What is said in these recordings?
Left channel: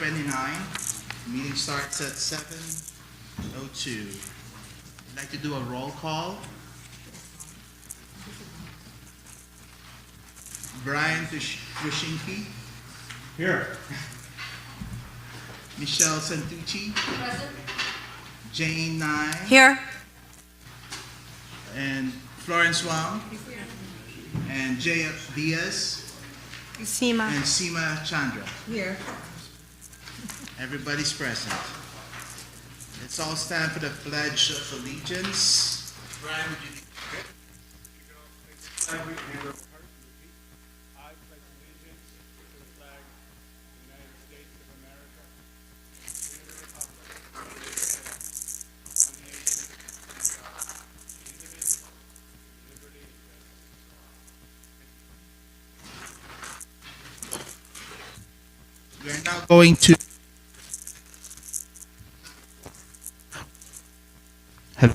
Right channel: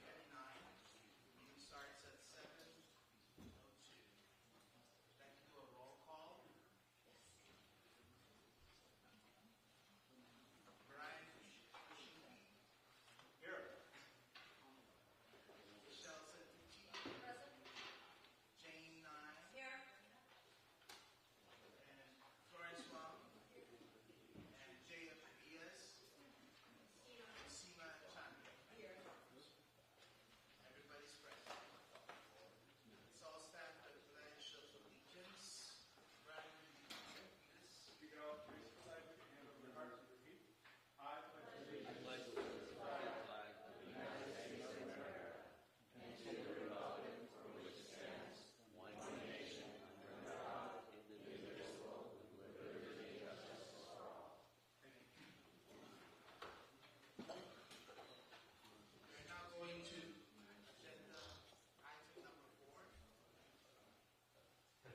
29. Meeting starts at 7:02. I'd like to do a roll call. Brian Tushinki. Here. Michelle Santucci. Present. Jane Nye. Here. And Florence Wang. And Jay Diaz. Seema. And Seema Chandra. Here. Everybody's present. Let's all stand for the Pledge of Allegiance. Brian, would you We're now going to hello.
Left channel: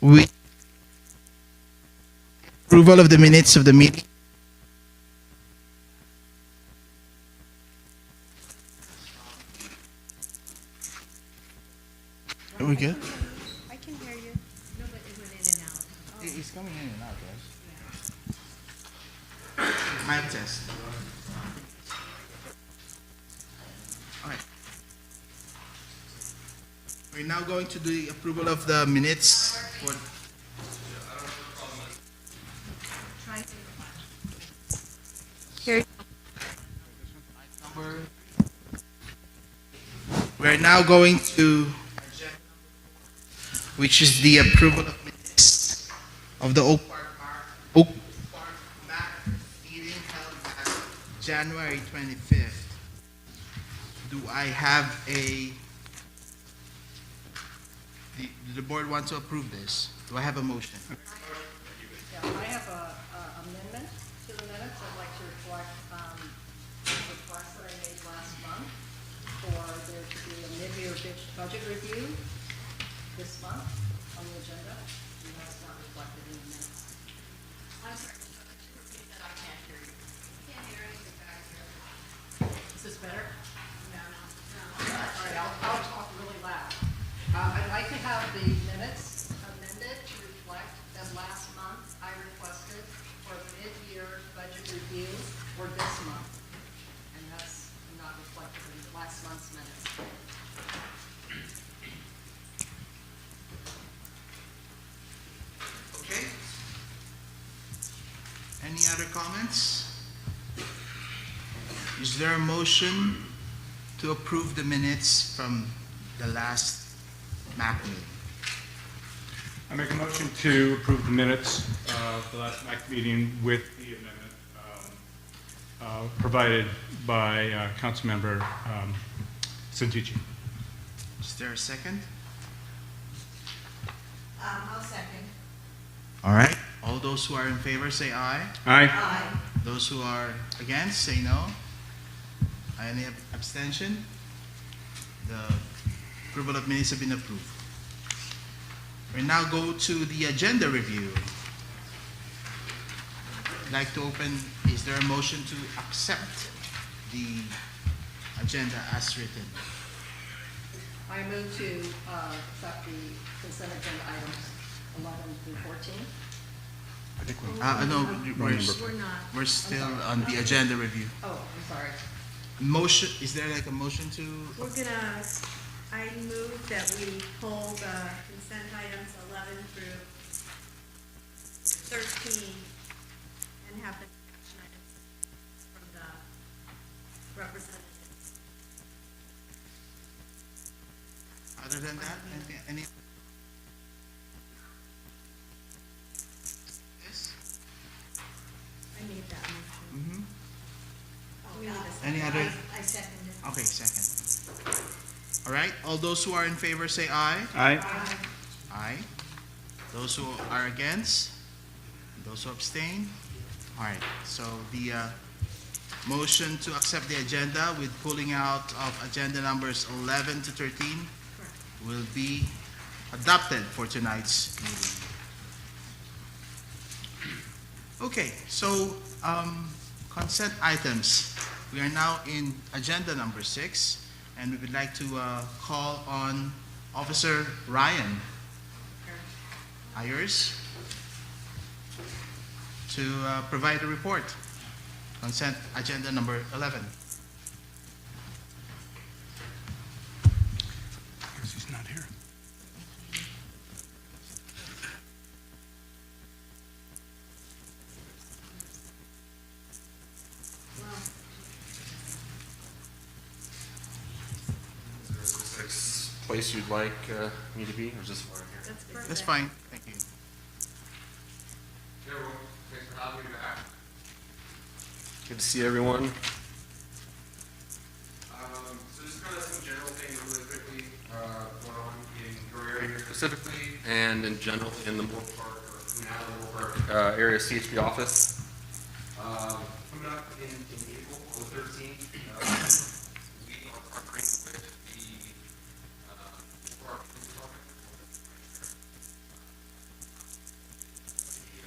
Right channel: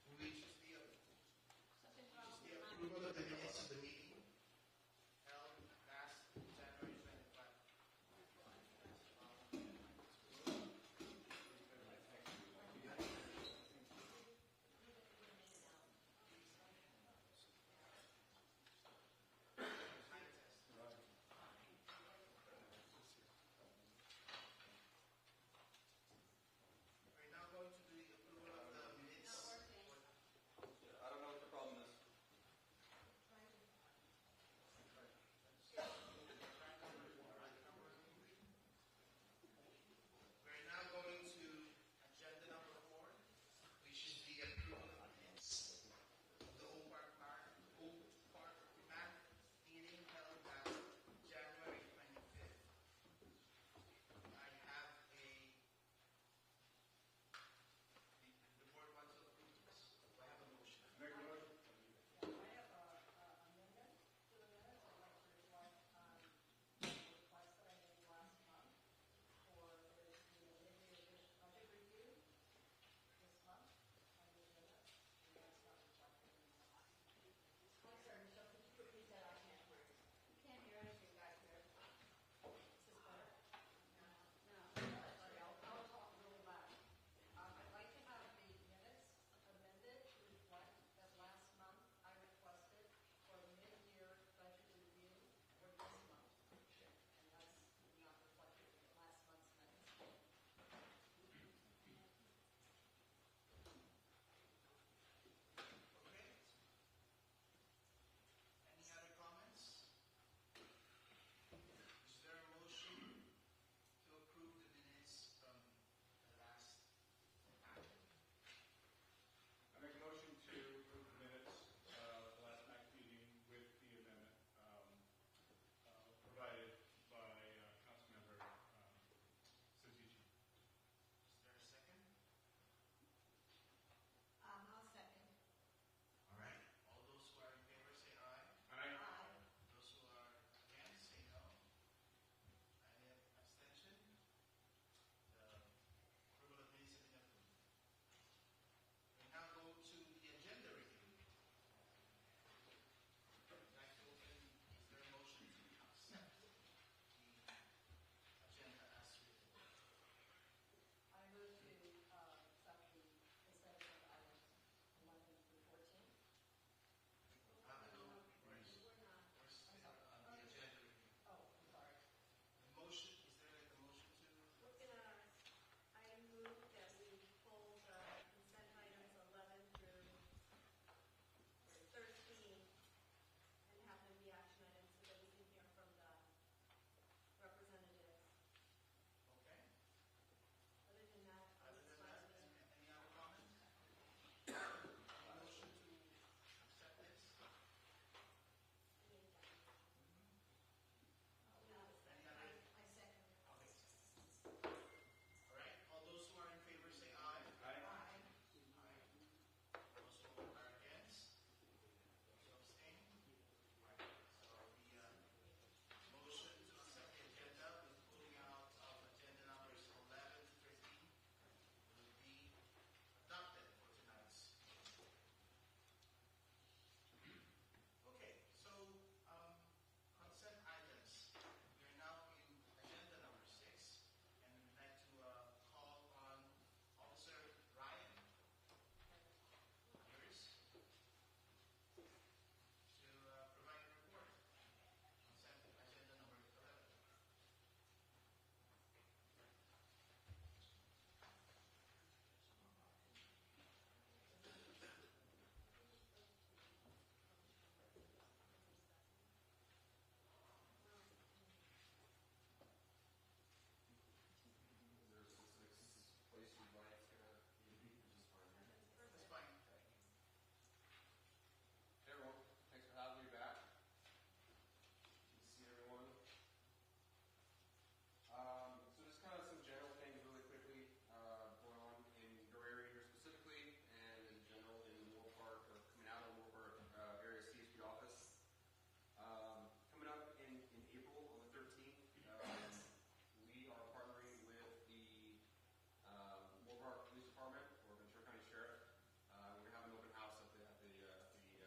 We approval of the minutes of the meeting. Are we good? I can hear you. No, but it went in and out. It's coming in and out, guys. Mic test. All right. We're now going to do the approval of the minutes for Here. We're now going to, which is the approval of minutes of the Oak Park MAC meeting held at January 25th. Do I have do the board want to approve this? Do I have a motion? Yeah, I have a amendment to the minutes. I'd like to reflect the request that I made last month for there to be a mid-year budget review this month on the agenda. And that's not reflected in the minutes. I'm sorry, could you repeat that? I can't hear you. Can't hear anything back here. Is this better? No. All right, I'll talk really loud. I'd like to have the minutes amended to reflect that last month I requested for a mid-year budget review for this month. And that's not reflected in last month's minutes. Okay. Any other comments? Is there a motion to approve the minutes from the last MAC meeting? I make a motion to approve the minutes of the last MAC meeting with the amendment provided by Councilmember Santucci. Is there a second? I'll second. All right. All those who are in favor say aye. Aye. Aye. Those who are against say no. Any abstention? The approval of minutes have been approved. We now go to the agenda review. I'd like to open, is there a motion to accept the agenda as written? I move to accept the consent agenda items 11 through 14. No, We're not. we're still on the agenda review. Oh, I'm sorry. Motion, is there like a motion to? We're gonna, I move that we pull the consent items 11 through 13 and have the action items from the representatives. Other than that, any? Yes? I made that motion. Mm-hmm. We need a second. Any other? I second it. Okay, second. All right, all those who are in favor say aye. Aye. Aye. Those who are against? Those who abstain? All right, so the motion to accept the agenda with pulling out of agenda numbers 11 to 13 will be adopted for tonight's meeting. Okay, so consent items. We are now in agenda number 6, and we would like to call on Officer Ryan Ayers to provide a report. Consent agenda number 11. Guess he's not here. Is there a specific place you'd like me to be, or just where I'm here? That's perfect. That's fine. Thank you. Hey everyone, thanks for having me back. Good to see everyone. So just kind of some general things really quickly going on in your area specifically, and in general in the Moore Park, or now the Moore Park area CHP office. Coming up in April, on the 13th, we are partnering with the Moore Park Police Department.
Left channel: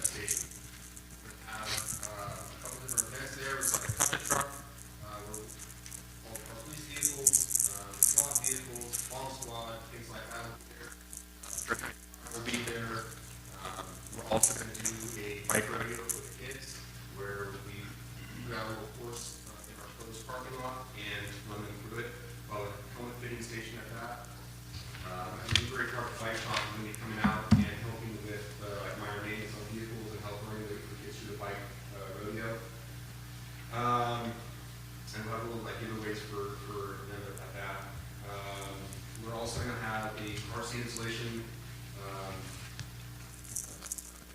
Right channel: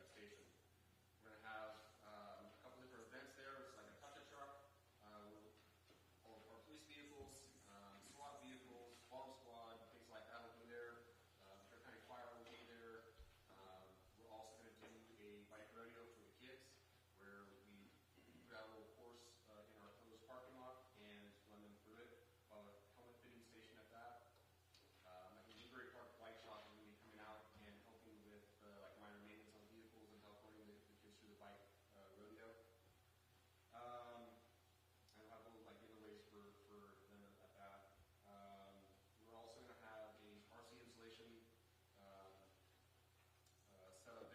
Station. We're going to have a couple different events there. It's like a puppet truck. All our police vehicles, SWAT vehicles, bomb squad, things like that will be there. Fire will be there. We're also going to do a bike rodeo for the kids, where we got a little course in our closed parking lot and run them through it. While a helmet fitting station at that. And the Newbury Park Bike Shop is going to be coming out and helping with like minor maintenance on vehicles and help bring the kids through the bike rodeo. And we'll have a little like giveaways for them at that. We're also going to have a car seat installation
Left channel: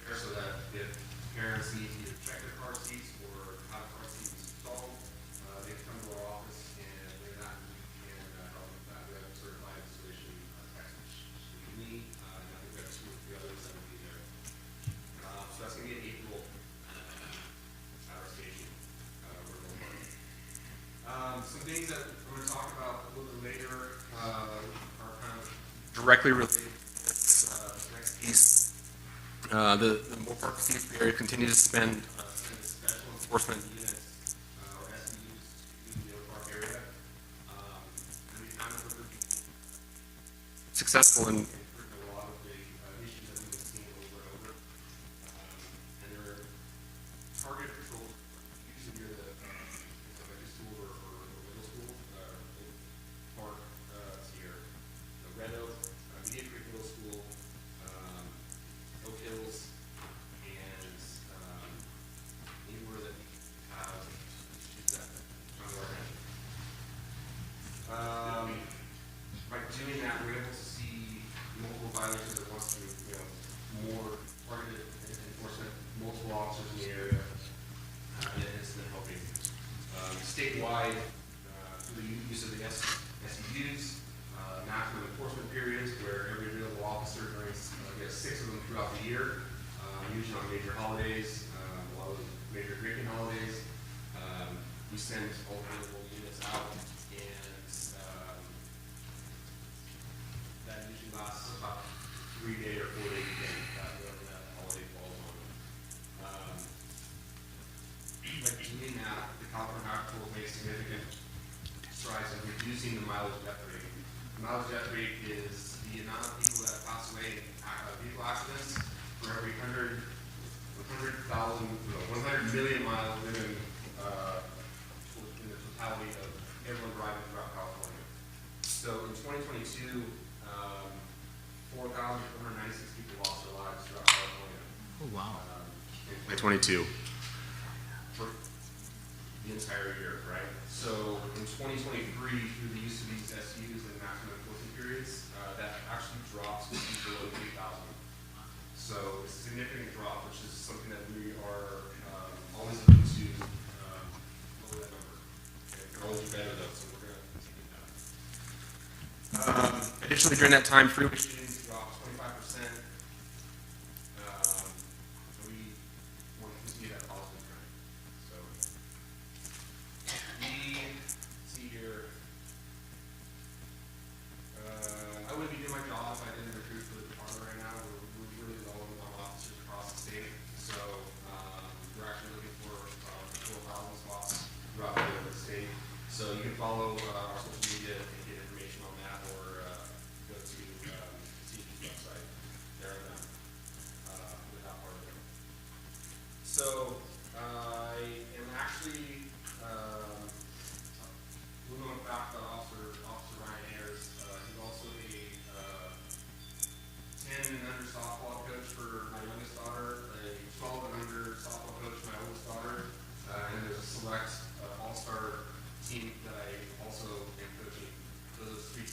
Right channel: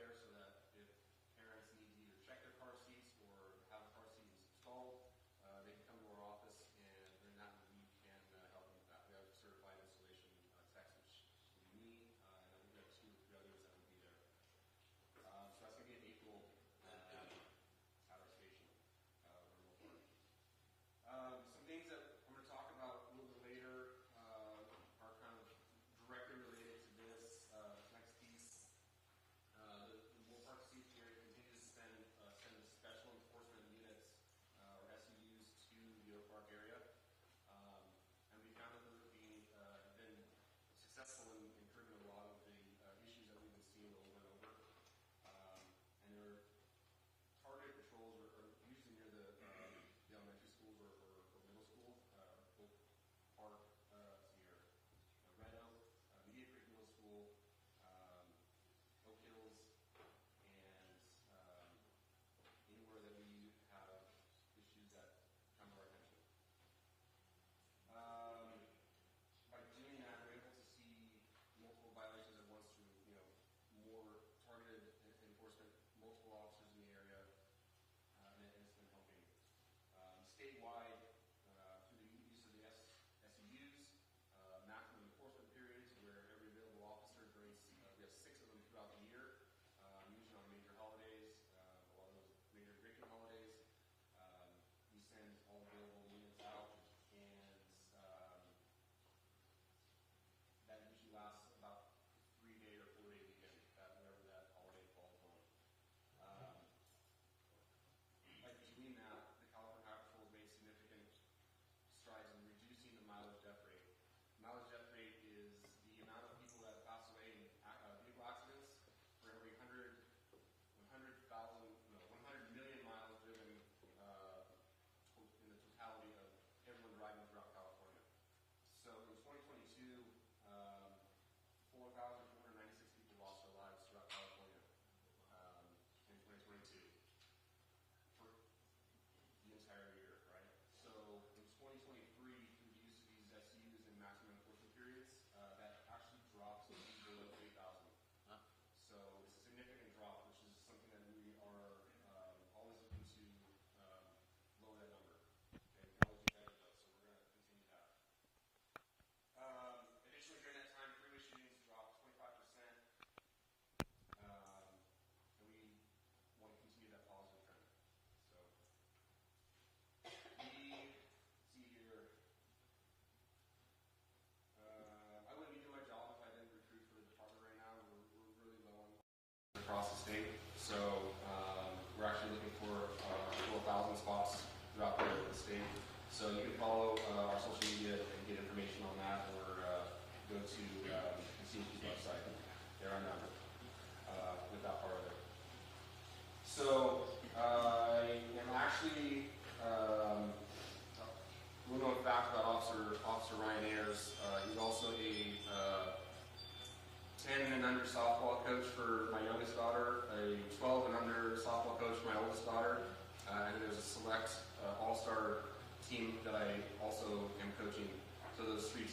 there, so that if parents need to either check their car seats or have car seats installed, they can come to our office and bring that, and we can help with that. We have a certified installation tech, which me, and I think that's with the others that will be there. So that's going to be in April at our station. Some things that I'm going to talk about a little bit later are kind of directly related to this next piece. The Moore Park CHP area continues to spend special enforcement units, or SEUs, to the Moore Park area. And we found that we're successful in improving a lot of the issues that we've been seeing over and over. And there are targeted patrols usually near the elementary school or middle school, park here. Red Oak, Media Creek Middle School, Oak Hills, and anywhere that we have issues that come to our attention. By doing that, we're able to see multiple violations at once through, more targeted enforcement, multiple officers in the area, and it's been helping. Statewide, through the use of the SEUs, maximum enforcement periods, where every available officer during, we have 6 of them throughout the year, usually on major holidays, a lot of major drinking holidays. We send all available units out, and that usually lasts about 3-day or 4-day weekend, whatever that holiday falls on. By doing that, the California Highway Patrol made significant strides in reducing the mileage death rate. The mileage death rate is the amount of people that pass away in vehicle accidents for every 100 million miles driven in the totality of everyone driving throughout California. So in 2022, 4,496 people lost their lives throughout California. Oh, wow. In 2022. For the entire year, right? So in 2023, through the use of these SUs and maximum enforcement periods, that actually drops to below 3,000. So it's a significant drop, which is something that we are always looking to lower that number. Okay, we're always better though, so we're going to continue that. Additionally, during that time, freeway shootings dropped 25%. We want to continue that positive trend. So we see here. I wouldn't be doing my job if I didn't recruit for the department right now. We're really low on officers across the state. So we're actually looking for 4,000 spots throughout the state.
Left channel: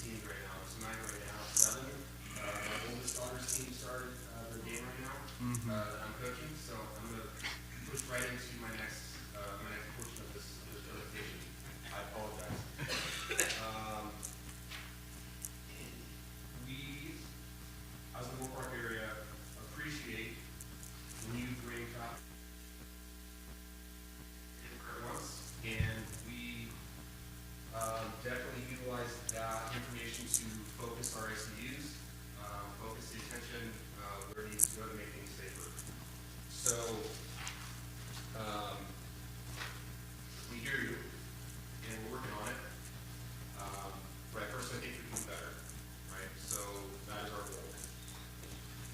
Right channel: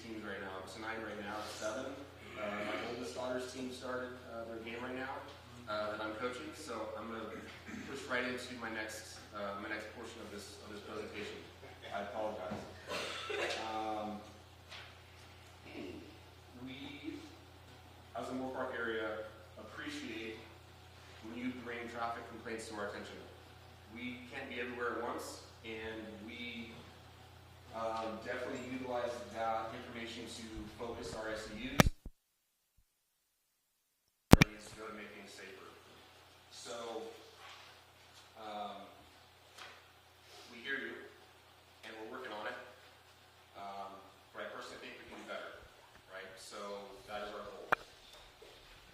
teams right now. It's 9 right now, it's 7. My oldest daughter's team started their game right now, and I'm coaching, so I'm gonna push right into my next portion of this presentation. I apologize. We, as a Moore Park area, appreciate when you bring traffic complaints to our attention. We can't be everywhere at once, and we definitely utilize that information to focus our SEUs, focus the attention where it needs to go to make things safer. So, we hear you, and we're working on it. But I personally think we can do better, right? So that is our goal.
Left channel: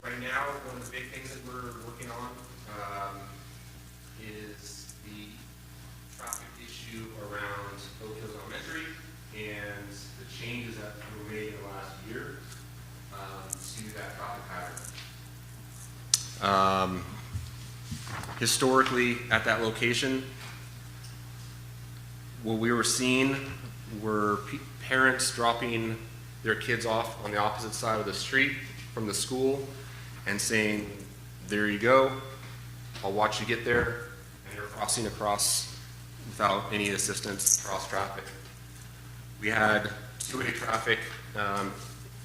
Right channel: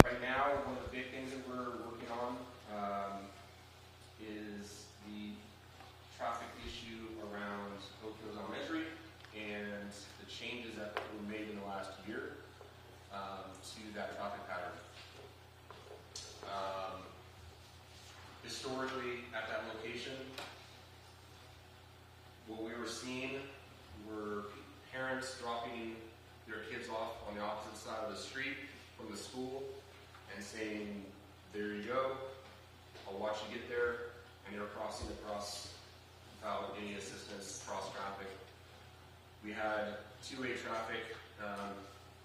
Right now, one of the big things that we're working on is the traffic issue around Oak Hills Elementary and the changes that were made in the last year to that traffic pattern. Historically, at that location, what we were seeing were parents dropping their kids off on the opposite side of the street from the school and saying, "There you go, I'll watch you get there," and they're crossing across without any assistance across traffic. We had two-way traffic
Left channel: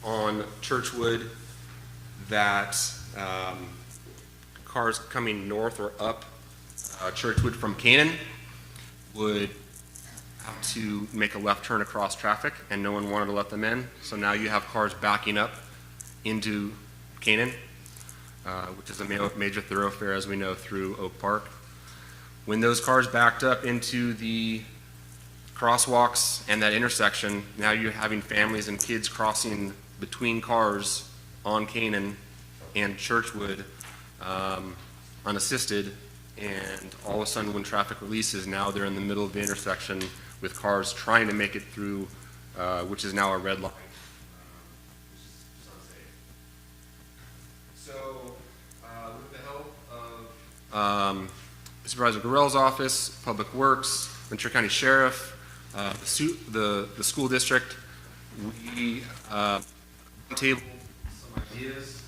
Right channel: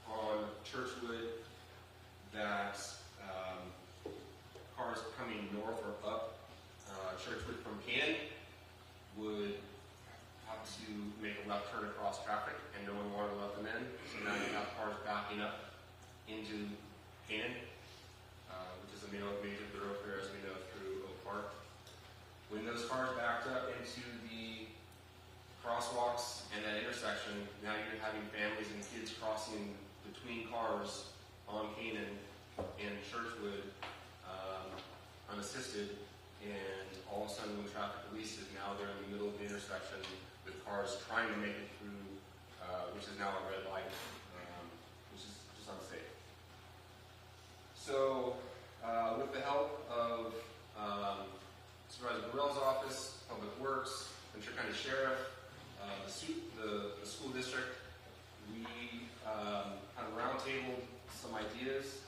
on Churchwood that cars coming north or up Churchwood from Canaan would have to make a left turn across traffic, and no one wanted to let them in. So now you have cars backing up into Canaan, which is a major thoroughfare, as we know, through Oak Park. When those cars backed up into the crosswalks and that intersection, now you're having families and kids crossing between cars on Canaan and Churchwood unassisted, and all of a sudden when traffic releases, now they're in the middle of the intersection with cars trying to make it through, which is now a red light, which is just unsafe. So with the help of Supervisor Gorell's office, Public Works, Ventura County Sheriff, the school district, we roundtabled some ideas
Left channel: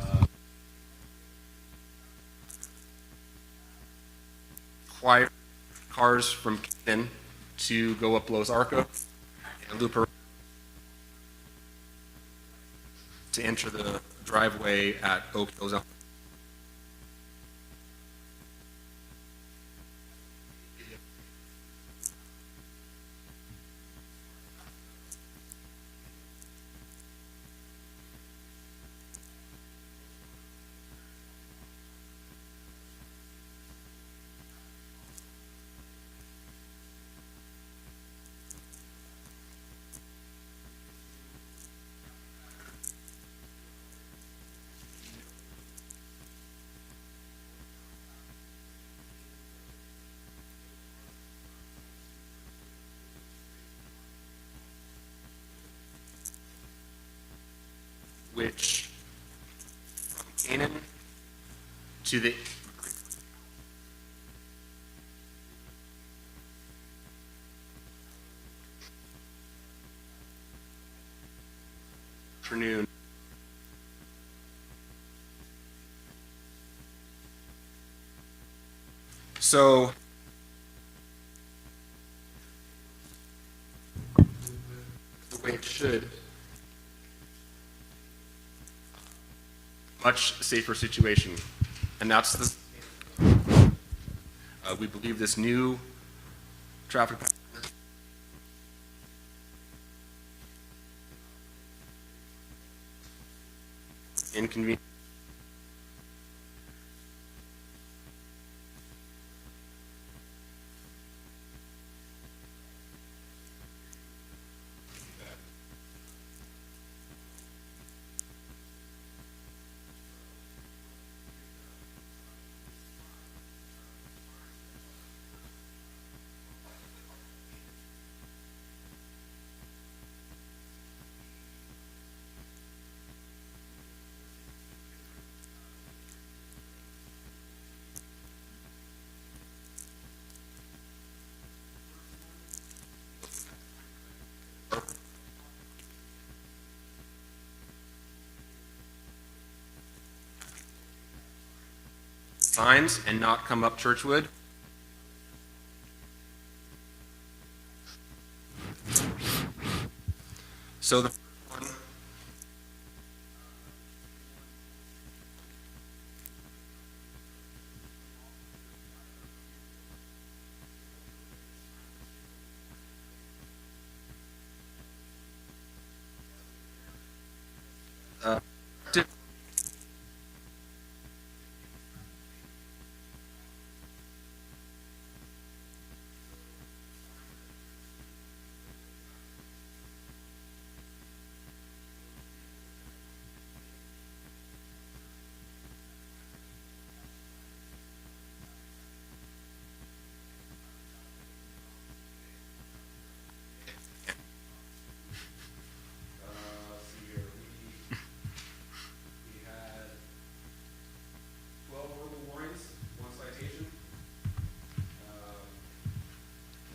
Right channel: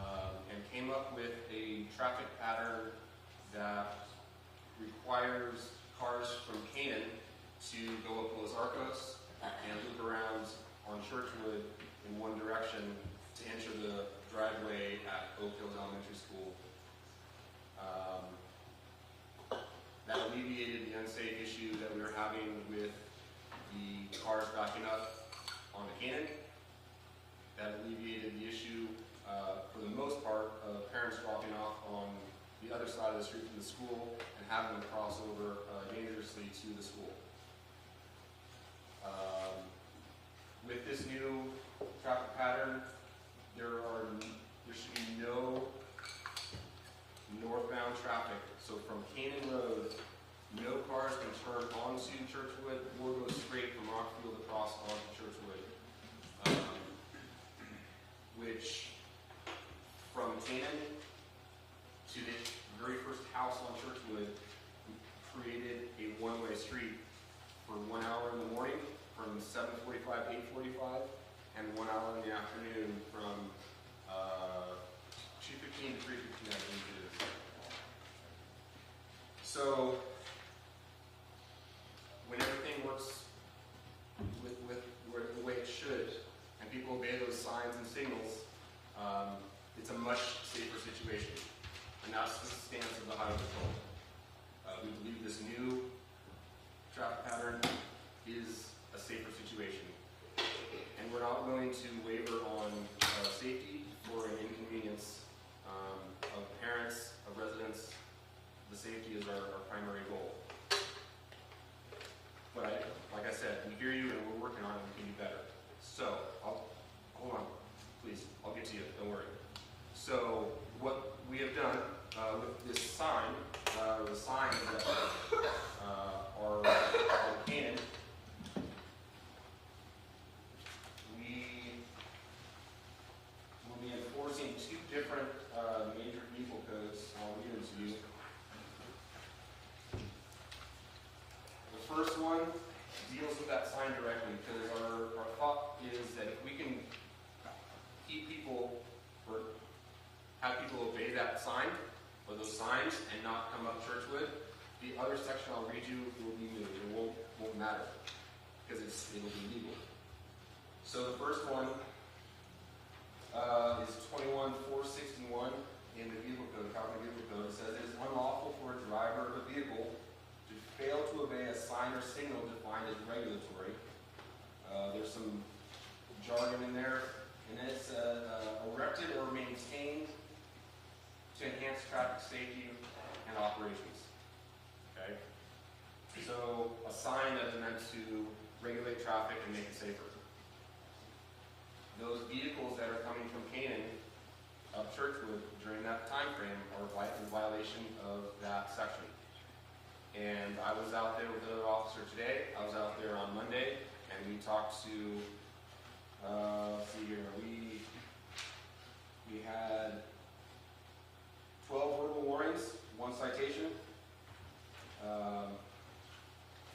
and came up with a traffic pattern that requires cars from Canaan to go up Los Arcos and loop around on Churchwood in one direction to enter the driveway at Oak Hills Elementary School. That alleviated the unsafe issue that we were having with the cars backing up on the Canaan. That alleviated the issue, for the most part, of parents dropping off on the other side of the street to the school and having them cross over dangerously to the school. With this new traffic pattern, there should be no northbound traffic. So from Canaan Road, no cars can turn onto Churchwood or go straight from Rockfield across onto Churchwood. Which from Canaan to the very first house on Churchwood, we created a one-way street for 1 hour in the morning from 7:45 to 8:45, and 1 hour in the afternoon from 2:15 to 3:15, I believe it is. So when everything works with the way it should, and people obey those signs and signals, it's a much safer situation. And that's the stance of the highway. We believe this new traffic pattern is a safer situation. And we're not willing to waver on safety or inconvenience of parents, of residents. The safety is our primary goal. But like I said, we hear you and we're working on it to be better. So, hold on, please, I'll get to you, don't worry. So, what we have done with this sign, the signs that are on Canaan, we will be enforcing two different signs and not come up Churchwood. The other section I'll read you will be moved, it won't matter. Because it's completely illegal. So the first one is 21-461 in the vehicle code, California Vehicle Code. It says it is unlawful for a driver of a vehicle to fail to obey a sign or signal defined as regulatory. There's some jargon in there, and then it says erected or maintained to enhance traffic safety and operations. Okay? So a sign that is meant to regulate traffic and make it safer. Those vehicles that are coming from Canaan up Churchwood during that time frame are in violation of that section. And I was out there with another officer today. I was out there on Monday, and we talked to, let's see here, we had 12 verbal warnings, 1 citation.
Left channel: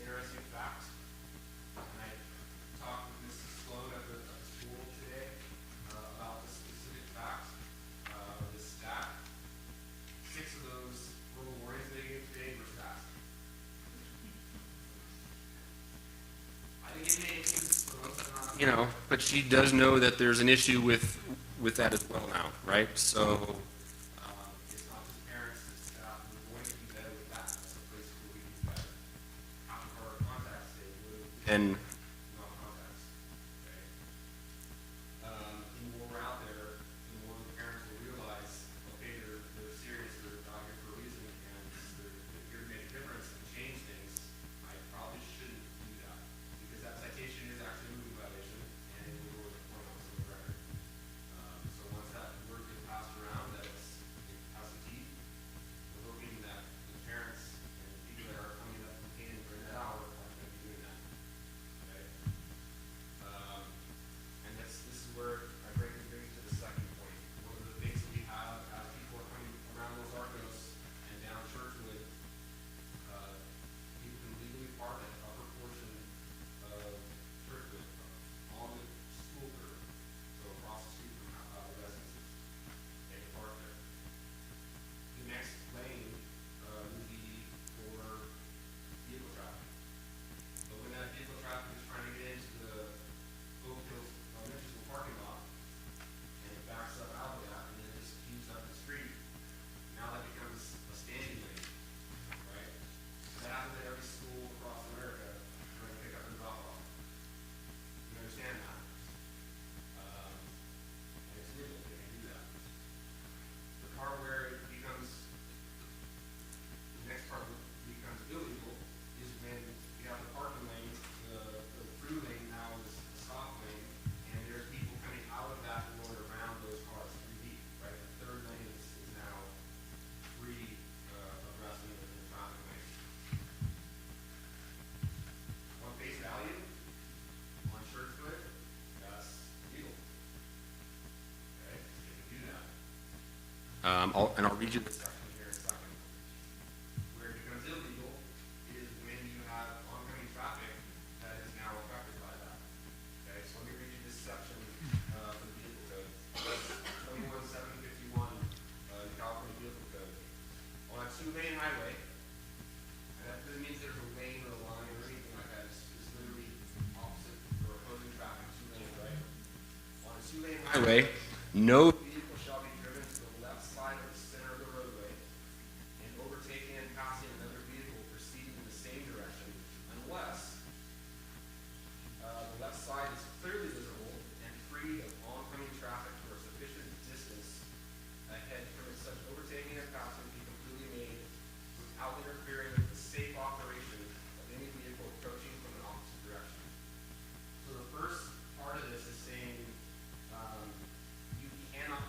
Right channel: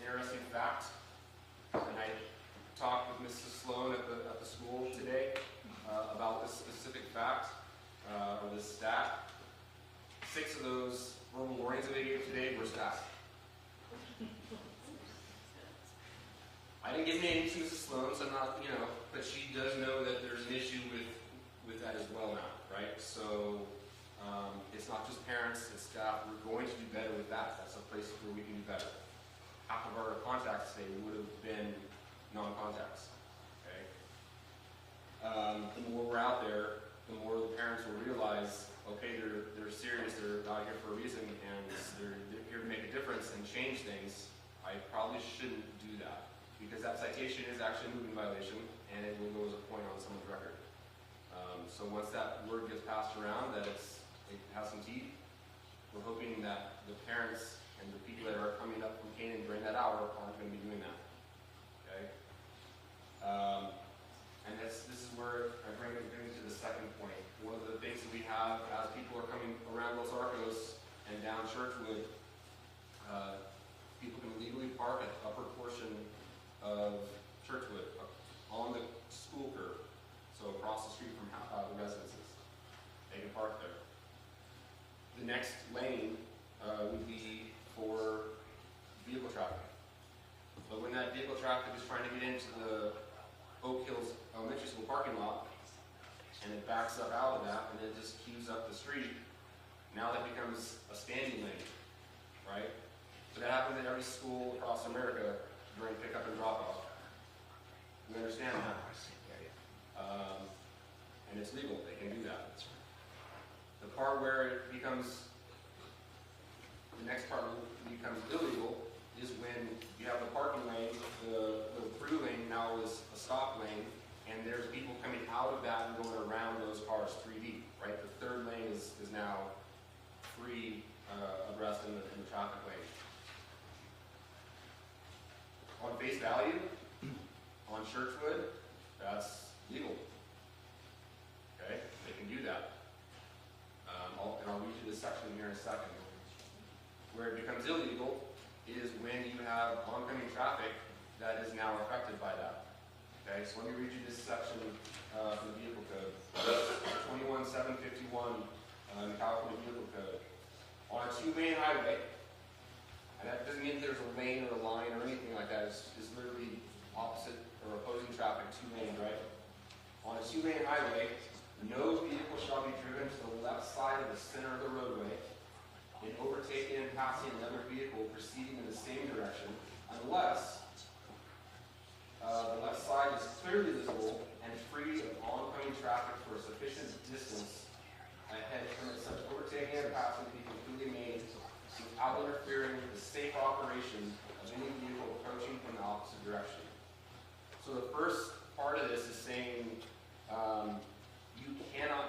Interesting fact, and I talked with Mrs. Sloan at the school today about this specific fact, or this stat. 6 of those verbal warnings that they gave today were stats. I didn't give names to Mrs. Sloan, so I'm not, but she does know that there's an issue with that as well now, right? So it's not just parents, it's staff. We're going to do better with that. That's a place where we can do better. Half of our contacts today would have been non-contacts. Okay. The more we're out there, the more the parents will realize, okay, they're serious, they're not here for a reason, and they're here to make a difference and change things. I probably shouldn't do that, because that citation is actually a moving violation, and it will go as a point on someone's record. So once that word gets passed around that it has some teeth, we're hoping that the parents and the people that are coming up from Canaan during that hour aren't going to be doing that. Okay? And this is where I bring to the second point. One of the things that we have as people are coming around Los Arcos and down Churchwood, people can legally park at the upper portion of Churchwood on the school curb, so across the street from the residences. They can park there. The next lane would be for vehicle traffic. But when that vehicle traffic is trying to get into the Oak Hills Elementary School parking lot, and it backs up out of that, and it just queues up the street, now that becomes a standing lane, right? So that happens at every school across America during pickup and drop off. You understand that? Okay. And it's legal, they can do that. The part where it becomes, the next part becomes illegal is when you have the parking lane, the through lane now is a stop lane, and there's people coming out of that and going around those cars 3 deep, right? The third lane is now free abreast in the traffic lane. On face value, on Churchwood, that's legal. Okay, they can do that. And I'll read you this section here in a second. Where it becomes illegal is when you have oncoming traffic that is now affected by that. Okay, so let me read you this section from the vehicle code. 21-751 in the California Vehicle Code. On a 2-lane highway, and that doesn't mean there's a lane or a line or anything like that. It's literally opposite or opposing traffic, 2 lanes, right? On a 2-lane highway, no vehicle shall be driven to the left side of the center of the roadway in overtaking and passing another vehicle proceeding in the same direction unless the left side is clearly visible and free of oncoming traffic for a sufficient distance ahead to permit such overtaking and passing be completely made without interfering with the safe operation of any vehicle approaching from the opposite direction. So the first part of this is saying you cannot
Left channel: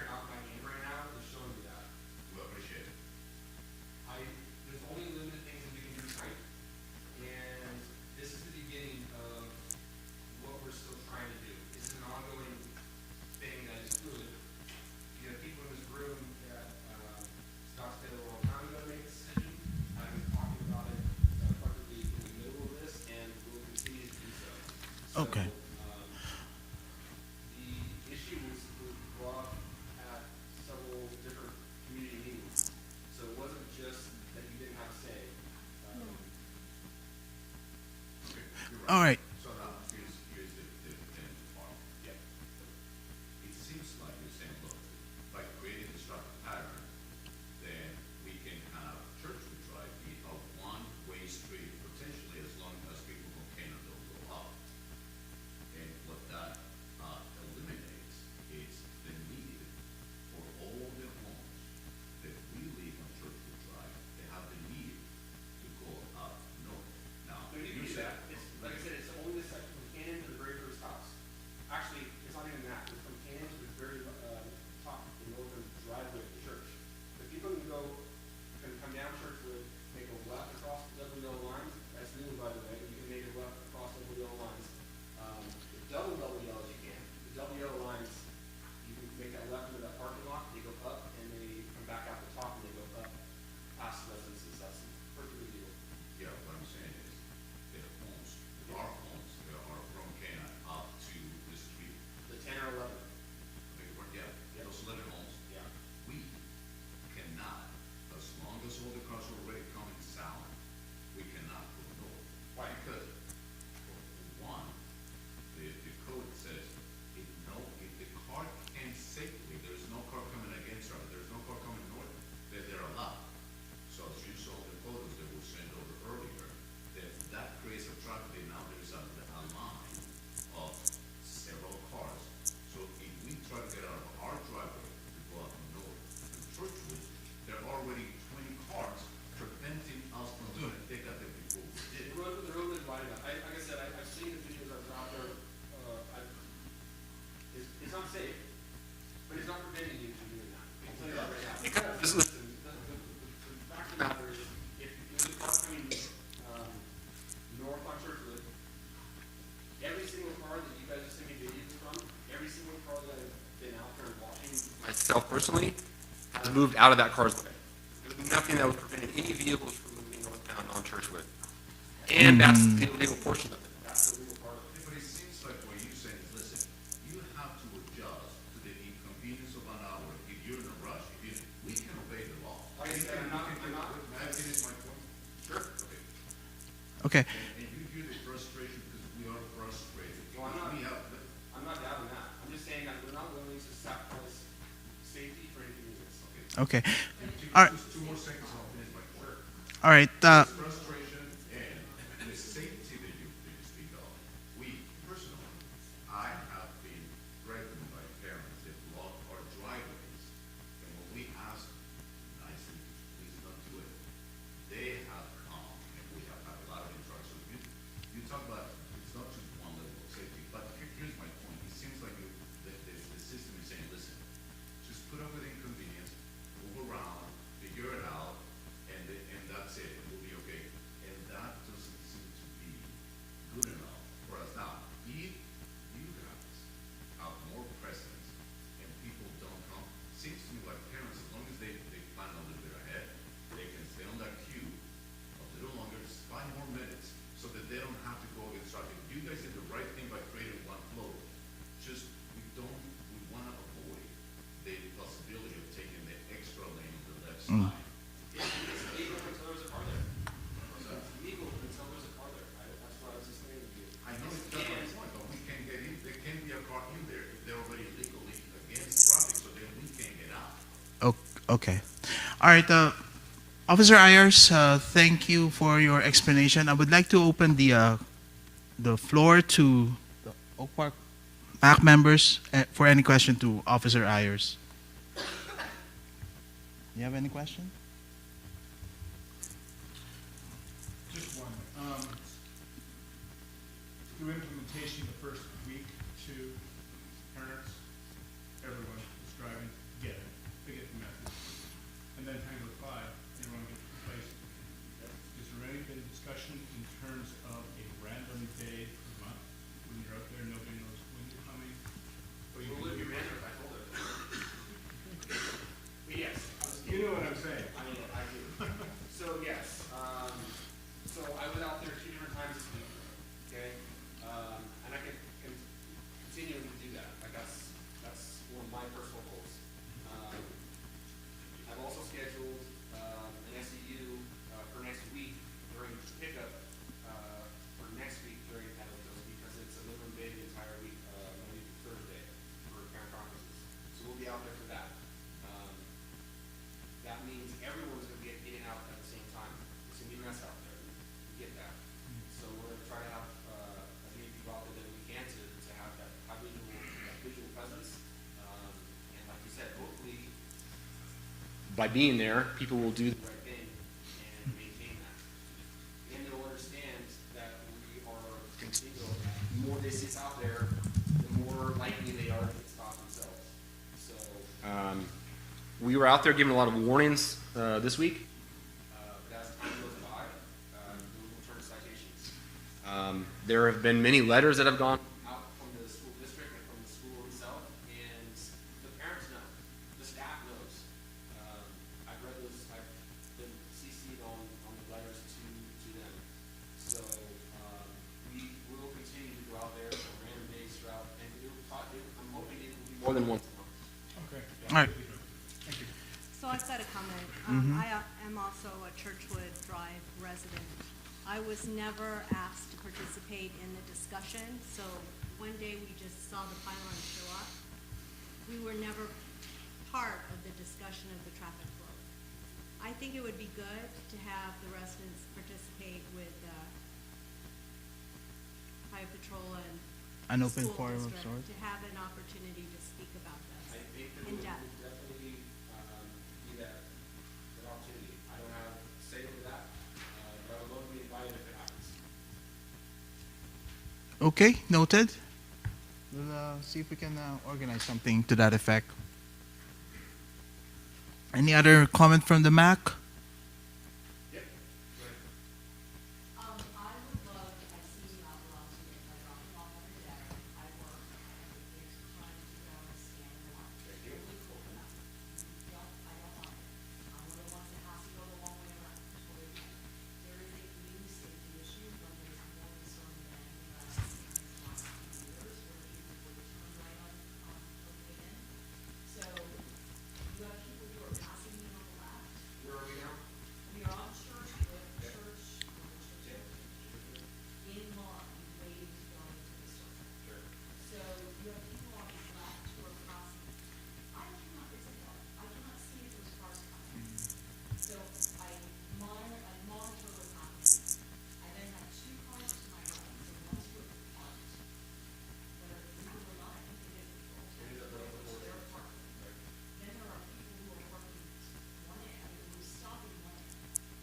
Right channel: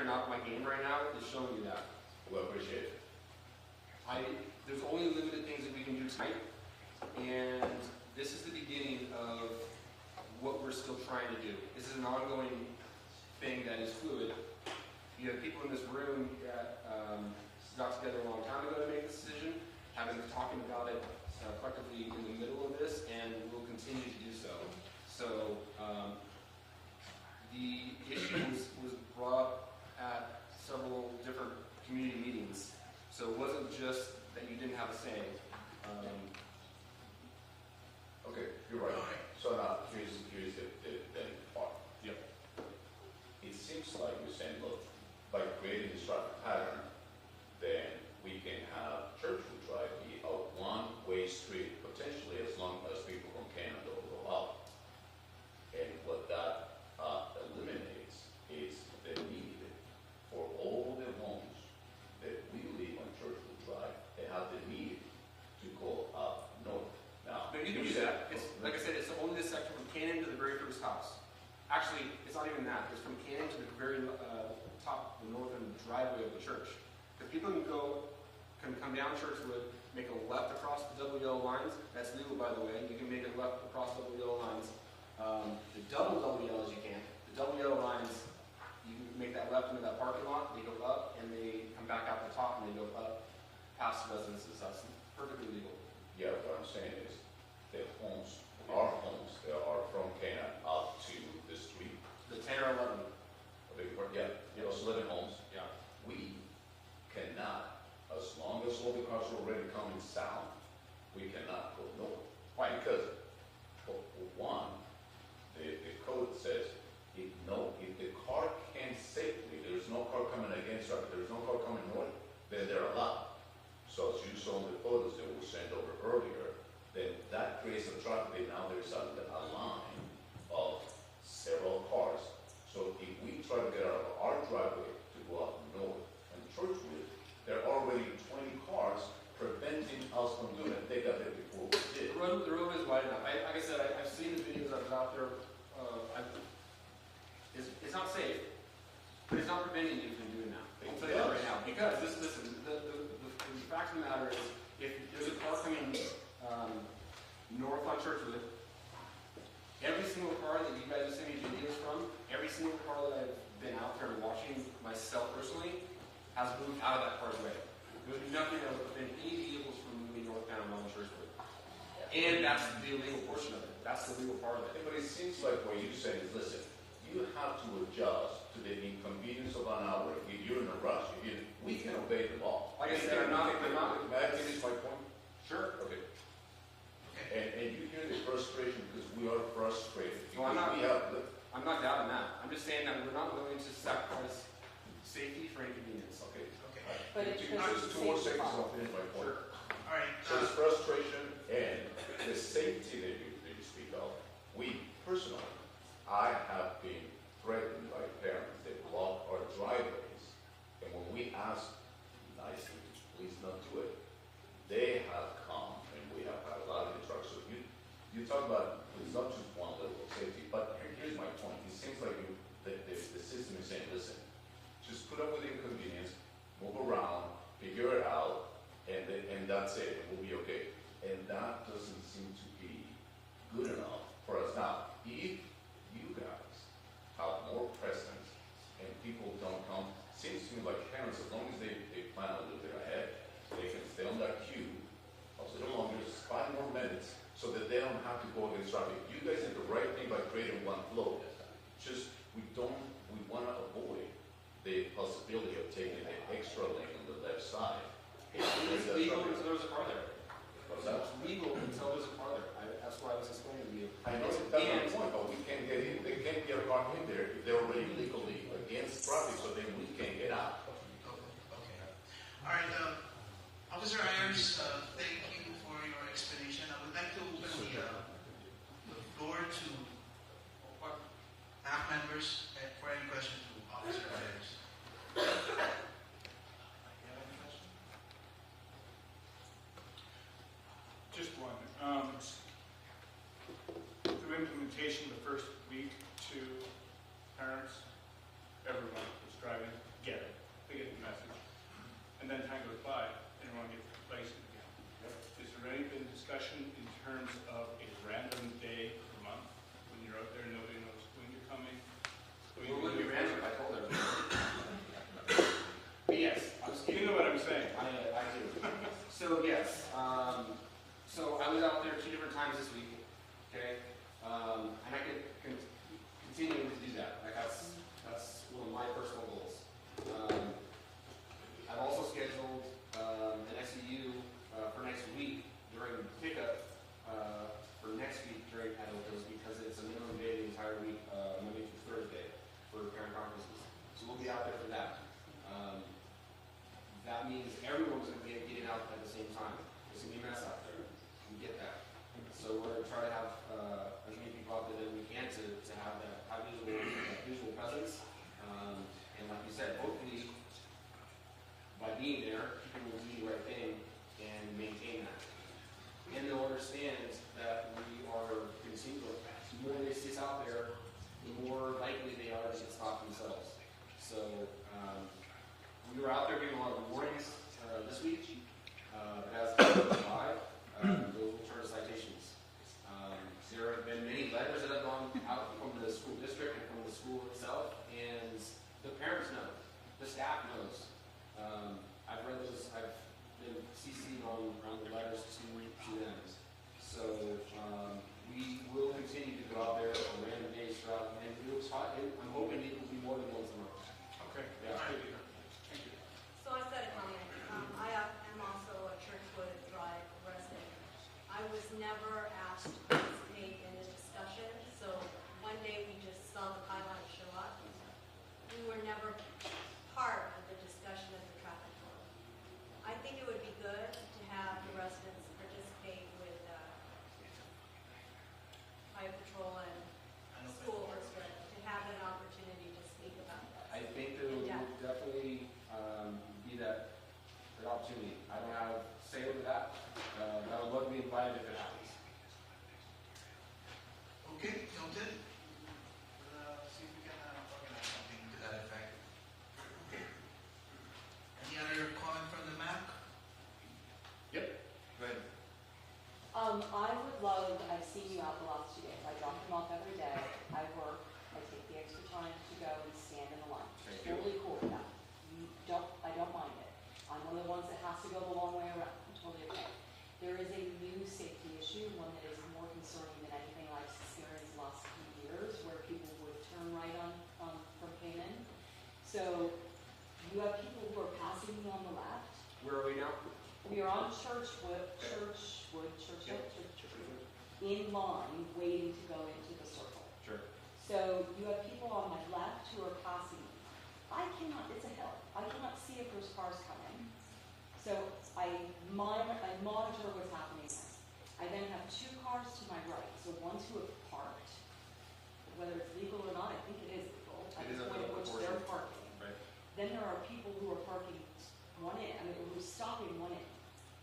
carrying off my game right now is showing you that. Well, appreciate it. There's only limited things that we can do tonight, and this is the beginning of what we're still trying to do. This is an ongoing thing that is fluid. You have people in this room that got together a long time ago to make this decision, have been talking about it collectively in the middle of this, and will continue to do so. Okay. So, the issue was brought at several different community meetings, so it wasn't just that you didn't have a say. Okay, you're right. All right. So now, here's the then part. Yep. It seems like you're saying, look, by creating this traffic pattern, then we can have Churchwood Drive be a one-way street, potentially as long as people from Canada go up. And what that eliminates is the need for all the homes that we live on Churchwood Drive, they have the need to go up north. Now, No, you can do that. It's, like I said, it's only the section from Cannon to the very first house. Actually, it's not even that. It's from Cannon to the very top, the northern driveway of the church. The people can come down Churchwood, make a left across the double yellow lines. That's legal, by the way. You can make a left across double yellow lines. The double yellows you can't. The double yellow lines, you can make that left into that parking lot. They go up and they come back out the top and they go up past the residences. That's perfectly legal. yeah, what I'm saying is, the homes, our homes, that are from Cana up to the street, The 10 or 11. a big part, yeah, those 11 homes, Yeah. we cannot, as long as all the cars are already coming south, we cannot go north. Why? Because, for one, the code says, if the car can safely, there's no car coming against her, there's no car coming north, then they're allowed. So as you saw in the photos that were sent over earlier, then that creates a traffic, and now there's a line of several cars. So if we try to get out of our driveway to go up north and Churchwood, there are already 20 cars preventing us from doing it. They got there before we did. The road is wide enough. Like I said, I've seen the videos that are out there. It's not safe, but it's not preventing you from doing that. I'll tell you that right now. Because this is the fact of the matter is, if there's a car coming north on Churchwood, every single car that you guys have seen me videos from, every single car that I've been out there watching myself personally, has moved out of that car's way. There's nothing that would prevent any vehicles from moving northbound on Churchwood. And that's the illegal portion of it. That's the legal part of it. But it seems like what you said is, listen, you have to adjust to the inconvenience of an hour if you're in a rush. We can obey the law. Like I said, I'm not. May I finish my point? Sure. Okay. Okay. And you hear the frustration because we are frustrated. Well, I'm not- We have, I'm not doubting that. I'm just saying that we're not willing to sacrifice safety for inconvenience. okay. Okay. But it's All right. Just 2 more seconds, I'll finish my point. All right. This frustration and the safety that you speak of, we personally, I have been threatened by parents that block our driveways. And when we ask nicely to please not do it, they have come and we have had a lot of interactions. You talk about, it's not just one level of safety, but here's my point. It seems like the system is saying, listen, just put up with inconvenience, move around, figure it out, and that's it, and we'll be okay. And that doesn't seem to be good enough for us. Now, if you guys have more presence and people don't come, seems to me like parents, as long as they plan a little bit ahead, they can stay on that queue a little longer, just 5 more minutes, so that they don't have to go against traffic. You guys did the right thing by creating one flow. Just, we want to avoid the possibility of taking the extra lane on the left side. It's legal until there's a car there. What's that? It's legal until there's a car there. That's why I was explaining to you. I know Yes, that's and- the point, but we can't get in, there can't be a car in there if they're already legally against traffic, so then we can't get out. Okay. All right. Officer Ayers, thank you for your explanation. I would like to open the floor to the Oak Park PAC members for any question to Officer Ayers. Do you have any question? Just one. Through implementation the first week to parents, everyone was driving, by being there, people will do the right thing and maintain that. And they'll understand that we are continuing. The more they see us out there, the more likely they are to stop themselves. So we were out there giving a lot of warnings this week. As of July, those will turn citations. There have been many letters that have gone out from the school district and from the school itself, and the parents know, the staff knows. I've read those, I've been CC'd on the letters to them. So we will continue to go out there on random days throughout, and I'm hoping it will be more than once a month. Okay. All right. So I've got a comment. I am also a Churchwood Drive resident. I was never asked to participate in the discussion, so one day we just saw the pylon show up. We were never part of the discussion of the traffic flow. I think it would be good to have the residents participate with Highway Patrol and An open school forum of district sorts. to have an opportunity to speak about this. I think there will definitely be that opportunity. I don't have say over that, but I would love to be invited if it happens. Okay, noted. We'll see if we can organize something to that effect. Any other comment from the MAC? Yep. Go ahead. I would love, I've seen you out the last 2 days, I drop them off every day, I work, I take the extra time to go and stand in the line. Totally cool with that. I don't mind it. I'm one of the ones that has to go the long way around, totally okay. There is a new safety issue, one that is more concerning than anything I've experienced the last few years, where people would turn right on what came in. So, you have people who are passing me on the left. Where are we now? We are on Churchwood, in line, waiting to go into the circle. Sure. So you have people on my left who are passing me. I cannot, it's a hill, I cannot see if there's cars coming. So I monitor what's happening there. I then have 2 cars to my right, the ones who have parked. Whether it's legal or not, I think it is legal, at the point at which they're parking. Right. Then there are people who are parking who's stopping one in,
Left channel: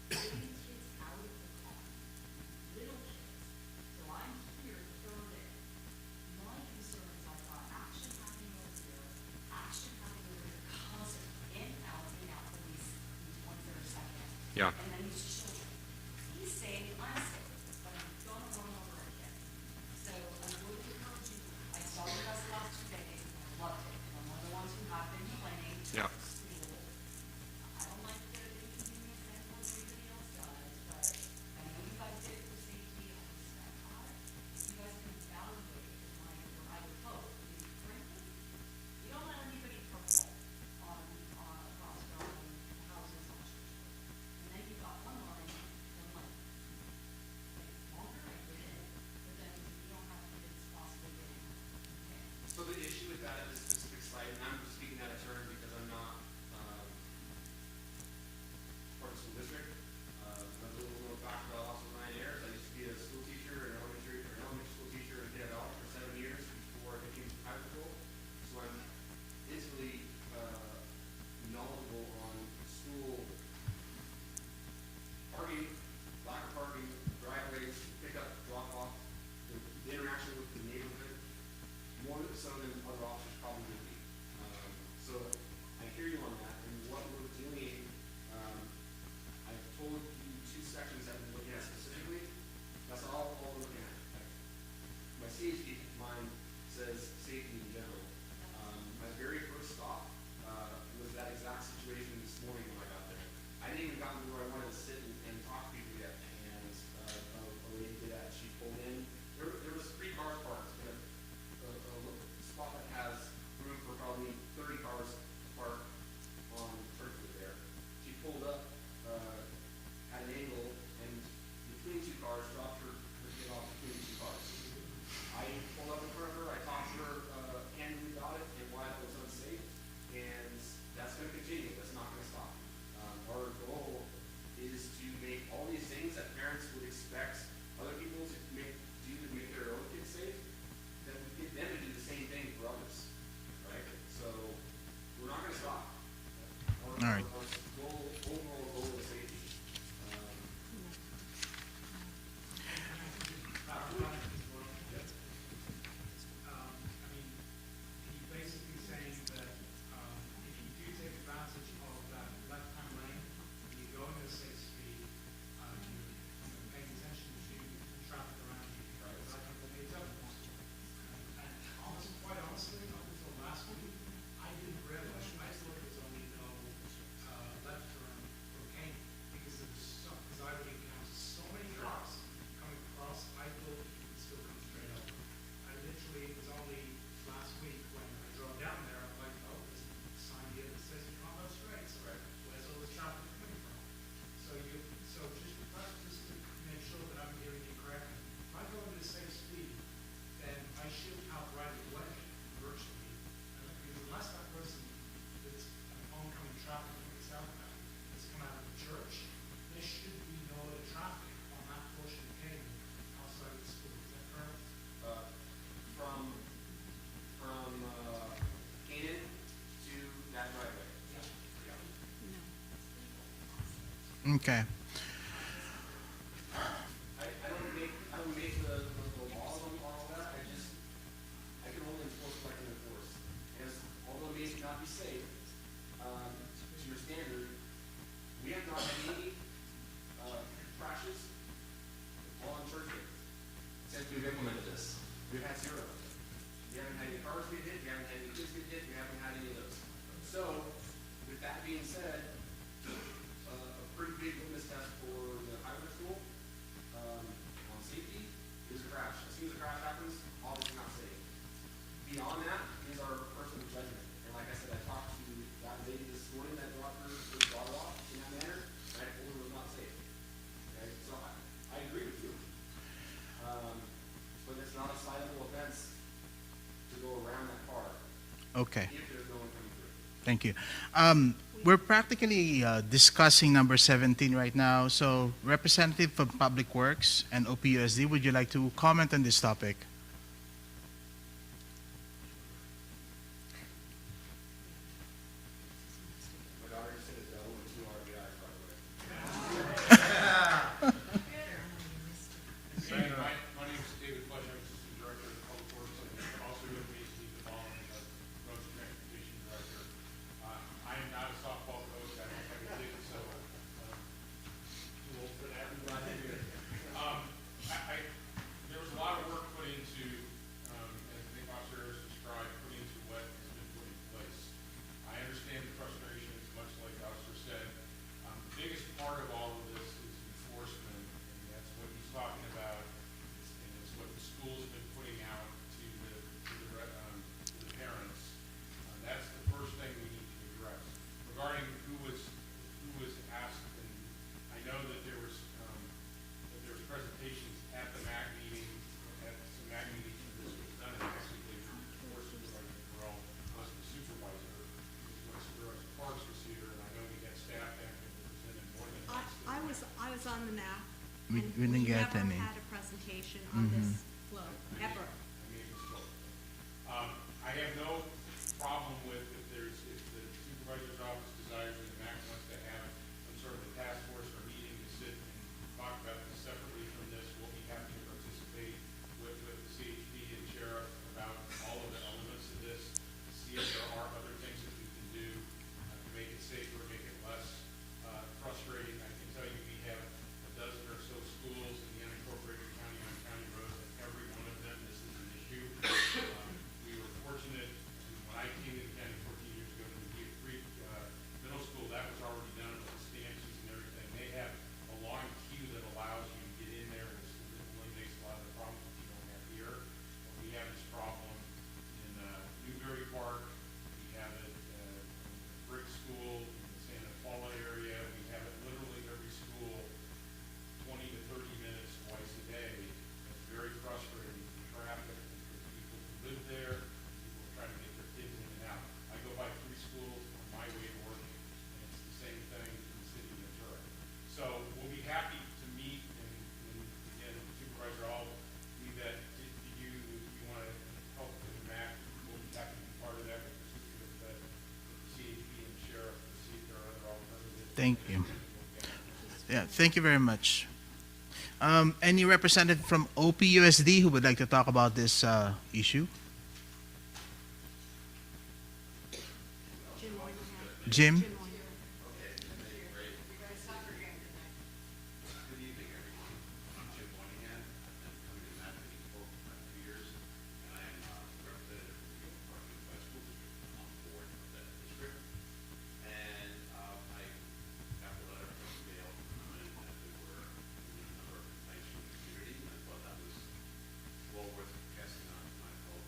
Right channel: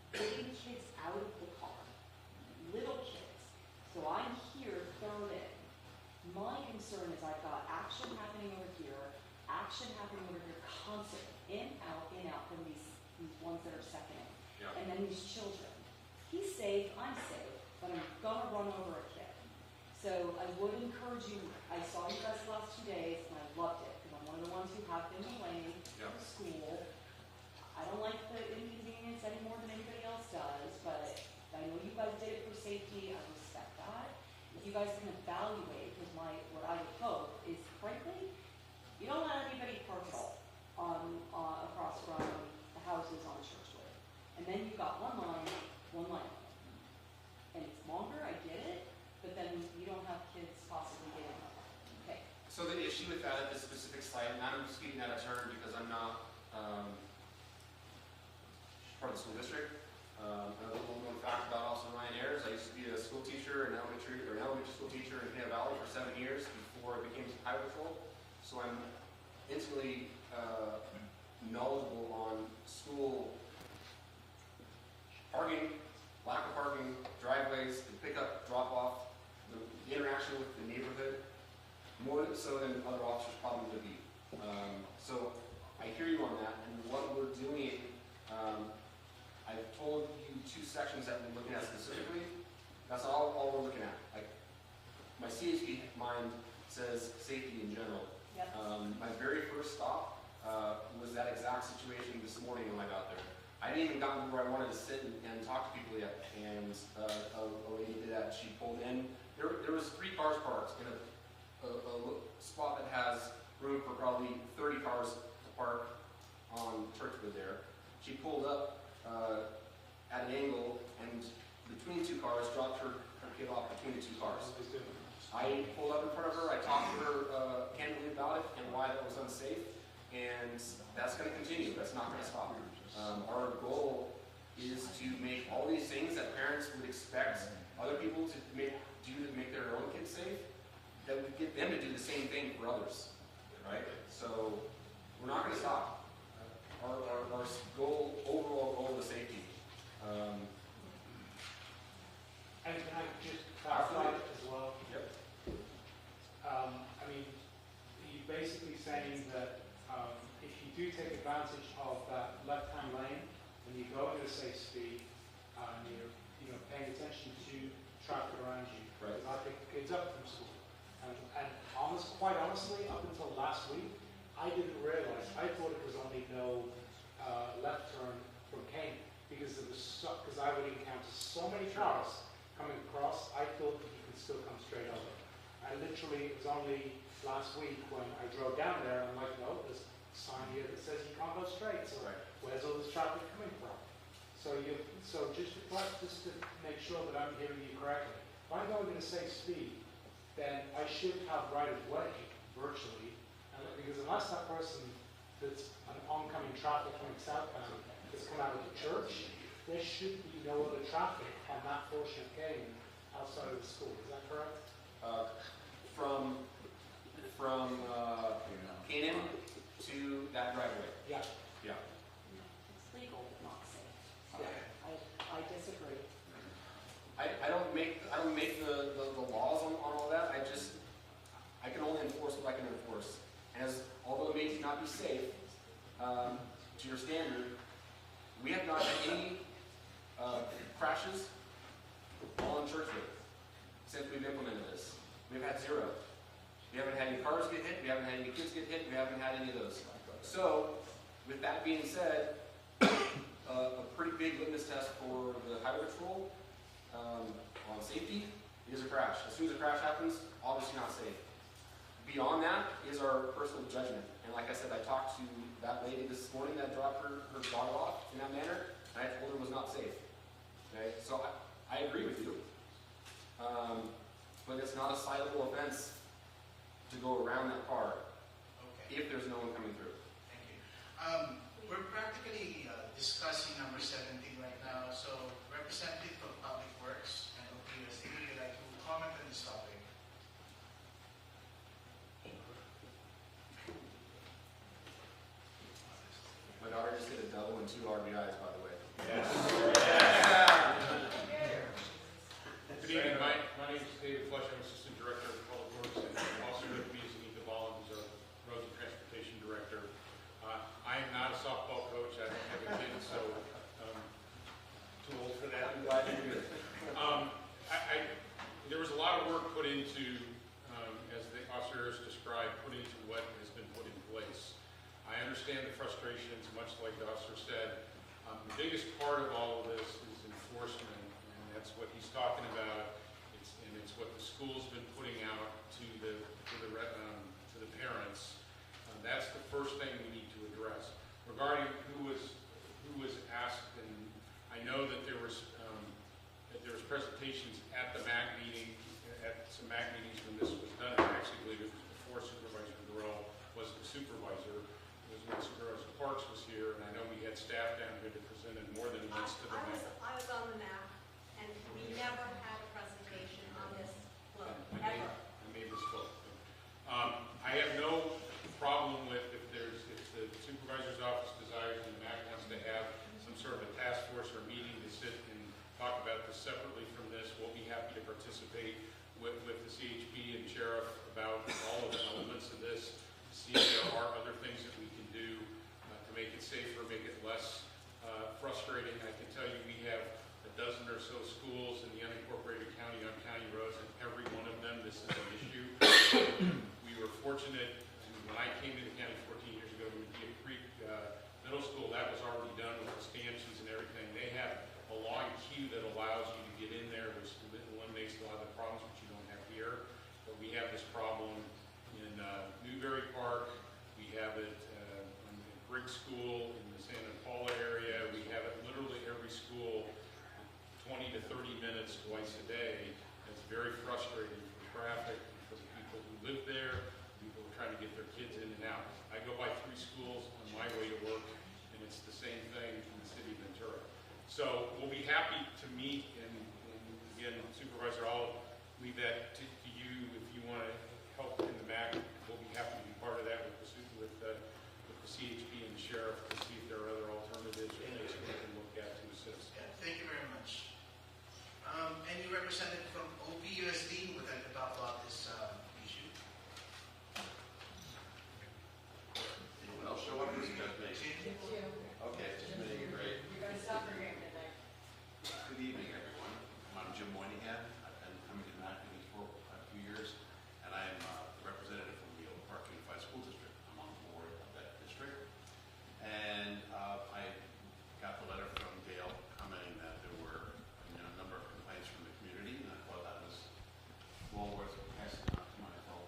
getting kids out of the car, little kids. So I'm here thrown in. My concern is I've got action happening over here, action happening over here, constant, in, out, from these ones that are second in. Yeah. And then these children. He's safe, I'm safe, but I'm gonna run over a kid. So I would encourage you, I saw you guys the last 2 days, and I loved it. I'm one of the ones who have been playing Yeah. school. I don't like the inconvenience any more than anybody else does, but I know you guys did it for safety, I respect that. If you guys can evaluate, because what I would hope is, frankly, you don't let anybody park at all across from the houses on Churchwood. And then you've got one line Unfortunately, it was only last week when I drove down there, and I'm like, no, there's a sign here that says you can't go straight, so where's all this traffic coming from? So just to make sure that I'm hearing you correctly, if I'm going at a safe speed, then I should have right of way virtually, and because unless that person that's an oncoming traffic coming southbound has come out of the church, there should be no other traffic on that portion of Galen outside of the school. Is that correct? From Canaan to that driveway. Yeah. Yeah. Okay. I disagree. I don't make the laws on all that. I can only enforce what I can enforce. Although it may not be safe, to your standard, we have not had any crashes while on church day since we've implemented this. We've had 0. We haven't had any cars get hit, we haven't had any kids get hit, we haven't had any of those. So, with that being said, a pretty big litmus test for the highway patrol on safety is a crash. As soon as a crash happens, obviously not safe. Beyond that is our personal judgment. And like I said, I talked to that lady this morning that dropped her daughter off in that manner. I told her it was not safe. Okay, so I agree with you. But it's not a citable offense to go around that car Okay. if there's no one coming through. Thank you. We're practically discussing number 17 right now. So, Representative from Public Works and OPUSD, would you like to comment on this topic? My daughter just hit a double and 2 RBIs, by the way. My name is David Flush, I'm Assistant Director of Public Works, and also with me is Anita Mullins, Roads and Transportation Director. I am not a softball coach, I don't have a kid, so too old for that. I'm glad you're here. There was a lot of work put into, as the officer has described, put into what has been put in place. I understand the frustrations, much like the officer said. The biggest part of all of this is enforcement, and that's what he's talking about. And it's what the school's been putting out to the parents. That's the first thing we need to address. Regarding who was asked, and I know that there was presentations at the MAC meeting, at some MAC meetings when this was done. I actually believe it before Supervisor Burrell was the supervisor. It was when Supervisor Parks was here, and I know we had staff down here that presented more than once to the I MAC. was on the map. We and didn't get never any. had a presentation on this float, ever. I made this book. I have no problem with if the supervisor's office desires and the MAC wants to have some sort of a task force or meeting to sit and talk about this separately from this. We'll be happy to participate with the CHP and sheriff about all of the elements of this, see if there are other things that we can do to make it safer, make it less frustrating. I can tell you we have a dozen or so schools in the unincorporated county on county roads, and every one of them, this is an issue. We were fortunate to, when I came into county 14 years ago, we Deer Creek Middle School, that was already done with the stanchions and everything. They have a long queue that allows you to get in there, which eliminates a lot of the problems that you don't have here. But we have this problem in Newberry Park, we have it in Brick School, in the Santa Paula area, we have it literally every school, 20 to 30 minutes twice a day. It's very frustrating for traffic because the people who live there, people are trying to get their kids in and out. I go by 3 schools on my way to work, and it's the same thing in the city of Ventura. So we'll be happy to meet, and again, Supervisor, I'll leave that to you if you want to help in the MAC. We'll be happy to be part of that with the CHP and the sheriff to see if there are other alternatives. Thank you. that we can look at. Yeah, thank you very much. Any representative from OPUSD who would like to talk about this issue? Jim? Good evening, everyone. I'm Jim Moynihan. I've been coming to Mapping for a few years, and I am a representative of the Eagle Park Unified School District. I'm on the board of that district. And I got the letter from Gail commenting that there were a number of complaints from the community, and I thought that was well worth passing on to my fellow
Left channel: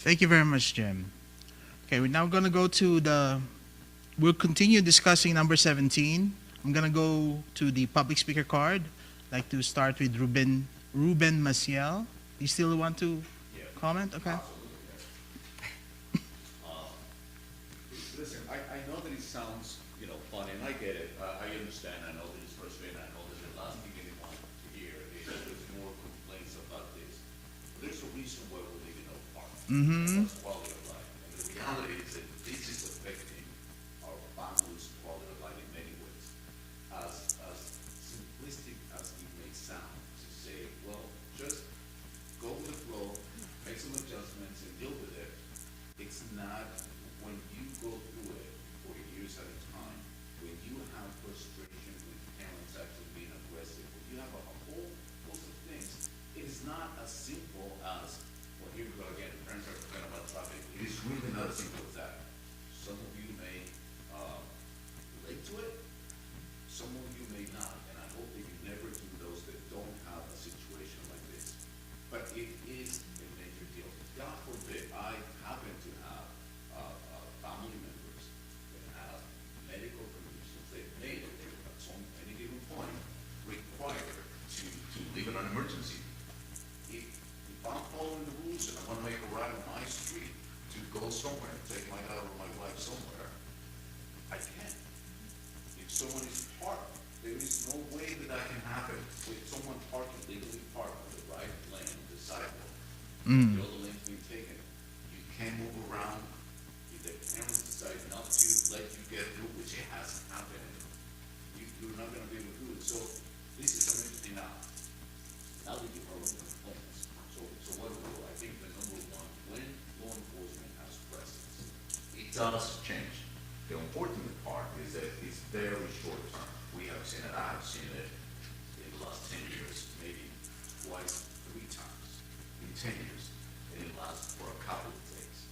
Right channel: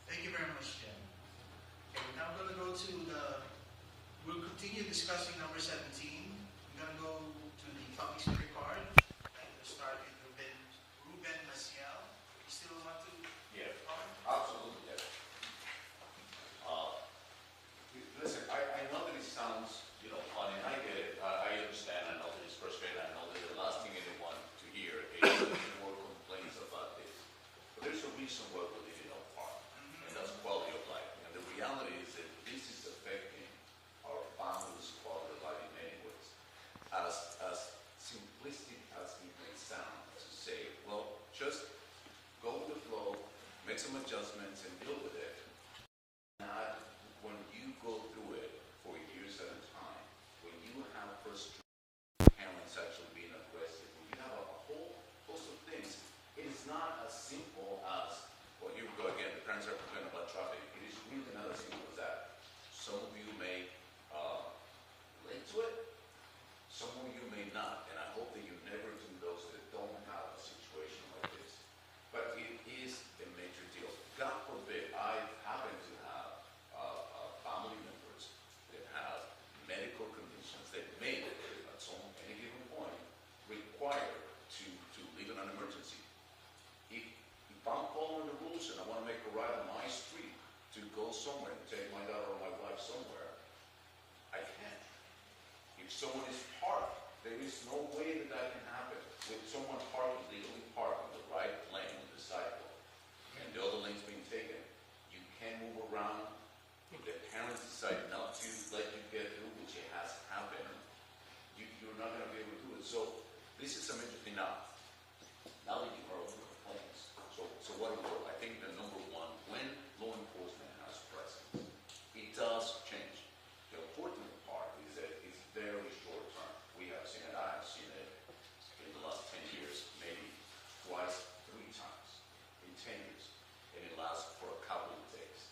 Thank you very much, Jim. Okay, we're now gonna go to we'll continue discussing number 17. I'm gonna go to the public speaker card. I'd like to start with Ruben Maciel. You still want to comment? Okay. Listen, I know that it sounds, funny, and I get it. I understand. I know that it's frustrating. I know that the last thing anyone want to hear is more complaints about this. But there's a reason why we live in a park. Mm-hmm. That's quality of life. And the reality is that this is affecting our families' quality of life in many ways. As simplistic as it may sound to say, well, just go with the flow, make some adjustments and deal with it. It's not, when you go through it for years at a time, when you have frustration with parents actually being aggressive, when you have a whole host of things, it is not as simple as, well, here we go again, the parents are complaining about traffic. It is really not as simple as that. Some of you may relate to it, some of you may not, and I hope that you never do those that don't have a situation like this. But it is a major deal. God forbid, I happen to have family members that have medical conditions that may, at any given point, require to leave in an emergency. If I'm following the rules and I want to make a ride on my street to go somewhere, take my daughter or my wife somewhere, I can't. If someone is parked, there is no way that can happen with someone parked, legally parked on the right lane of the sidewalk. The other lane's being taken. You can't move around. If the parents decide not to let you get through, which it hasn't happened, you're not going to be able to do it. So this is some interesting now. Now we get our own complaints. So what do we do? I think the number one, when law enforcement has presence, it does change. The important part is that it's very short term. We have seen it, I have seen it in the last 10 years, maybe twice, 3 times in 10 years, and it lasts for a couple of days.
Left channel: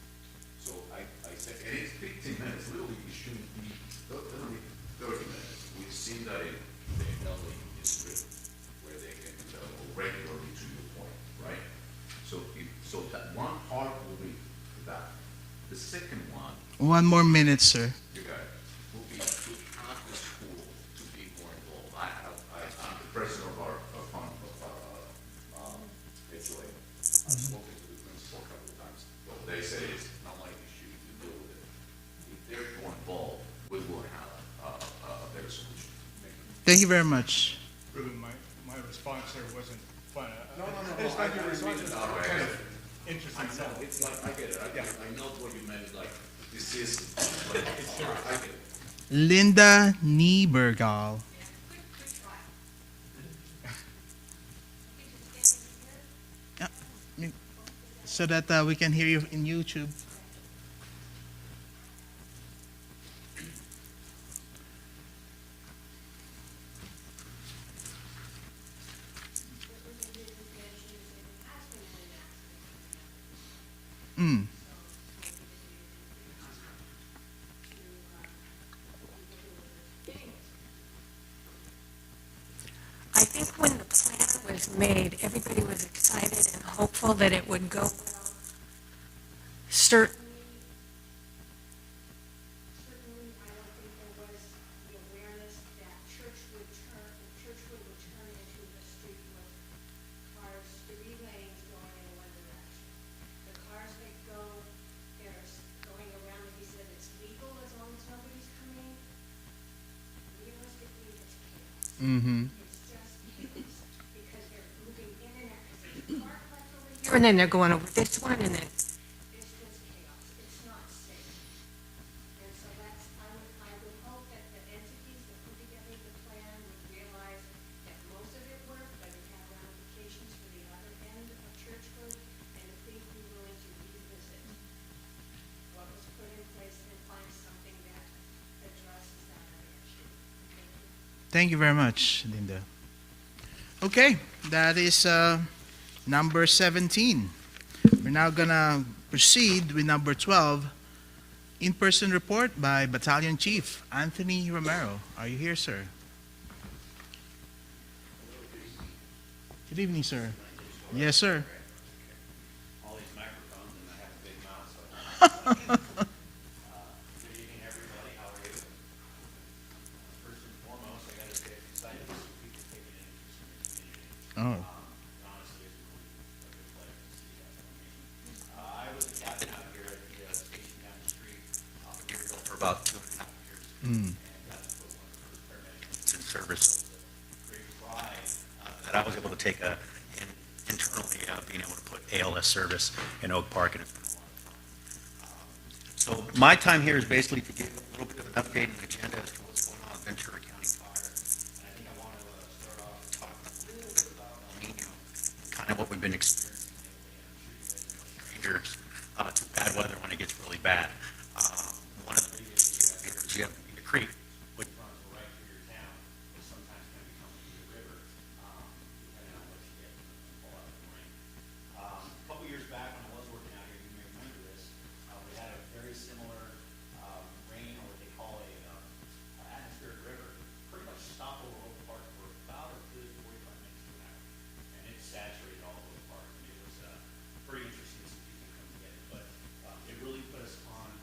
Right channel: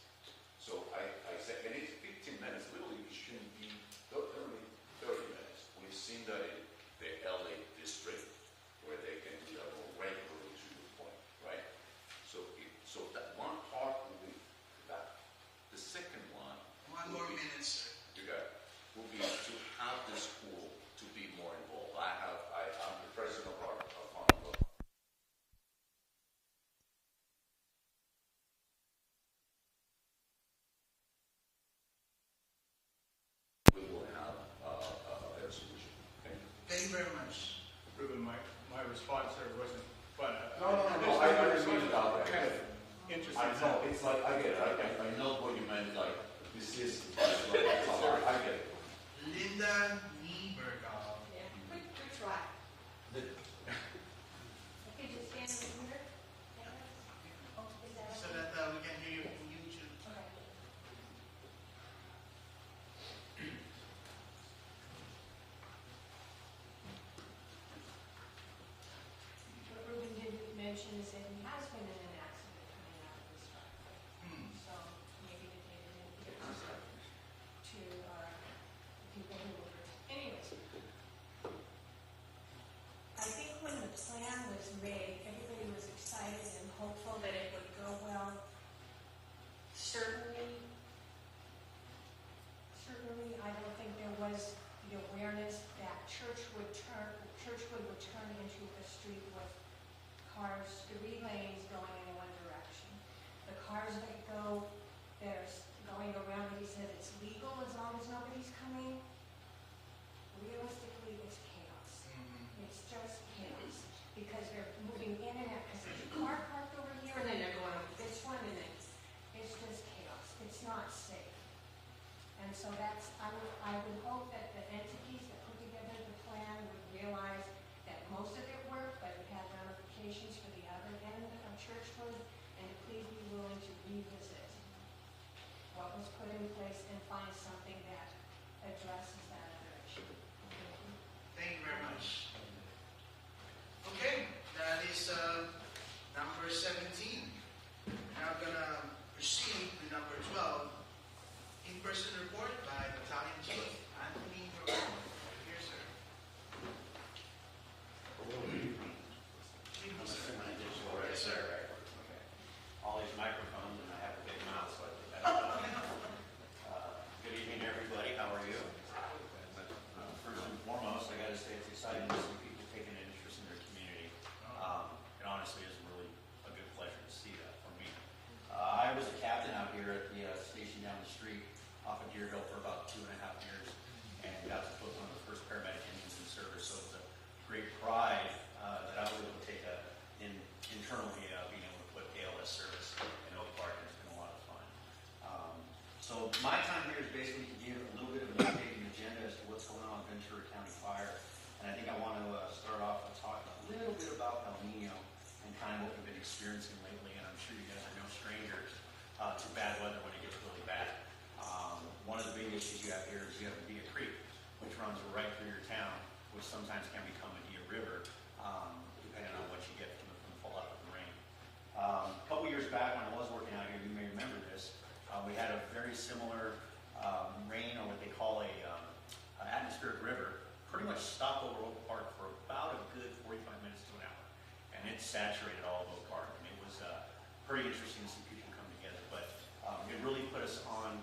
So I said, and it's 15 minutes, literally, it shouldn't be, it'll be 30 minutes. We've seen that in the LA district, where they can go regularly to your point, right? So that one part will be that. The second one, 1 more minute, sir. you got it, will be to have the school to be more involved. I'm the president of our fund of HOA. I've spoken to the principal a couple of times. What they say is not my issue to deal with it. If they're more involved, we will have a better solution. Thank you very much. Ruben, my response there wasn't, but. No, I didn't mean it that way. Interesting. I know, it's like, I get it, I know what you meant, like, this is, I get it. Linda Niebergall. Yeah, so that we can hear you in YouTube. What Ruben didn't mention is that he has been in an accident. Mm. So maybe to people who, anyways. I think when the plan was made, everybody was excited and hopeful that it would go well. Certainly, I don't think there was the awareness that Churchwood would turn into a street with cars, 3 lanes going in one direction. The cars that go, that are going around, he said it's legal as long as nobody's coming. Realistically, it's chaos. Mm-hmm. It's just chaos, because they're moving in and out, because there's a car parked over here, and then they're going over this one, and then it's just chaos. It's not safe. And so that's, I would hope that the entities that put together the plan would realize that most of it worked, but it had ramifications for the other end of Churchwood, and please be willing to revisit what was put in place and find something that addresses that other issue. Thank you very much, Linda. Okay, that is number 17. We're now gonna proceed with number 12, in-person report by Battalion Chief Anthony Romero. Are you here, sir? Good evening, sir. Yes, sir. All these microphones, and I haven't been Good evening, everybody. How are you? First and foremost, I got to say it's exciting to see people taking an interest in their community. Oh. It honestly is really a good pleasure to see that for me. I was a captain out here at the station down the street off of Deerfield for about 2.5 years, and got to put one of the first paramedics in service. So it was a great pride that I was able to take internally being able to put ALS service in Oak Park, and it's been a lot of fun. So my time here is basically to give a little bit of an update and agenda as to what's going on in Ventura County Fire. And I think I want to start off and talk a little bit about El Nino and kind of what we've been experiencing lately. And I'm sure you guys are no strangers to bad weather when it gets really bad. One of the big issues you have here is you have Via Creek, which runs right through your town, which sometimes can become a Via River, depending on what you get from the fallout of the rain. A couple years back, when I was working out here, you may remember this, we had a very similar rain, or what they call a atmospheric river, pretty much stopped over Oak Park for about a good 45 minutes to an hour. And it saturated all of Oak Park. And it was pretty interesting to see people come together. But it really put us on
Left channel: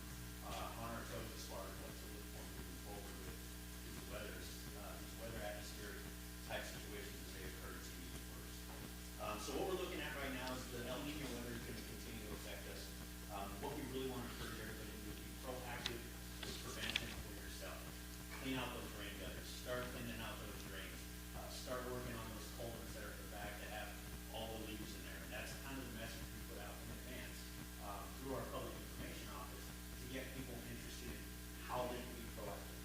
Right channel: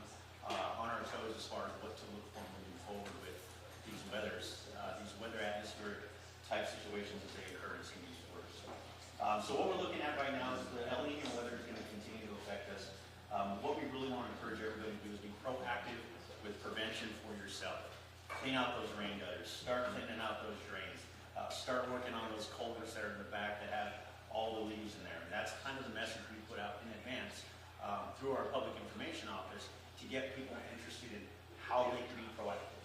our toes as far as what to look for moving forward with these weather atmospheric type situations as they occur in these quarters. So what we're looking at right now is the El Nino weather is going to continue to affect us. What we really want to encourage everybody to do is be proactive with prevention for yourself. Clean out those rain gutters. Start cleaning out those drains. Start working on those culverts that are in the back that have all the leaves in there. And that's kind of the message we put out in advance through our public information office to get people interested in how they can be proactive.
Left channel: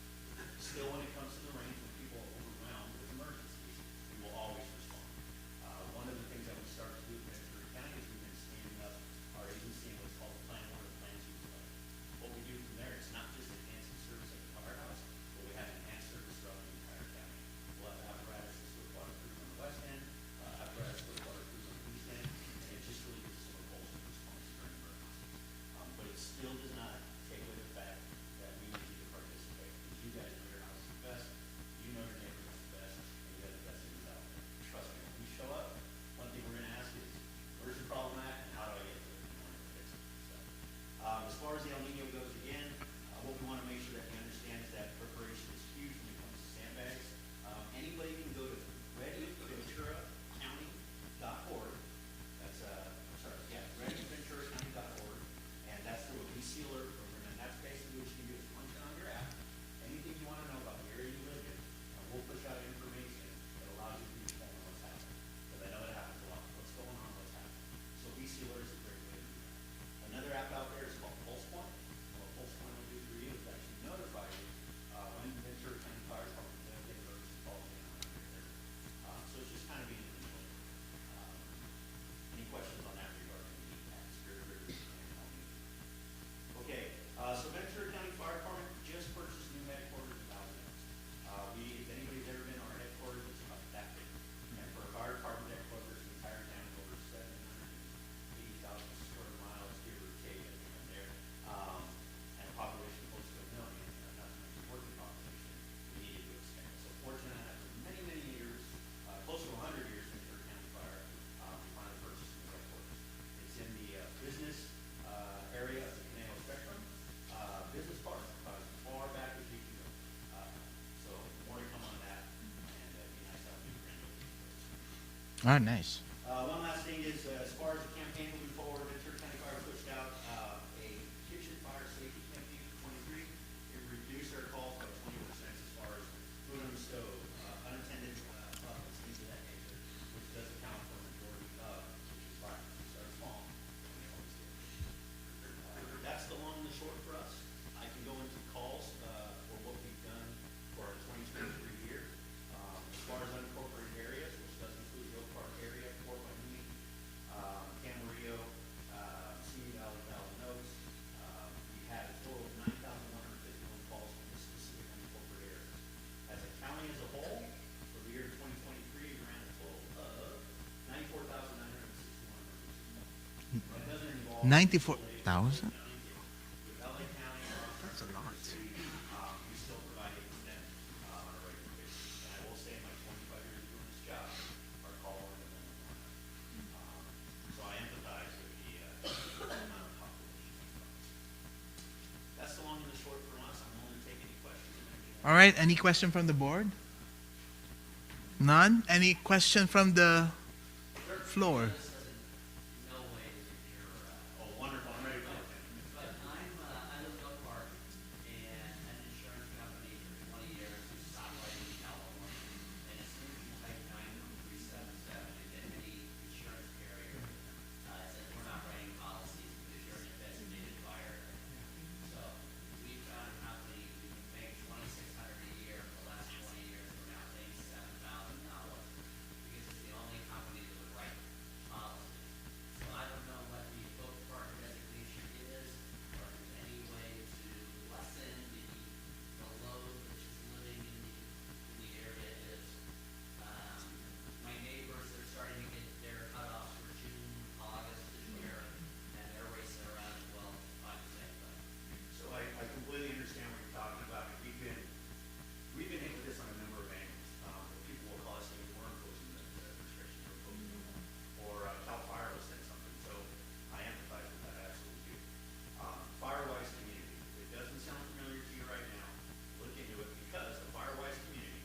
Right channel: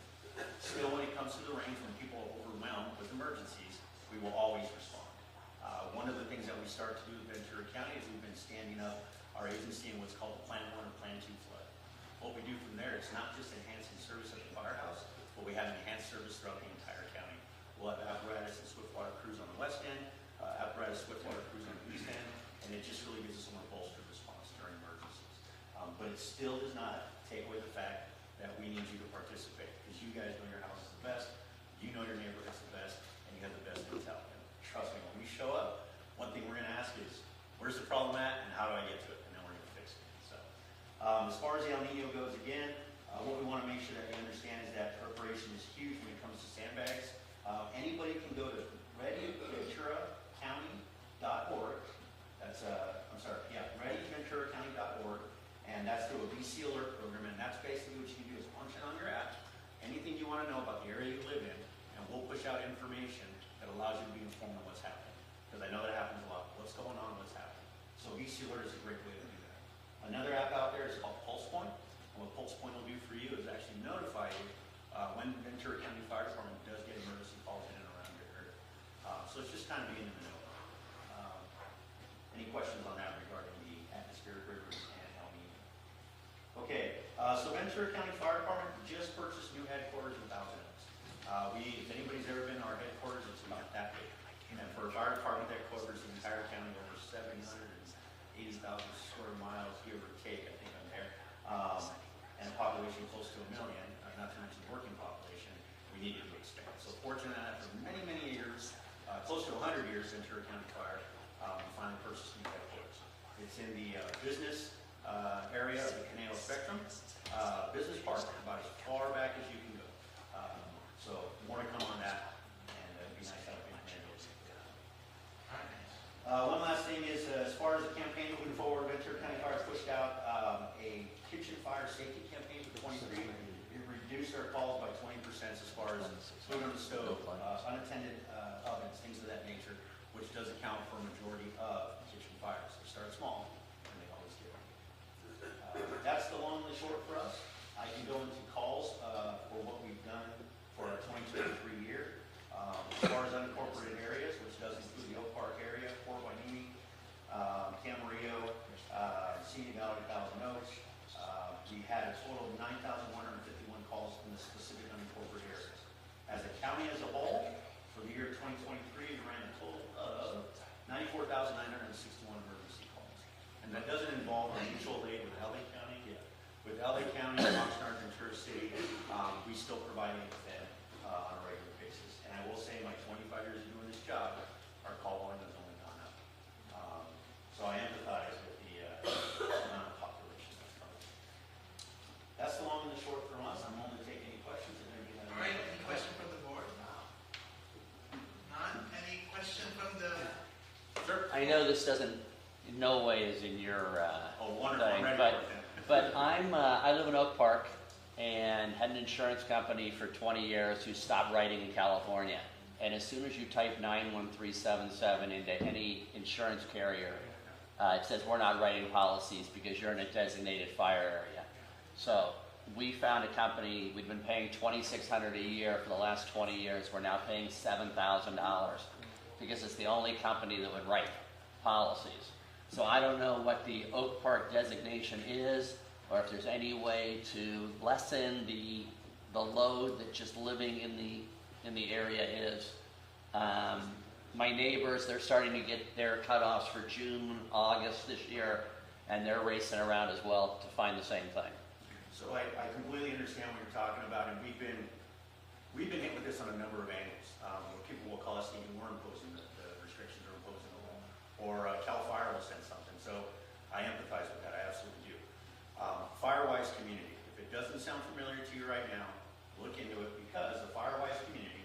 Still, when it comes to the rain, when people are overwhelmed with emergencies, we will always respond. One of the things that we start to do in Ventura County is we've been standing up our agency in what's called Plan 1 and Plan 2 flood. What we do from there, it's not just enhancing service at the firehouse, but we have enhanced service throughout the entire county. We'll have apparatus and swiftwater crews on the west end, apparatus swiftwater crews on the east end, and it just really gives us a more bolstered response during emergencies. But it still does not take away the fact that we need you to participate, because you guys know your house is the best, you know your neighborhood is the best, and you have the best mentality. Trust me, when we show up, one thing we're going to ask is, where's the problem at, and how do I get to it, and then we're going to fix it. So, as far as the El Nino goes, again, what we want to make sure that we understand is that preparation is huge when it comes to sandbags. Anybody can go to readyventuracounty.org. That's, readyventuracounty.org, and that's through a VC alert program, and that's basically what you can do is punch it on your app, anything you want to know about the area you live in, and we'll push out information that allows you to be informed of what's happening. Because I know that happens a lot. What's going on, what's happening. So VC alert is a great way to do that. Another app out there is called Pulse Point. And what Pulse Point will do for you is actually notify you when Ventura County Fire Department does get emergency calls in and around your area. So it's just kind of being, any questions on that regarding the atmospheric rivers and El Nino? Okay, so Ventura County Fire Department just purchased new headquarters in Thousand Oaks. If anybody's ever been to our headquarters, it's about that big. And for our department that covers the entire county, over 780,000 square miles, give or take, I think I'm there. And a population close to 1 million, not to mention working population, we needed to expand. So fortunate that for many, many years, close to 100 years, Ventura County Fire finally purchased new headquarters. It's in the business area of the Canal Spectrum Business Park, about as far back as you can go. So more to come on that, and be nice to have you. Oh, nice. One last thing is, as far as the campaign moving forward, Ventura County Fire pushed out a kitchen fire safety campaign for 23. We reduced our calls by 20% as far as food on the stove, unattended ovens, things of that nature, which does account for a majority of kitchen fires. They start small, and they always get. That's the long and the short for us. I can go into calls for what we've done for our 2023 year. As far as unincorporated areas, which does include the Oak Park area, Fort Wainimi, Camarillo, Simi Valley, Thousand Oaks. We had a total of 9,151 calls from the specific unincorporated areas. As a county as a whole, for the year 2023, we ran a total of 94,961 emergency calls. And that doesn't involve 94,000? With LA County, Oxnard, and Ventura City, we still provide it to them on a regular basis. And I will say, my 25 years of doing this job, our call volume has only gone up. So I empathize with the amount of population. All right, any question from the board? None? Any question from the I know floor? this doesn't, in no way is in your, wonderful. thing, but I live in Oak Park and had an insurance company for 20 years who stopped writing in California. And as soon as you type 91377 into any insurance carrier, it says we're not writing policies because you're in a designated fire area. So we found a company, we've been paying $2,600 a year for the last 20 years. We're now paying $7,000 because it's the only company that would write policies. So I don't know what the Oak Park designation is, or if there's any way to lessen the load that just living in the area is. My neighbors, they're starting to get their cutoffs for June, August this year, and they're racing around as well to find the same thing. So I completely understand what you're talking about, and we've been hit with this on a number of angles. People will call us even more imposing the restrictions or imposing the law, or Cal Fire will send something. So I empathize with that, I absolutely do. Firewise community, if it doesn't sound familiar to you right now, look into it, because the Firewise community,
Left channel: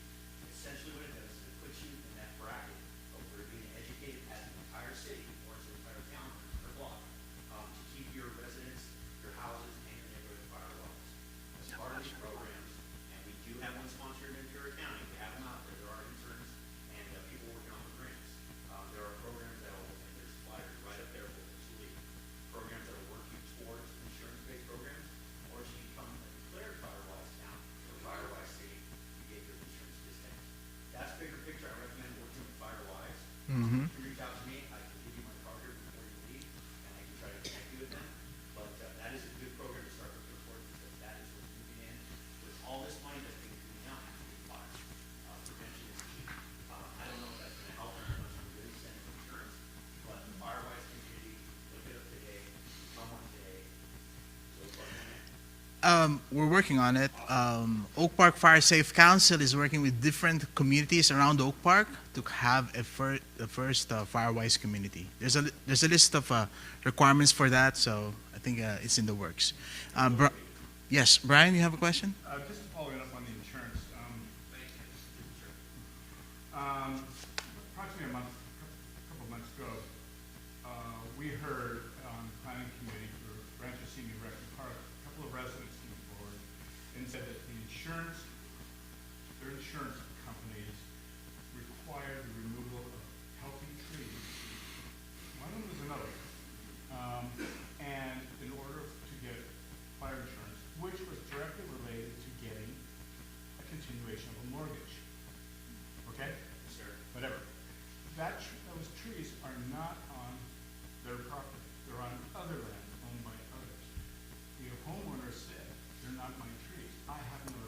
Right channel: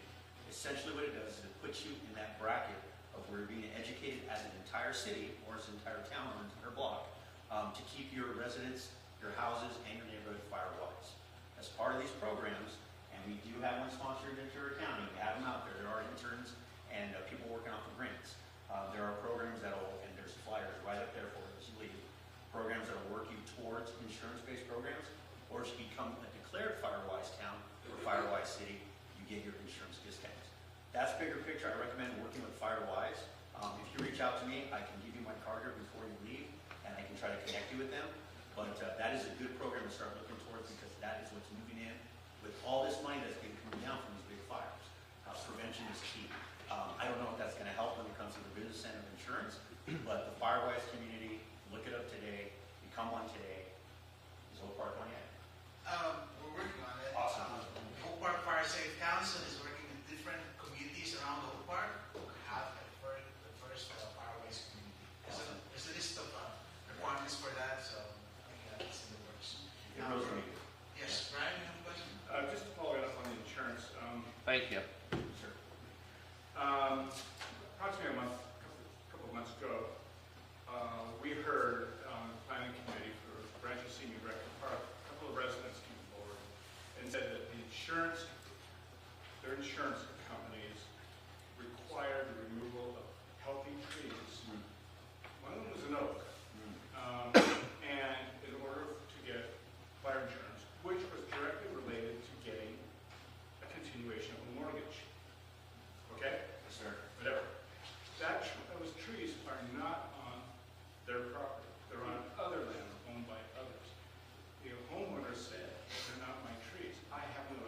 essentially what it does is it puts you in that bracket of where you're being educated as an entire city, or as an entire town, or an entire block, to keep your residents, your houses, and your neighborhood firewise. As part of these programs, and we do have one sponsored in Ventura County, we have them out there, there are interns and people working on the grants. There are programs that'll, and there's flyers right up there for this league, programs that'll work you towards insurance-based programs, or if you become a declared Firewise town or Firewise city, you get your insurance discounts. That's bigger picture. I recommend working with Firewise. If you reach out to me, I can give you my card here before you leave, and I can try to connect you with them. But that is a good program to start looking towards, because that is what's moving in with all this money that's being coming down from these big fires. Prevention is key. I don't know if that's going to help when it comes to the business end of insurance, but the Firewise community, look it up today, become one today. So far, We're working on it. Oak Park Fire Safe Council is working with different communities around Oak Park to have the first Firewise community. There's a list of requirements for that, so I think it's in the works. Yes, Brian, you have a question? Just following up on the insurance, Thank you. approximately a couple months ago, we heard on the planning committee for Rancho Senior Rec Park, a couple of residents came forward and said that their insurance companies require the removal of healthy trees. One of them was an oak. And in order to get fire insurance, which was directly related to getting a continuation of a mortgage. Okay? sir. Whatever. Those trees are not on their property. They're on other land owned by others. The homeowner said, they're not my trees. I have no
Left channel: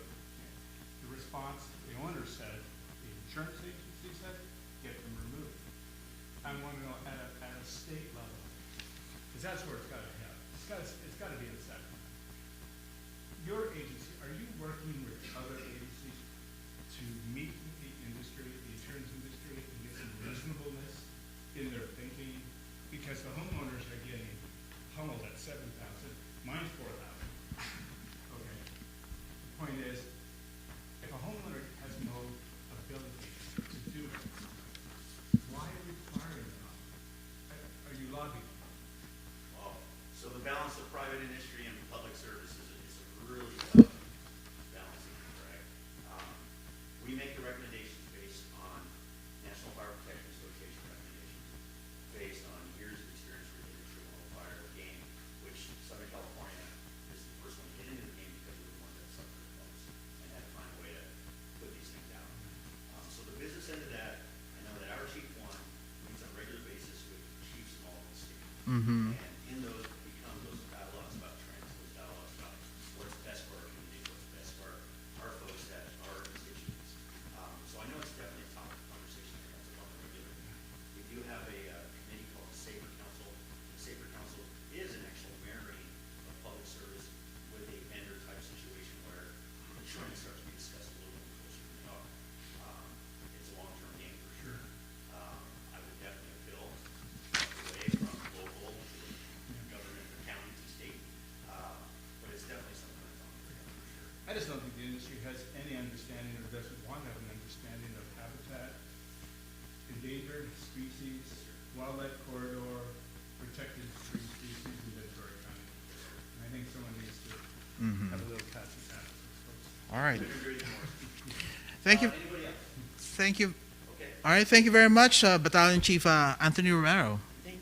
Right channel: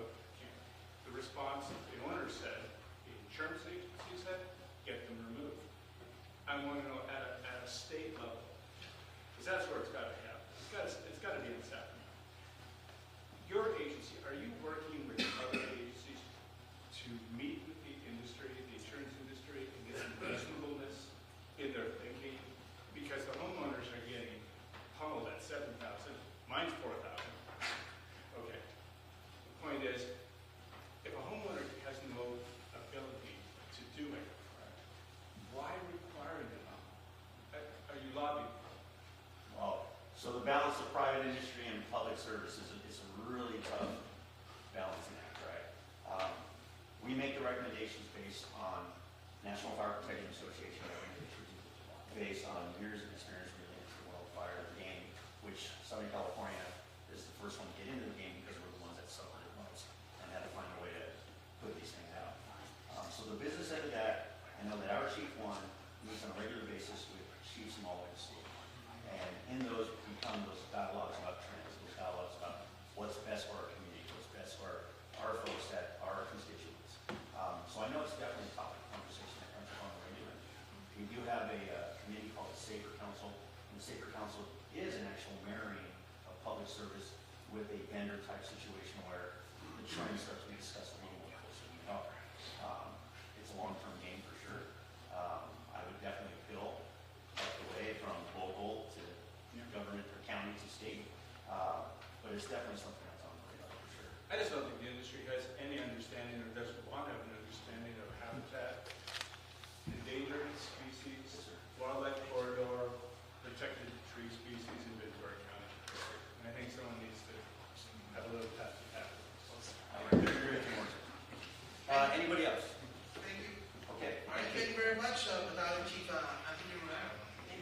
Thank you. Anybody else? Thank you. Okay. All right, thank you very much, Battalion Chief Anthony Romero. Thank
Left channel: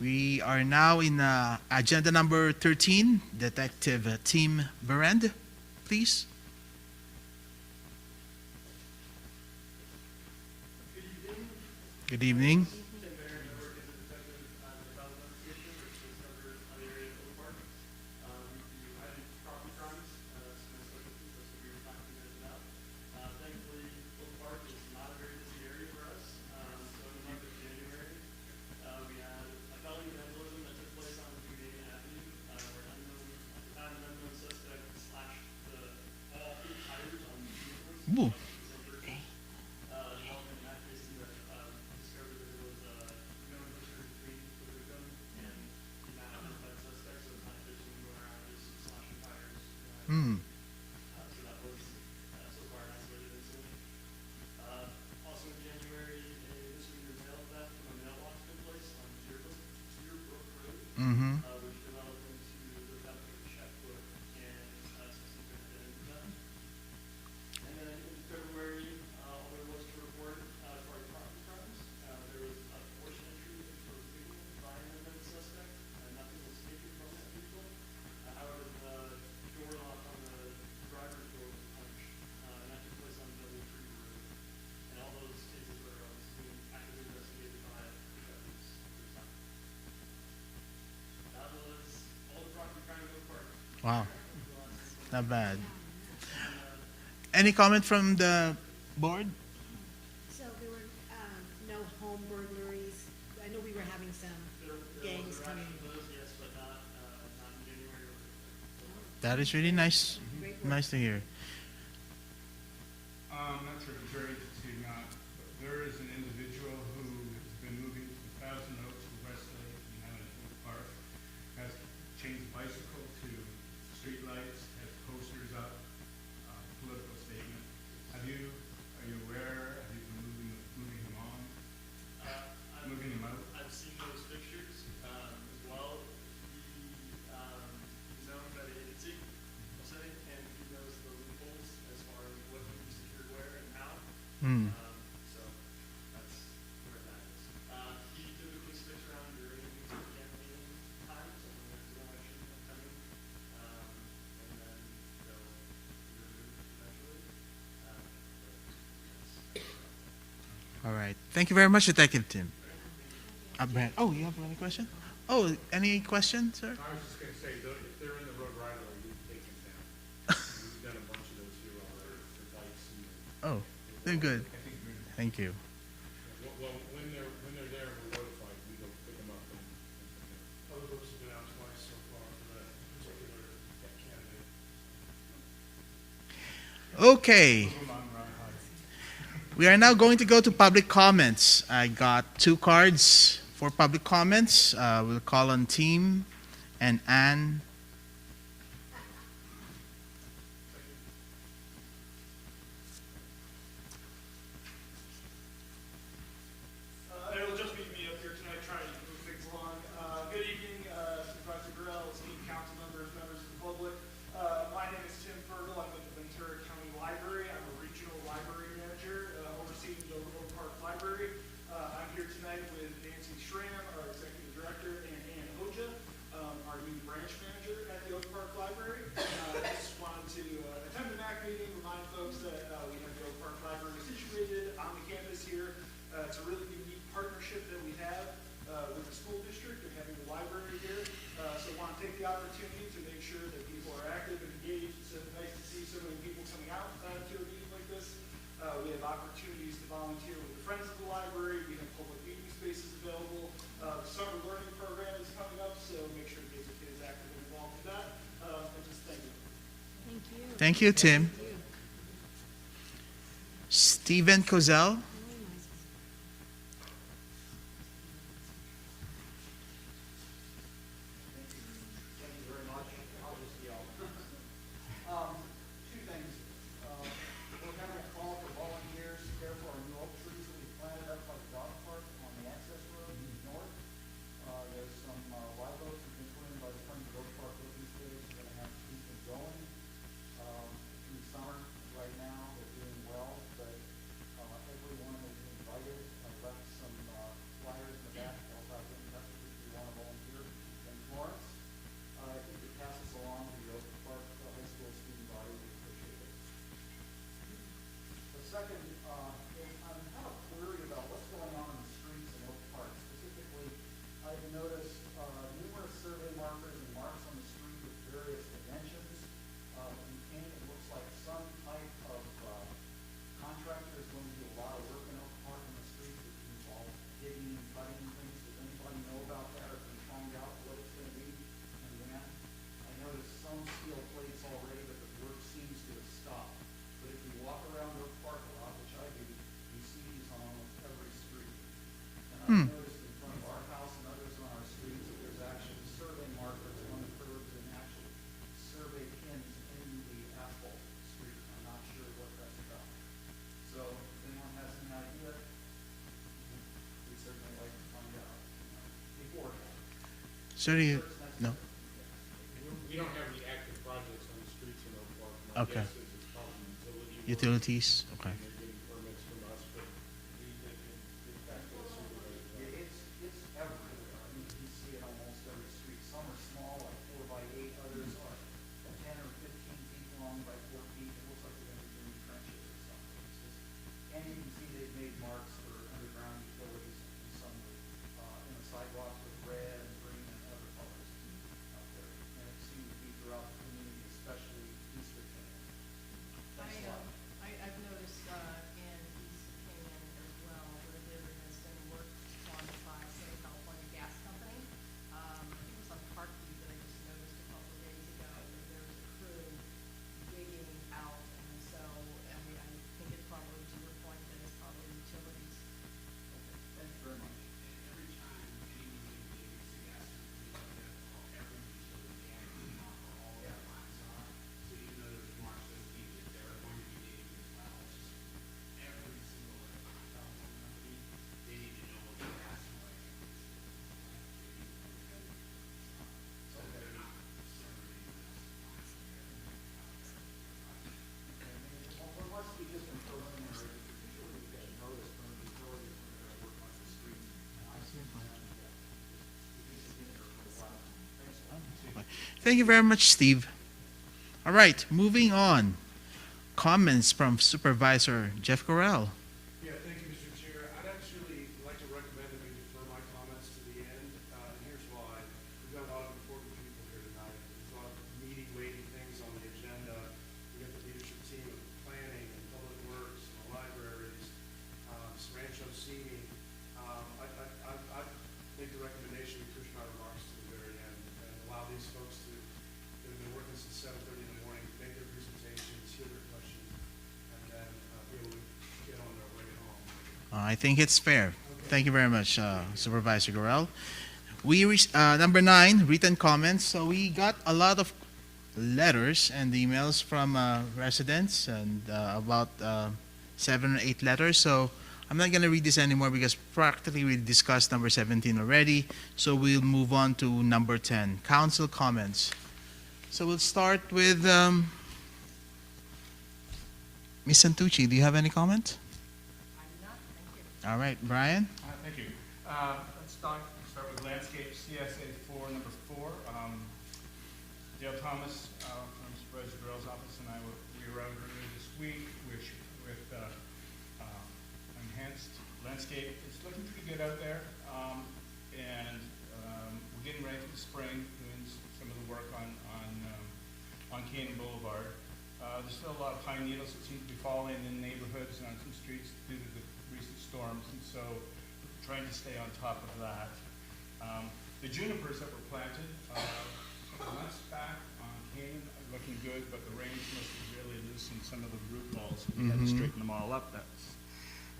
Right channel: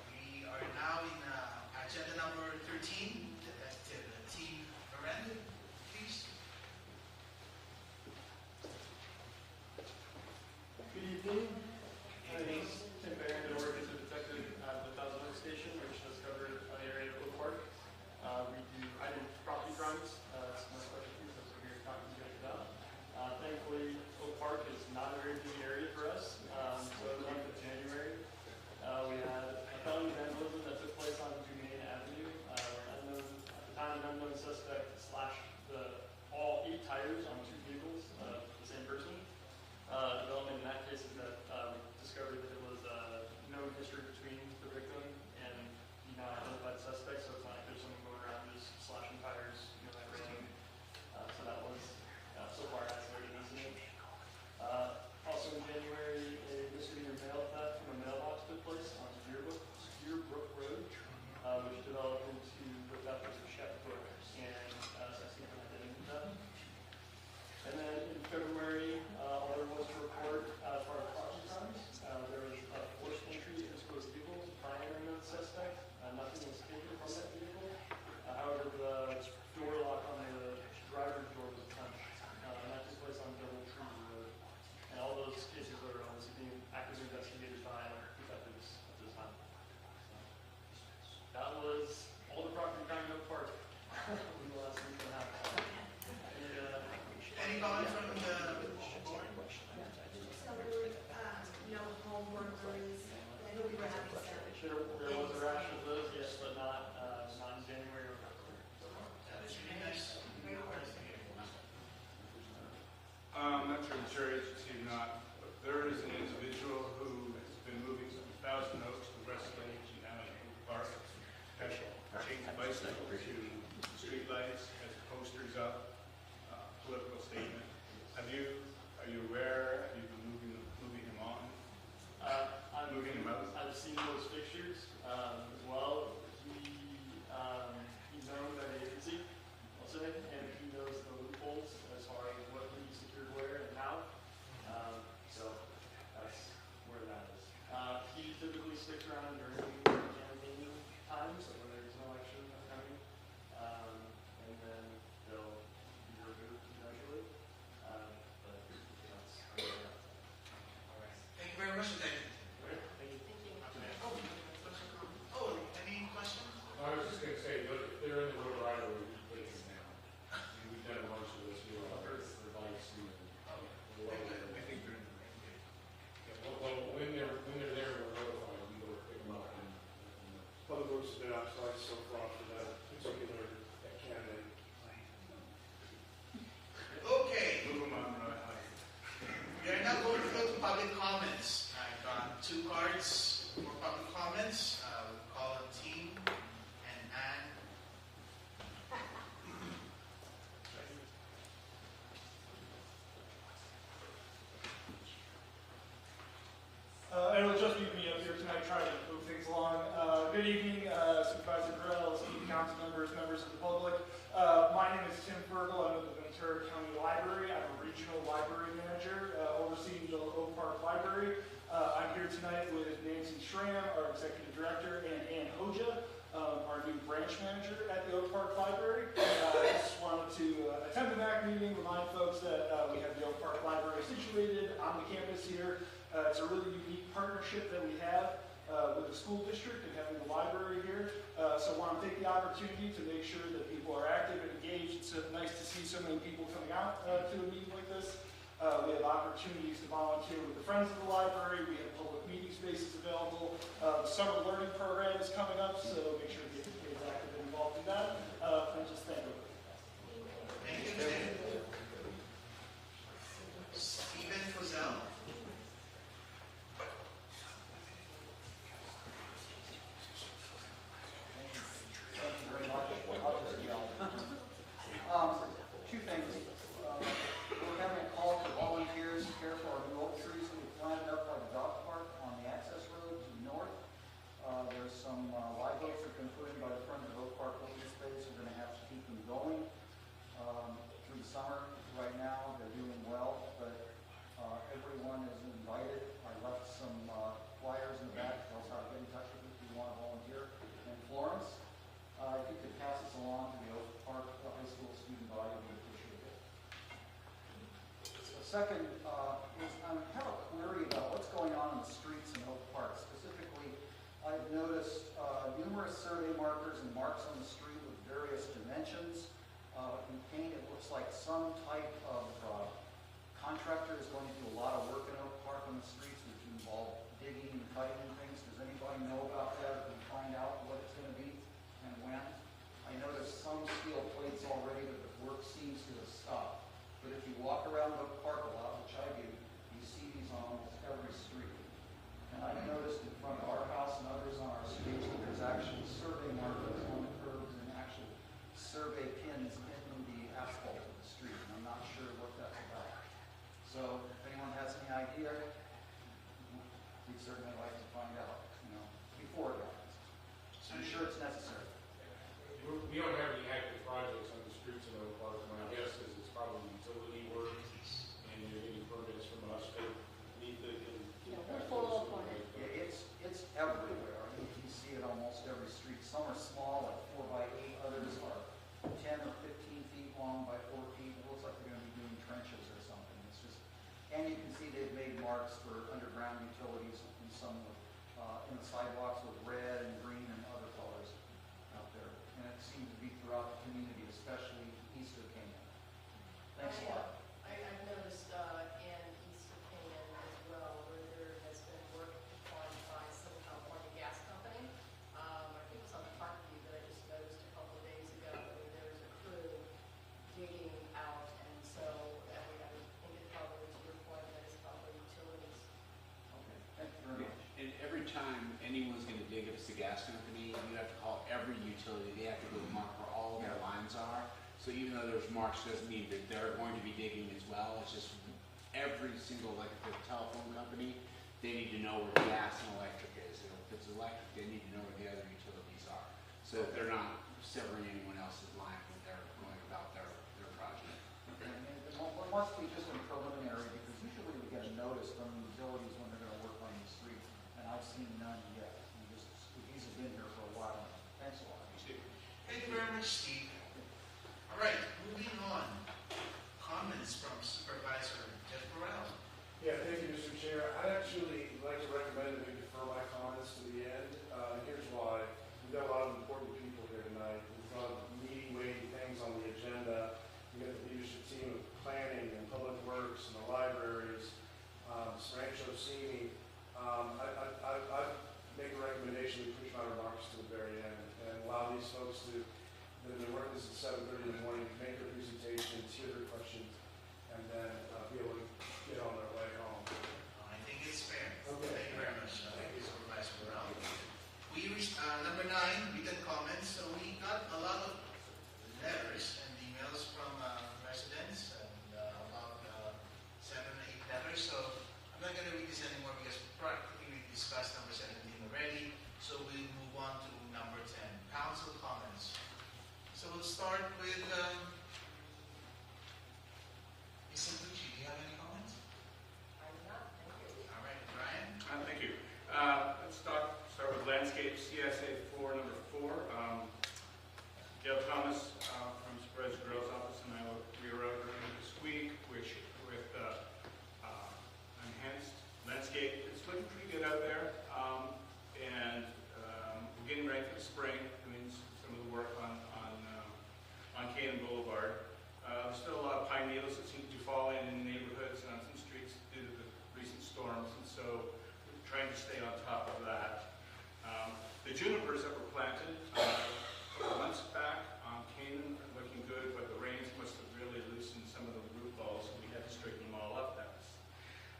you. We are now in agenda number 13, Detective Tim Berend, please. Good evening. I do property crimes, it's my specialty, so it's a weird topic to get about. Thankfully, Oak Park is not a very busy area for us, so in the month of January, we had a felony vandalism that took place on Duane Avenue. Unknown, at the time, an unknown suspect slashed all 8 tires on 2 vehicles, Ooh. the same person. Development in that case is that, discovered that there was no history between the victim and the now identified suspect, so it's not like there's someone going around just slashing tires, Hmm. so that was, so far isolated incident. Also in January, a misdemeanor mail theft from a mailbox took place on Deerbrook Road, Mm-hmm. which developed into the theft of a checkbook and, subsequent identity theft. And then in February, all there was to report, as far as property crimes, there was a forced entry into a vehicle by an unknown suspect. Nothing was taken from that vehicle. However, the door lock on the driver's door was punched, and that took place on Double Tree Road. And all those cases are also being actively investigated by detectives at this time. That was all the property crime in Oak Park. Wow, not bad. Any comment from the board? So there were, no home burglaries. I know we were having some There was gangs a rash coming. of those, yes, but not in January or February. That is really nice. Nice to hear. That's for the jury to see not, there is an individual who has been moving from Thousand Oaks to West Lake to now in Oak Park. Has changed bicycle to streetlights, has posters up, political statement. Are you aware, have you been moving him on, moving him out? I've seen those pictures, as well. He's known at an agency, I'll say, and he knows the loopholes as far as what he's secured where and how. Hmm. So that's where that is. He typically sticks around during campaigning time, so when there's no action coming, and then they'll be removed eventually. But, yes. All right. Thank you very much, Detective Tim. Brad. Oh, you have any question? Oh, any question, sir? I was just gonna say, they're in the road right away, we've taken them now. We've done a bunch of those here, for bikes and. Oh, they're good. I think they're, Thank you. well, when they're there, we're notified, we go pick them up and. Other roads have been outside so far for that particular candidate. Okay. We are now going to go to public comments. I got 2 cards for public comments. We'll call on Team and Anne. It'll just be me up here tonight trying to move things along. Good evening, Supervisor Burrell, city council members, members of the public. My name is Tim Fergal. I'm with the Ventura County Library. I'm a regional library manager, overseeing the Oak Park Library. I'm here tonight with Nancy Schramm, our executive director, and Ann Hoja, our new branch manager at the Oak Park Library. I just wanted to attend the MAC meeting, remind folks that we have the Oak Park Library situated on the campus here. It's a really unique partnership that we have with the school district and having the library here. So I want to take the opportunity to make sure that people are active and engaged. It's nice to see so many people coming out to a meeting like this. We have opportunities to volunteer with the Friends of the Library. We have public meeting spaces available. The summer learning program is coming up, so make sure to get the kids active and involved in that. And just thank you. Thank you, Tim. Stephen Kozel. Two things. We're having a call for volunteers here for our new oak trees that we planted up by the dog park on the access road north. There's some live oaks that have been put in by the Friends of Oak Park Open Space. We're gonna have to keep them going through the summer, right second is I'm kind of worried about what's going on in the streets in Oak Park. Specifically, I've noticed numerous survey markers and marks on the street with various dimensions. In paint, it looks like some type of contractor is going to do a lot of work in Oak Park on the streets, which involve digging and cutting and things. Does anybody know about that, or can you find out what it's going to be and when? I noticed some steel plates already, but the work seems to have stopped. But if you walk around Oak Park a lot, which I do, you see these on almost every street. And I've noticed in front of our house and others on our streets, that there's actual survey markers on the curbs and actual survey pins in the asphalt street. I'm not sure what that's about. So if anyone has any idea, we'd certainly like to find out, before that. Certainly, Sure it's no. necessary. We don't have any active projects on the streets in Oak Park. My Okay. guess is it's probably utility work. Utilities, okay. And they're getting permits from us, but need to get back to Full of It's everywhere. I mean, you see it almost every street. Some are small, like 4 by 8. Others are 10 or 15 feet long by 4 feet. It looks like they're going to be doing trenches or something. It's just, and you can see they've made marks for underground utilities in some of the, in the sidewalks with red and green and other colors out there. And it seems to be throughout the community, especially east of Canaan. Thanks a lot. I've noticed in East Canaan as well, where there has been work done by some California gas company. I think it was on Parkview that I just noticed a couple of days ago, where there was a crew digging out, and so, and we have painted probably to report that it's probably utilities. Thank you very much. And every time anyone's gonna dig, if it's the gas company, you have to call every utility, they have to go mark where all of their lines are. So even though there's marks, doesn't mean that they're going to be digging as well, it's just every single, like if it's a telephone company, they need to know where gas and electric is. If it's electric, they need to know where the other utilities are, so that they're not severing anyone else's lines when they're going about their project. Well, it must be just a preliminary, because usually we get a notice from the utilities when they're gonna work on the street, and I've seen none yet. These have been here for a while. Thanks a lot. Thank you very much, Steve. All right, moving on. Comments from Supervisor Jeff Correll. Yeah, thank you, Mr. Chair. I'd actually like to recommend that we defer my comments to the end, and here's why. We've got a lot of important people here tonight. We've got meeting, waiting things on the agenda. We got the leadership team of planning and public works and the libraries, Rancho Simi. I make a recommendation to push my remarks to the very end and allow these folks to, they're working this at 7:30 in the morning, make their presentations, hear their questions, and then be able to get on their way home. I think it's fair. Thank you very much, Supervisor Correll. Number 9, written comments. So we got a lot of letters and emails from residents, and about 7 or 8 letters. So I'm not going to read this anymore because practically we discussed number 17 already. So we'll move on to number 10, council comments. So we'll start with Ms. Santucci. Do you have any comment? All right, Brian? Thank you. Let's start with landscape CSA 4, number 4. Dale Thomas from Supervisor Grove's office and I were out earlier this week with enhanced landscape. It's looking pretty good out there. And we're getting ready for the spring, doing some of the work on Canaan Boulevard. There's still a lot of pine needles that seem to be falling in neighborhoods and on some streets due to the recent storms, and so we're trying to stay on top of that. The junipers that were planted a couple months back on Canaan are looking good, but the rains must have really loosened some of the root balls, so we had to straighten them all up.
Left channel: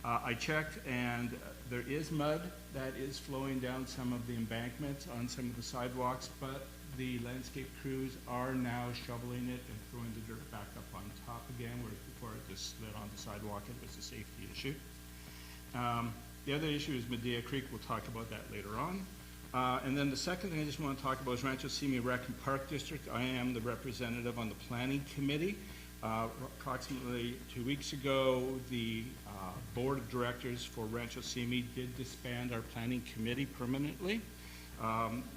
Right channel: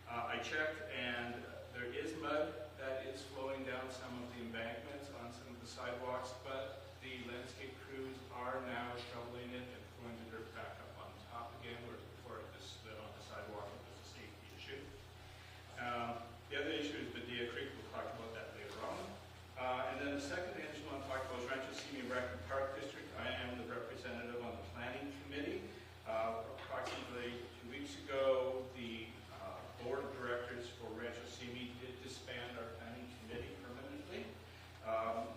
I checked, and there is mud that is flowing down some of the embankments on some of the sidewalks, but the landscape crews are now shoveling it and throwing the dirt back up on top again, where before it just slid on the sidewalk. It was a safety issue. The other issue is Medea Creek. We'll talk about that later on. And then the second thing I just want to talk about is Rancho Simi Rec and Park District. I am the representative on the planning committee. Approximately 2 weeks ago, the board of directors for Rancho Simi did disband our planning committee permanently.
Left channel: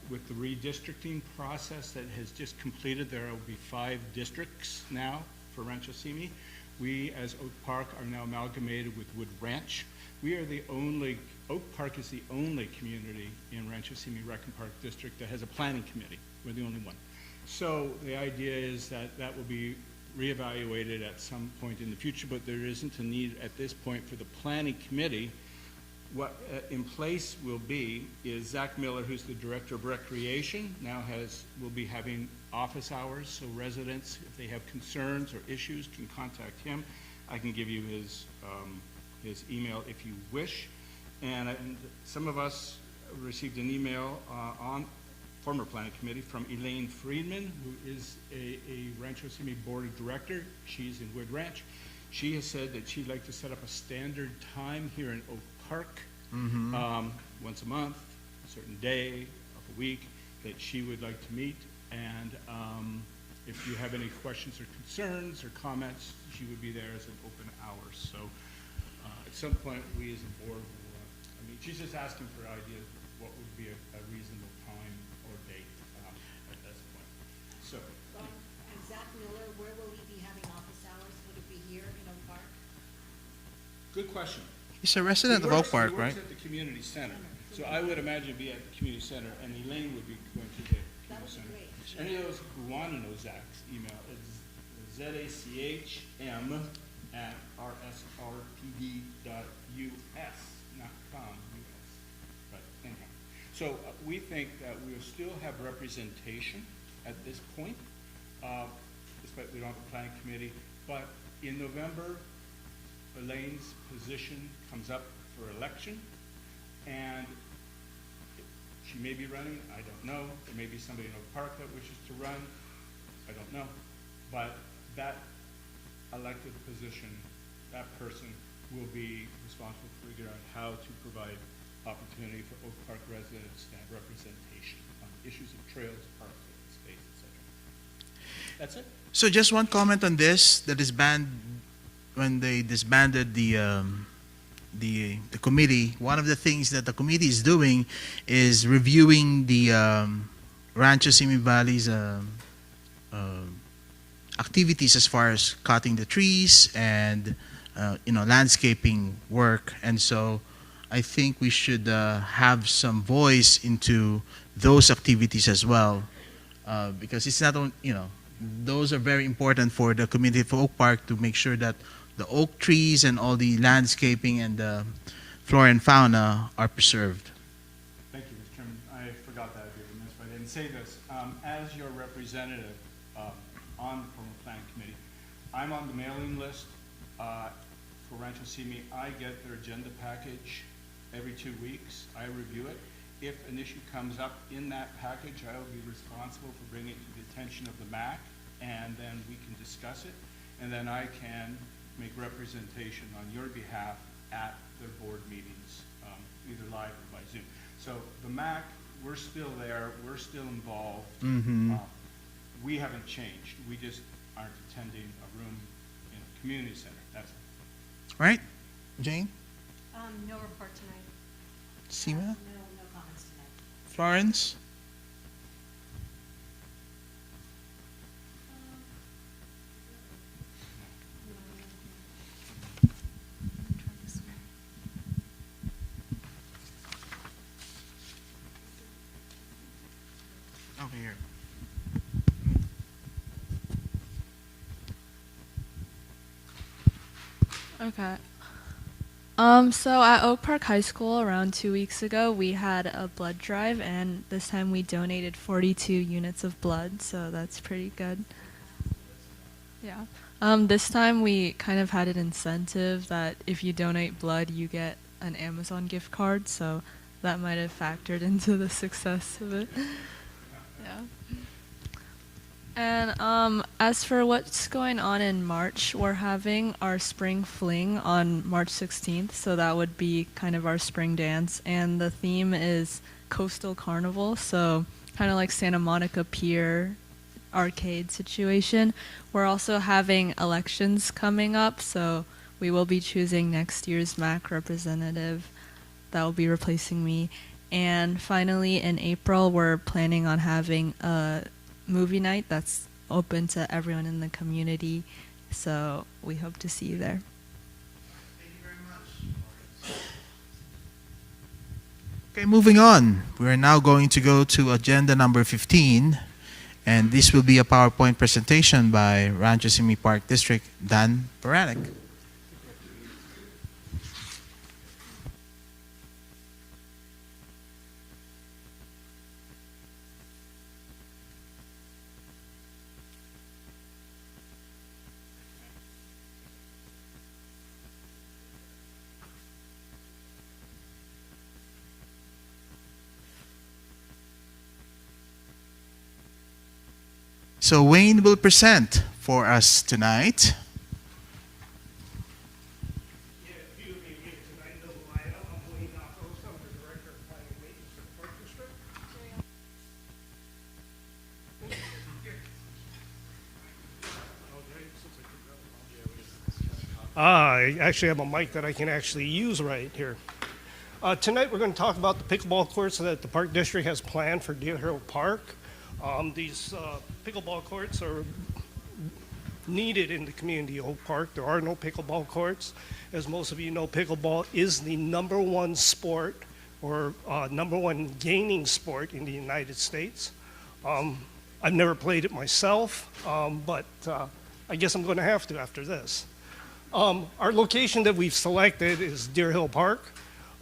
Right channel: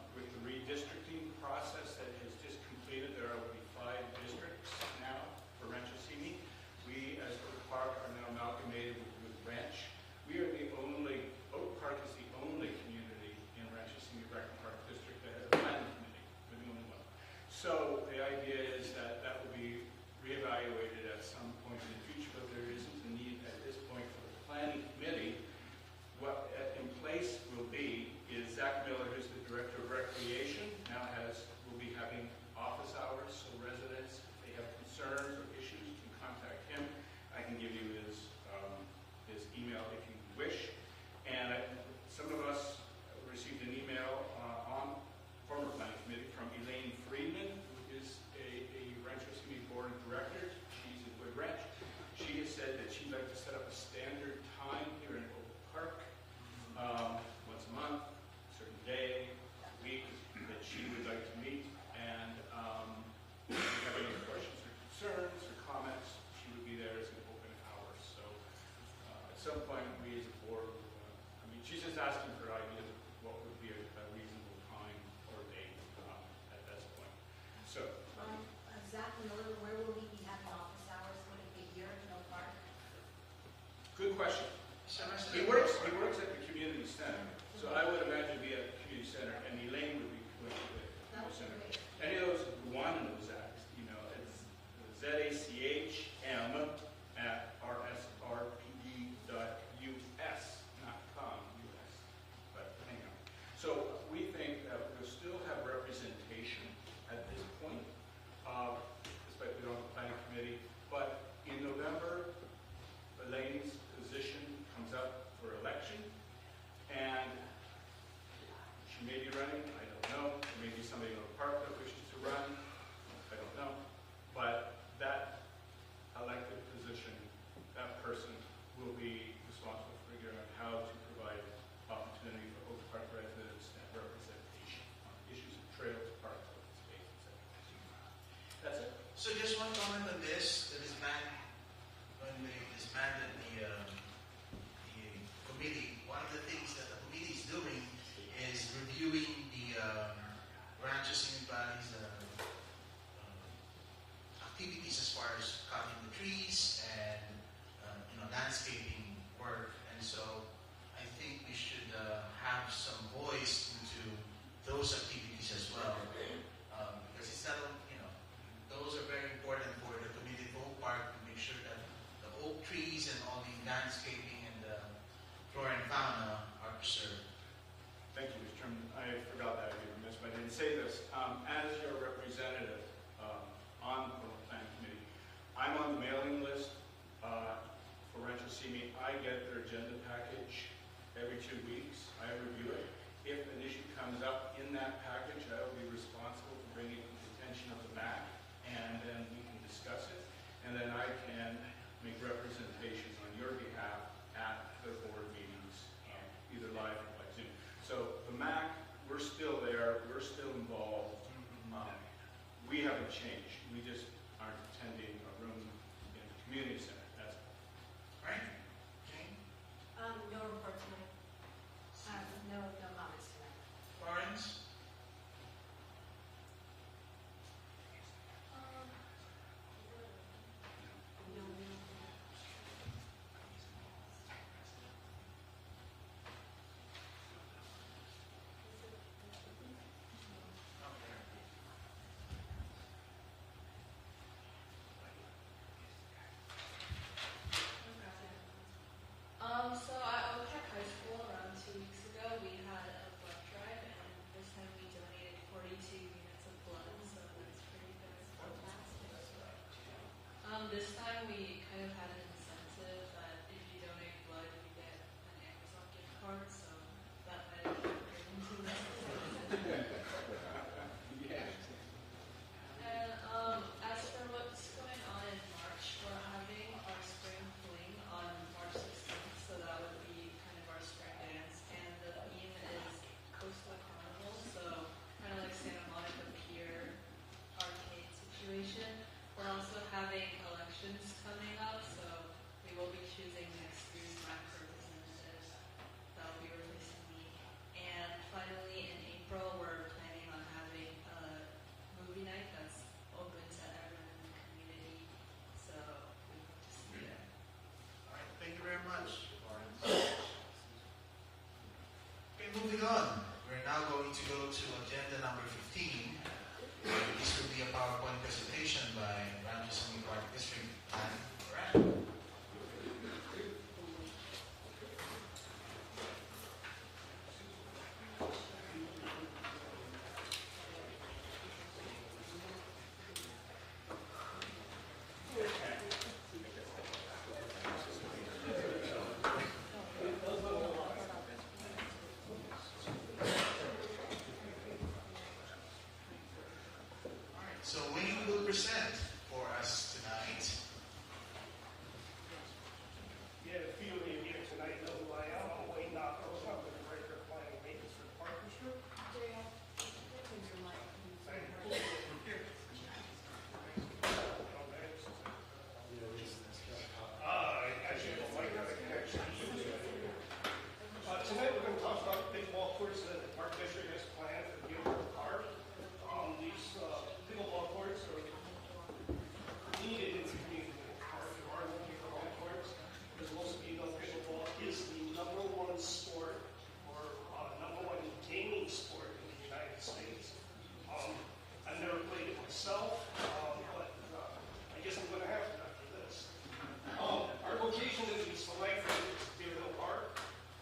With the redistricting process that has just completed, there will be 5 districts now for Rancho Simi. We, as Oak Park, are now amalgamated with Wood Ranch. We are the only, Oak Park is the only community in Rancho Simi Rackham Park District that has a planning committee. We're the only one. So the idea is that that will be reevaluated at some point in the future, but there isn't a need at this point for the planning committee. What in place will be is Zach Miller, who's the Director of Recreation, will be having office hours, so residents, if they have concerns or issues, can contact him. I can give you his email if you wish. And some of us received an email on former planning committee from Elaine Friedman, who is a Rancho Simi Board of Director. She's in Wood Ranch. She has said that she'd like to set up a standard time here in Oak Park, once a month, a certain day of the week, that she would like to meet. And if you have any questions or concerns or comments, she would be there as an open hour. So at some point, we as a board, she's just asking for ideas of what would be a reasonable time or date at this point. So. Zach Miller, where will he be having office hours? Would it be here in Oak Park? Good question. He's a resident of Oak Park, right? He works at the community center. So I would imagine be at the community center, and Elaine would be going to the community center. Any of those who want to know Zach's email is zachm@rsrtd.us.com. But anyhow, so we think that we'll still have representation at this point, despite we don't have a planning committee. But in November, Elaine's position comes up for election, and she may be running, I don't know. There may be somebody in Oak Park that wishes to run, I don't know. But that elected position, that person will be responsible for figuring out how to provide opportunity for Oak Park residents to have representation on issues of trails, parks, open space, etc. That's it. So just one comment on this, that is banned when they disbanded the committee. One of the things that the committee is doing is reviewing the Rancho Simi Valley's activities as far as cutting the trees and landscaping work. And so I think we should have some voice into those activities as well, because it's not only, those are very important for the community of Oak Park to make sure that the oak trees and all the landscaping and the flora and fauna are preserved. Thank you, Mr. Chairman. I forgot that I didn't say this. As your representative on the planning committee, I'm on the mailing list for Rancho Simi. I get their agenda package every 2 weeks. I review it. If an issue comes up in that package, I will be responsible for bringing it to the attention of the MAC, and then we can discuss it, and then I can make representation on your behalf at the board meetings, either live or by Zoom. So the MAC, we're still there, we're still involved. We haven't changed. We just aren't attending a room in the community center. That's it. Right? Jane? No report tonight. Sima? No comments tonight. Florence? Over here. Okay. So at Oak Park High School around 2 weeks ago, we had a blood drive, and this time we donated 42 units of blood, so that's pretty good. Yeah. This time we kind of had an incentive that if you donate blood, you get an Amazon gift card, so that might have factored into the success of it. Yeah. And as for what's going on in March, we're having our spring fling on March 16th, so that would be kind of our spring dance. And the theme is Coastal Carnival, so kind of like Santa Monica Pier arcade situation. We're also having elections coming up, so we will be choosing next year's MAC representative that will be replacing me. And finally, in April, we're planning on having a movie night that's open to everyone in the community, So we hope to see you there. Thank you very much. Okay, moving on. We're now going to go to agenda number 15, and this will be a PowerPoint presentation by Rancho Simi Park District, Dan Baranek. So Wayne will present for us tonight. I actually have a mic that I can actually use right here. Tonight we're going to talk about the pickleball courts that the Park District has planned for Deer Hill Park. These pickleball courts are needed in the community of Oak Park. There are no pickleball courts. As most of you know, pickleball is the #1 sport or #1 gaming sport in the United States. I've never played it myself, but I guess I'm going to have to after this. Our location that we've selected is Deer Hill Park.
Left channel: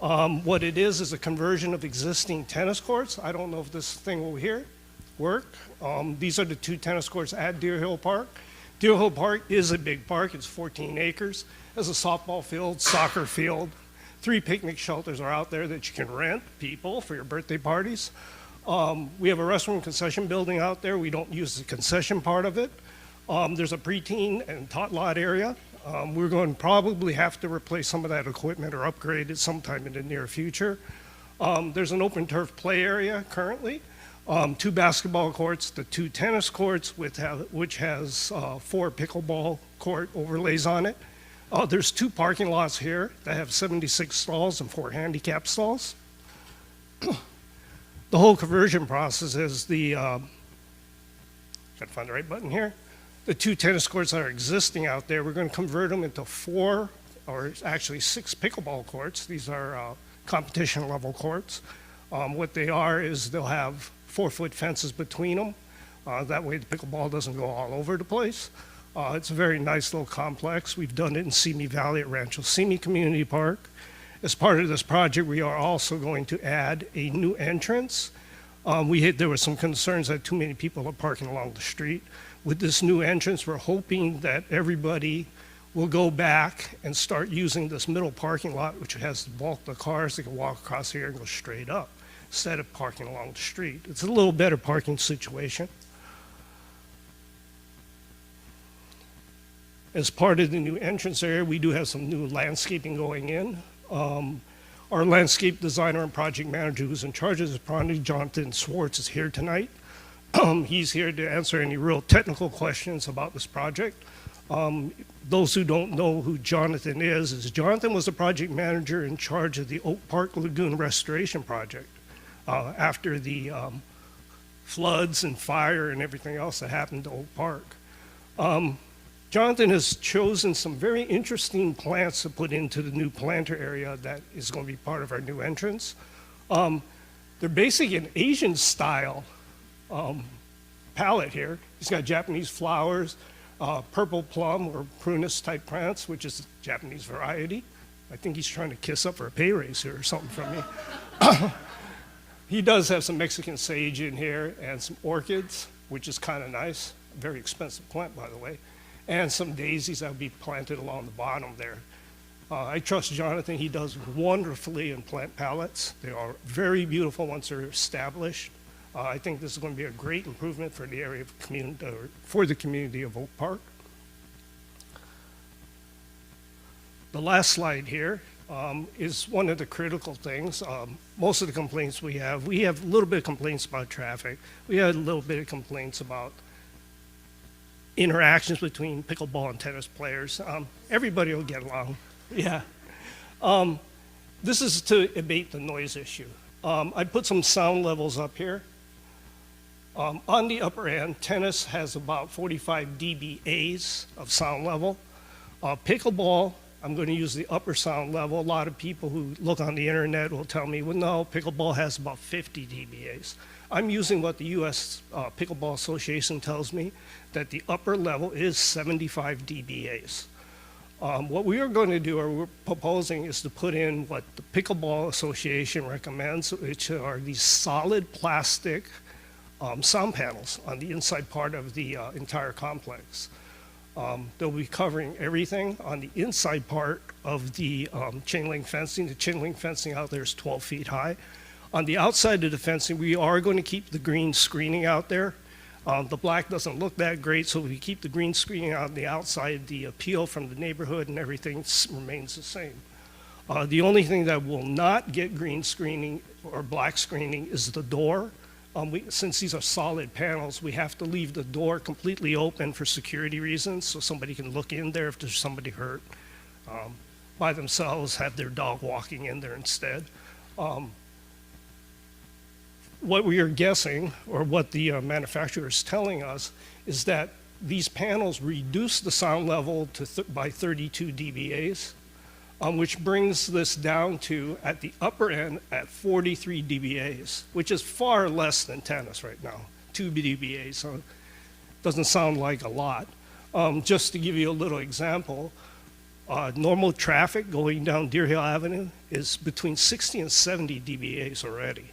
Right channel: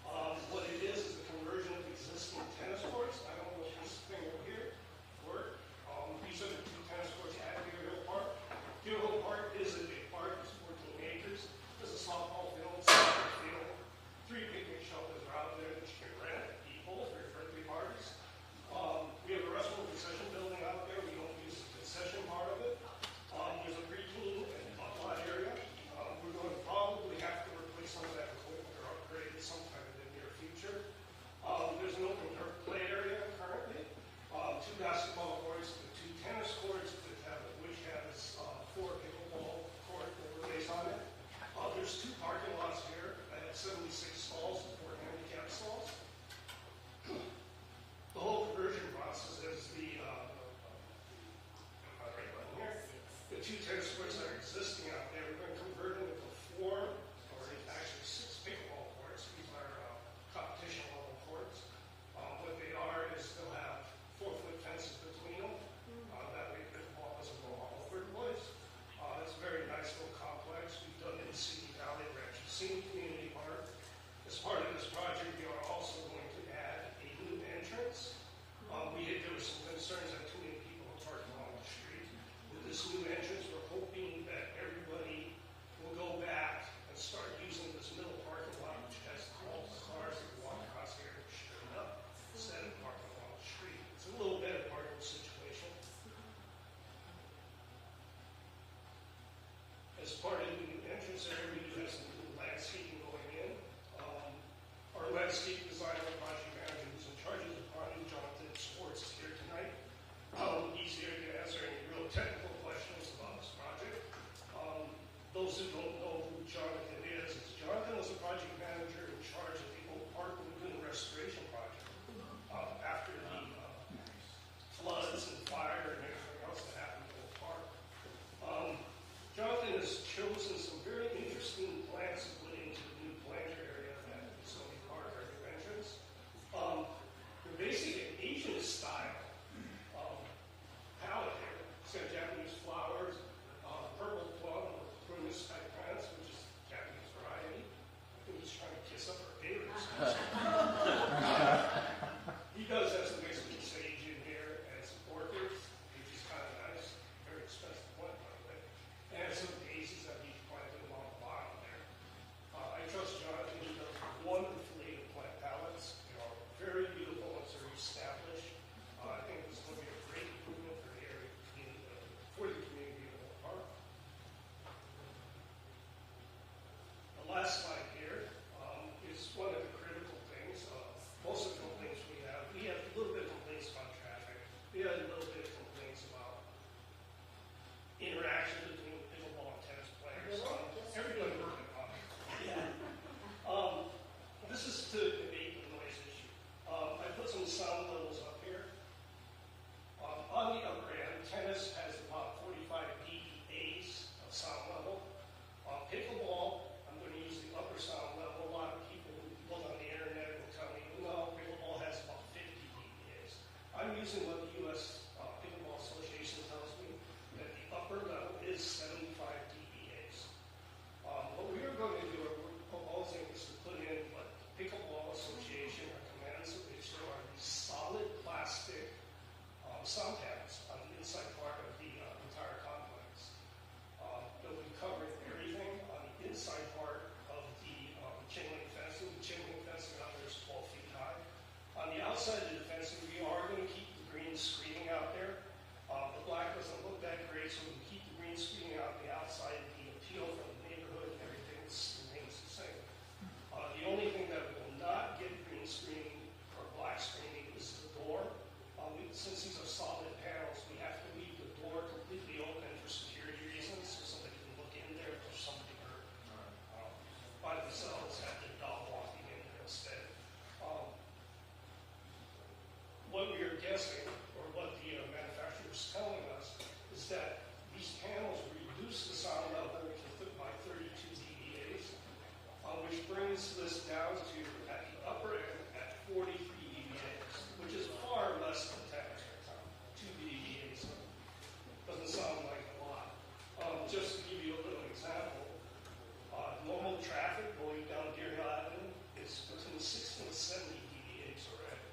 What it is a conversion of existing tennis courts. I don't know if this thing over here work. These are the 2 tennis courts at Deer Hill Park. Deer Hill Park is a big park. It's 14 acres. There's a softball field, soccer field. 3 picnic shelters are out there that you can rent people for your birthday parties. We have a restaurant concession building out there. We don't use the concession part of it. There's a preteen and tot lot area. We're going to probably have to replace some of that equipment or upgrade it sometime in the near future. There's an open turf play area currently. 2 basketball courts, the 2 tennis courts, which has 4 pickleball court overlays on it. There's 2 parking lots here that have 76 stalls and 4 handicap stalls. The whole conversion process is gotta find the right button here. The 2 tennis courts that are existing out there, we're going to convert them into 4, or actually 6 pickleball courts. These are competition level courts. What they are is they'll have 4-foot fences between them. That way the pickleball doesn't go all over the place. It's a very nice little complex. We've done it in Simi Valley at Rancho Simi Community Park. As part of this project, we are also going to add a new entrance. There were some concerns that too many people are parking along the street. With this new entrance, we're hoping that everybody will go back and start using this middle parking lot, which has the bulk of the cars that can walk across here and go straight up, instead of parking along the street. It's a little better parking situation. As part of the new entrance area, we do have some new landscaping going in. Our landscape designer and project manager who's in charge of this project, Jonathan Swartz, is here tonight. He's here to answer any real technical questions about this project. Those who don't know who Jonathan is Jonathan was the project manager in charge of the Oak Park Lagoon Restoration Project after the floods and fire and everything else that happened to Oak Park. Jonathan has chosen some very interesting plants to put into the new planter area that is going to be part of our new entrance. They're basically an Asian style palette here. He's got Japanese flowers, purple plum or prunus type plants, which is a Japanese variety. I think he's trying to kiss up for a pay raise here or something from me. He does have some Mexican sage in here and some orchids, which is kind of nice. Very expensive plant, by the way. And some daisies that will be planted along the bottom there. I trust Jonathan. He does wonderfully in plant palettes. They are very beautiful once they're established. I think this is going to be a great improvement for the area of community, for the community of Oak Park. The last slide here is one of the critical things. Most of the complaints we have a little bit of complaints about traffic. We had a little bit of complaints about interactions between pickleball and tennis players. Everybody will get along. Yeah. This is to abate the noise issue. I put some sound levels up here. On the upper end, tennis has about 45 dBAs of sound level. Pickleball, I'm going to use the upper sound level. A lot of people who look on the internet will tell me, well, no, pickleball has about 50 dBAs. I'm using what the U.S. Pickleball Association tells me, that the upper level is 75 dBAs. What we are going to do, or we're proposing, is to put in what the Pickleball Association recommends, which are these solid plastic sound panels on the inside part of the entire complex. They'll be covering everything on the inside part of the chain link fencing. The chain link fencing out there is 12 feet high. On the outside of the fencing, we are going to keep the green screening out there. The black doesn't look that great, so we keep the green screening out on the outside. The appeal from the neighborhood and everything remains the same. The only thing that will not get green screening or black screening is the door. Since these are solid panels, we have to leave the door completely open for security reasons, so somebody can look in there if there's somebody hurt by themselves, have their dog walking in there instead. What we are guessing, or what the manufacturer is telling us, is that these panels reduce the sound level by 32 dBAs, which brings this down to, at the upper end, at 43 dBAs, which is far less than tennis right now, 2 dBAs, so it doesn't sound like a lot. Just to give you a little example, normal traffic going down Deer Hill Avenue is between 60 and 70 dBAs already.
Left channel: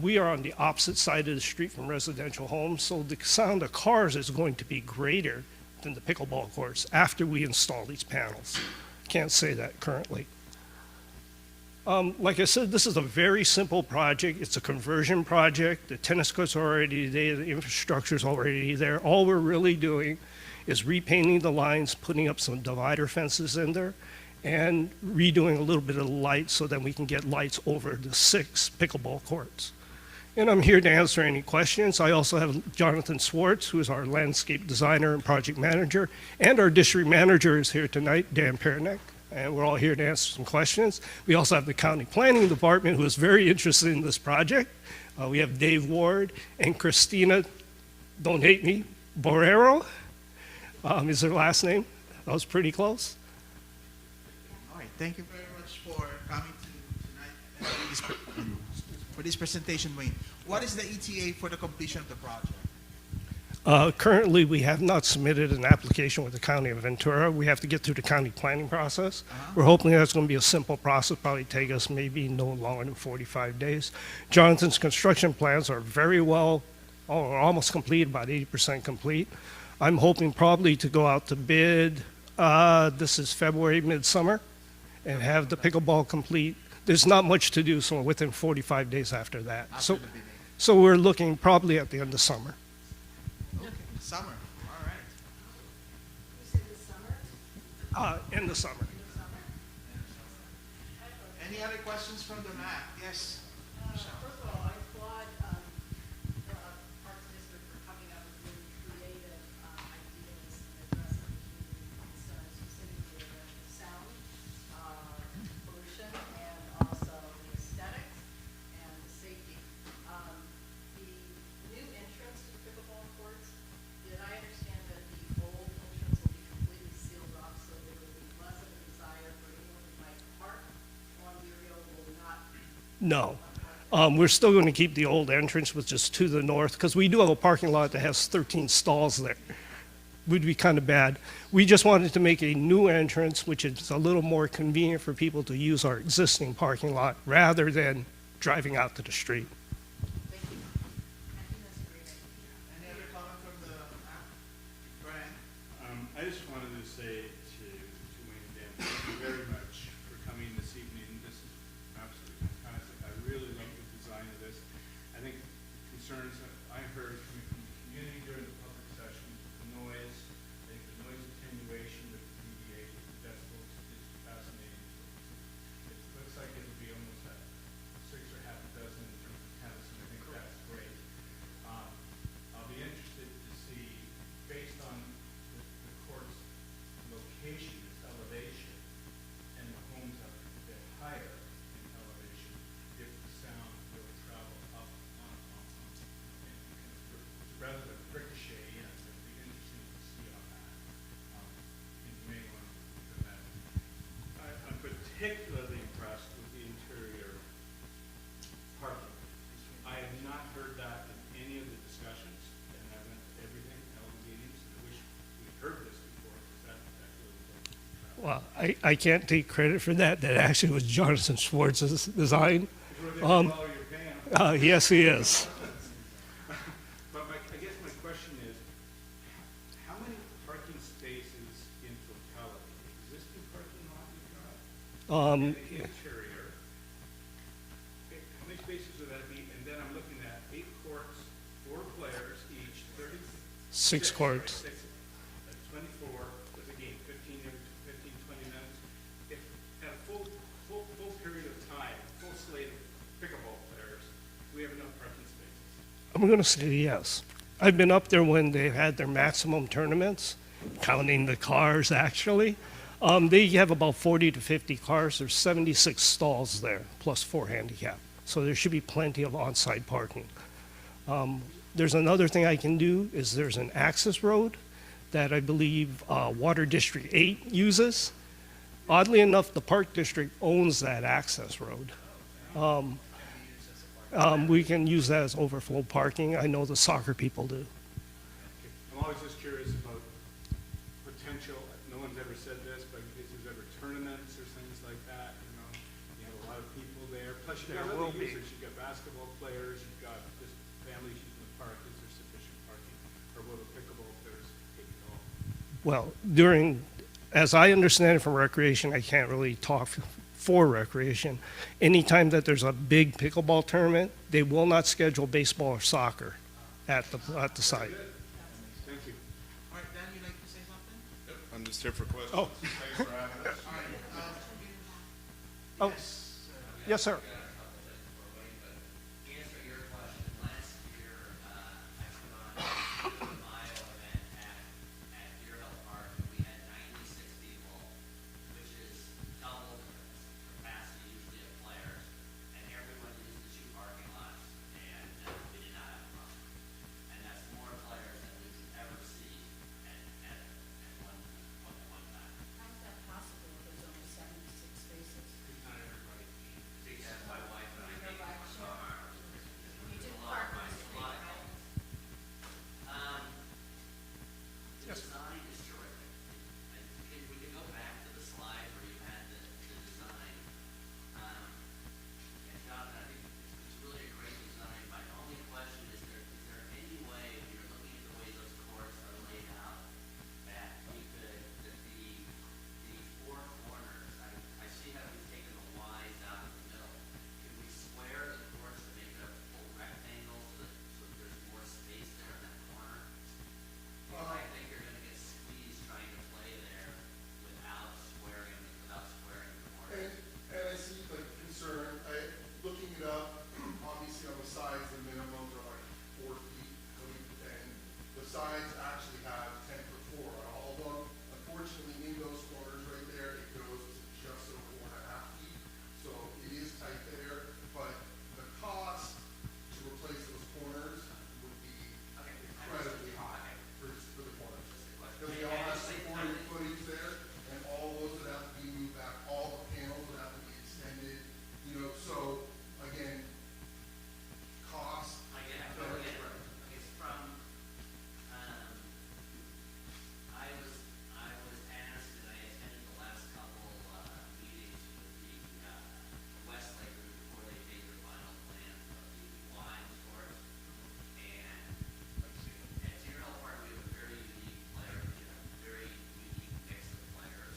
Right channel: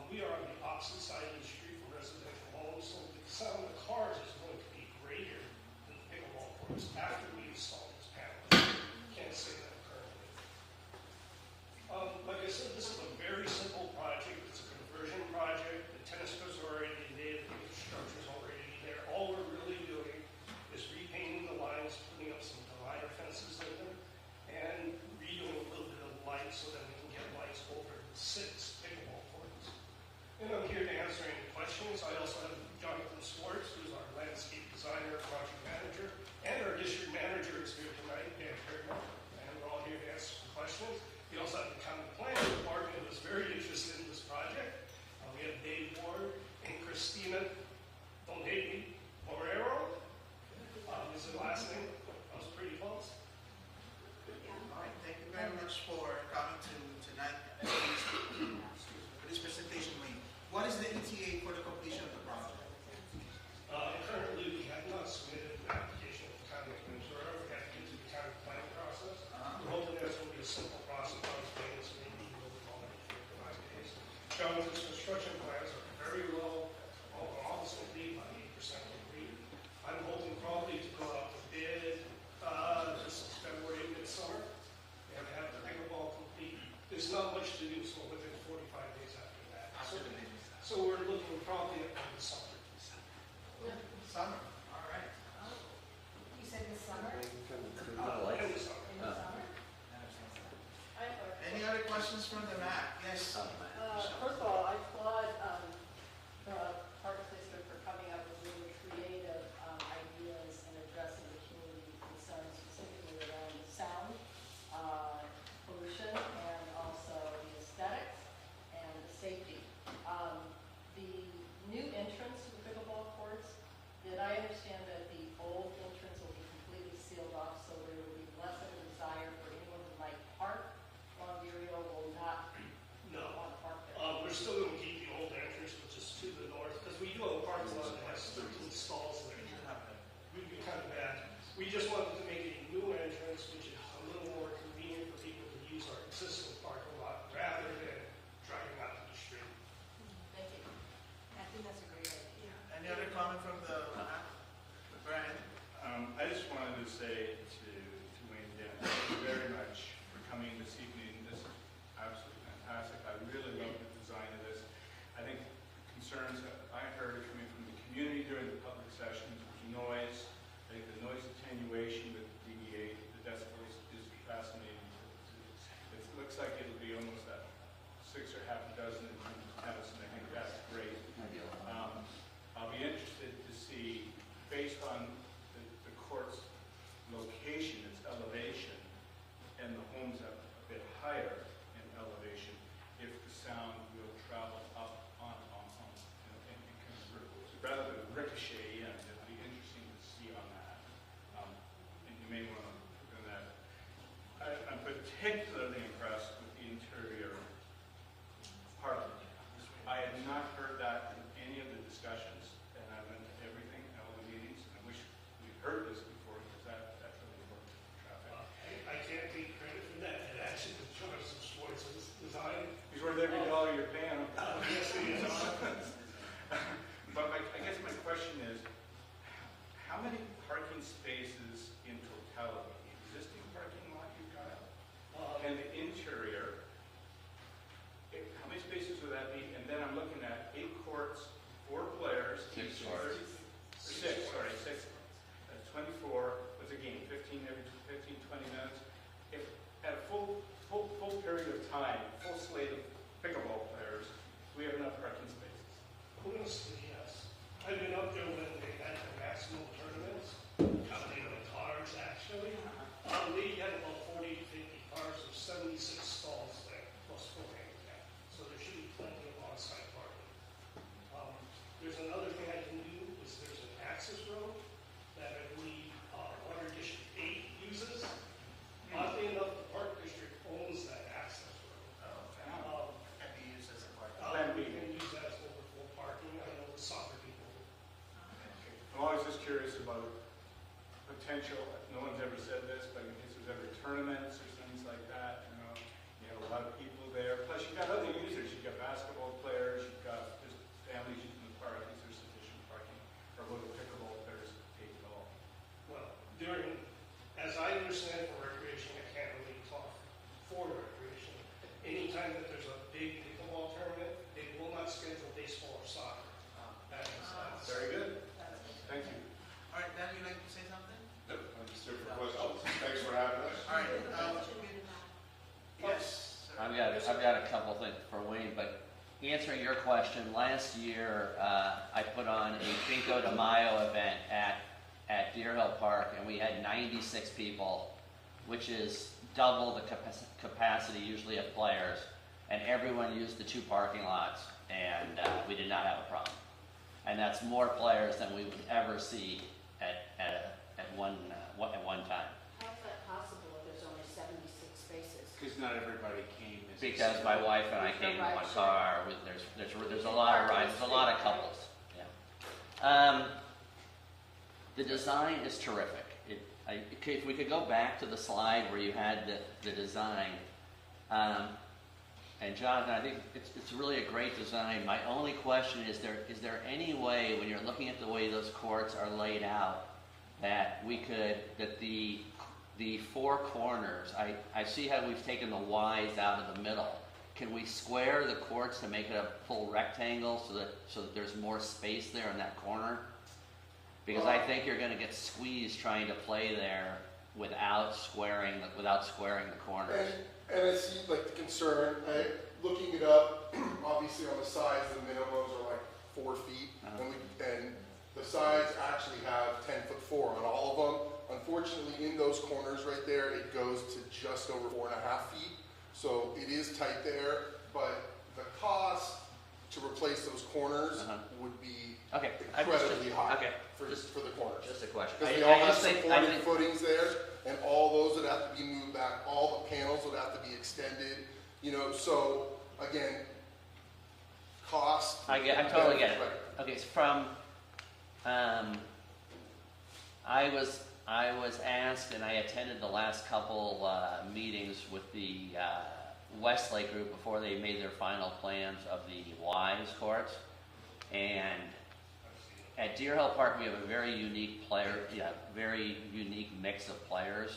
We are on the opposite side of the street from residential homes, so the sound of cars is going to be greater than the pickleball courts after we install these panels. Can't say that currently. Like I said, this is a very simple project. It's a conversion project. The tennis courts are already there. The infrastructure is already there. All we're really doing is repainting the lines, putting up some divider fences in there, and redoing a little bit of the lights so that we can get lights over the 6 pickleball courts. And I'm here to answer any questions. I also have Jonathan Swartz, who is our landscape designer and project manager, and our district manager is here tonight, Dan Pernick, and we're all here to answer some questions. We also have the county planning department, who is very interested in this project. We have Dave Ward and Christina, don't hate me, Borrero, is her last name. That was pretty close. All right, thank you very much for coming to tonight for this presentation, Wayne. What is the ETA for the completion of the project? Currently, we have not submitted an application with the County of Ventura. We have to get through the county planning process. We're hoping that's going to be a simple process, probably take us maybe no longer than 45 days. Jonathan's construction plans are very well, almost complete, about 80% complete. I'm hoping probably to go out to bid, this is February, midsummer, and have the pickleball complete. There's not much to do, so within 45 days after that. So we're looking probably at the end of summer. Summer, all right. You said the summer? In the summer. Any other questions from the back? Yes. First of all, I applaud the Parks District for coming up with really creative ideas and addressing the community concerns, specifically around sound, pollution, and also the aesthetics and the safety. The new entrance to the pickleball courts, did I understand that the old entrance will be completely sealed off, so there will be less of a desire for anyone who might park along the area will not? No. We're still going to keep the old entrance, which is to the north, because we do have a parking lot that has 13 stalls there. Would be kind of bad. We just wanted to make a new entrance, which is a little more convenient for people to use our existing parking lot rather than driving out to the street. Any other comment from the back? Go ahead. I just wanted to say to Wayne, Dan, thank you very much for coming this evening. This is absolutely fantastic. I really love the design of this. I think concerns that I heard coming from the community during the public session, the noise, I think the noise attenuation with DBA, the decibels is fascinating. It looks like it'll be almost at 6 or half a dozen Well, I can't take credit for that. That actually was Jonathan Schwartz's design. He's worth every dollar you're paying him. Yes, he is. But I guess my question is, how many parking spaces in totality, existing parking lot you've got? And the interior, how many spaces would that be? And then I'm looking at 8 courts, 4 players, each 6 courts. That's 24, that's again 15, 20 minutes. If at a full period of time, full slate of pickleball players, do we have enough parking spaces? I'm going to say yes. I've been up there when they've had their maximum tournaments, counting the cars actually. They have about 40 to 50 cars. There's 76 stalls there, plus 4 handicap. So there should be plenty of on-site parking. There's another thing I can do is there's an access road that I believe Water District 8 uses. Oddly enough, the Park District owns that access road. We can use that as overflow parking. I know the soccer people do. I'm always just curious about potential, no one's ever said this, but if there's ever tournaments or things like that, you have a lot of people there. Plus you've got other users, you've got basketball players, you've got just families using the park. Is there sufficient parking for both pickleball players and golf? Well, as I understand it from recreation, I can't really talk for recreation. Anytime that there's a big pickleball tournament, they will not schedule baseball or soccer at the site. Thank you. All right, Dan, you'd like to say something? I'm just here for questions. Oh. Thanks for having us. All right, Oh. yes. Yes, sir. I've got a couple things for Wayne, but answering your question, last year, I put on a Cinco de Mayo event at Deer Hill Park, and we had 96 people, which is double the capacity usually of players, and everyone used the 2 parking lots, and we did not have a problem. And that's more players than we would ever see at one time. How is that possible if there's only 76 spaces? Because not everybody came. Because my wife and I came in one car, there's a lot of rides, there's a lot of couples. Yeah. The design is terrific. If we could go back to the slide where you had the design, and Jonathan, I think it's really a great design. My only question is there any way, when you're looking at the way those courts are laid out, that the 4 corners, I see how we've taken the Ys out of the middle. Can we square the courts to make it a full rectangle so that there's more space there in that corner? Because I think you're going to get squeezed trying to play there without squaring the corners. And I see like the concern, looking it up, obviously on the sides, the minimums are like 4 feet. And the sides actually have 10'4" on all of them. Unfortunately, in those corners right there, it goes to just over 4.5 feet. So it is tight there, but the cost to replace those corners would be incredibly high. Okay. For the corners. Just a question. Because they all have supporting footings there, and all those would have to be moved back, all the panels would have to be extended, so, again, cost. I totally get it. Okay, so I was asked, and I attended the last couple meetings with the Westlake group before they made their final plans of the Ys courts, and at Deer Hill Park, we have a very unique very unique mix of players,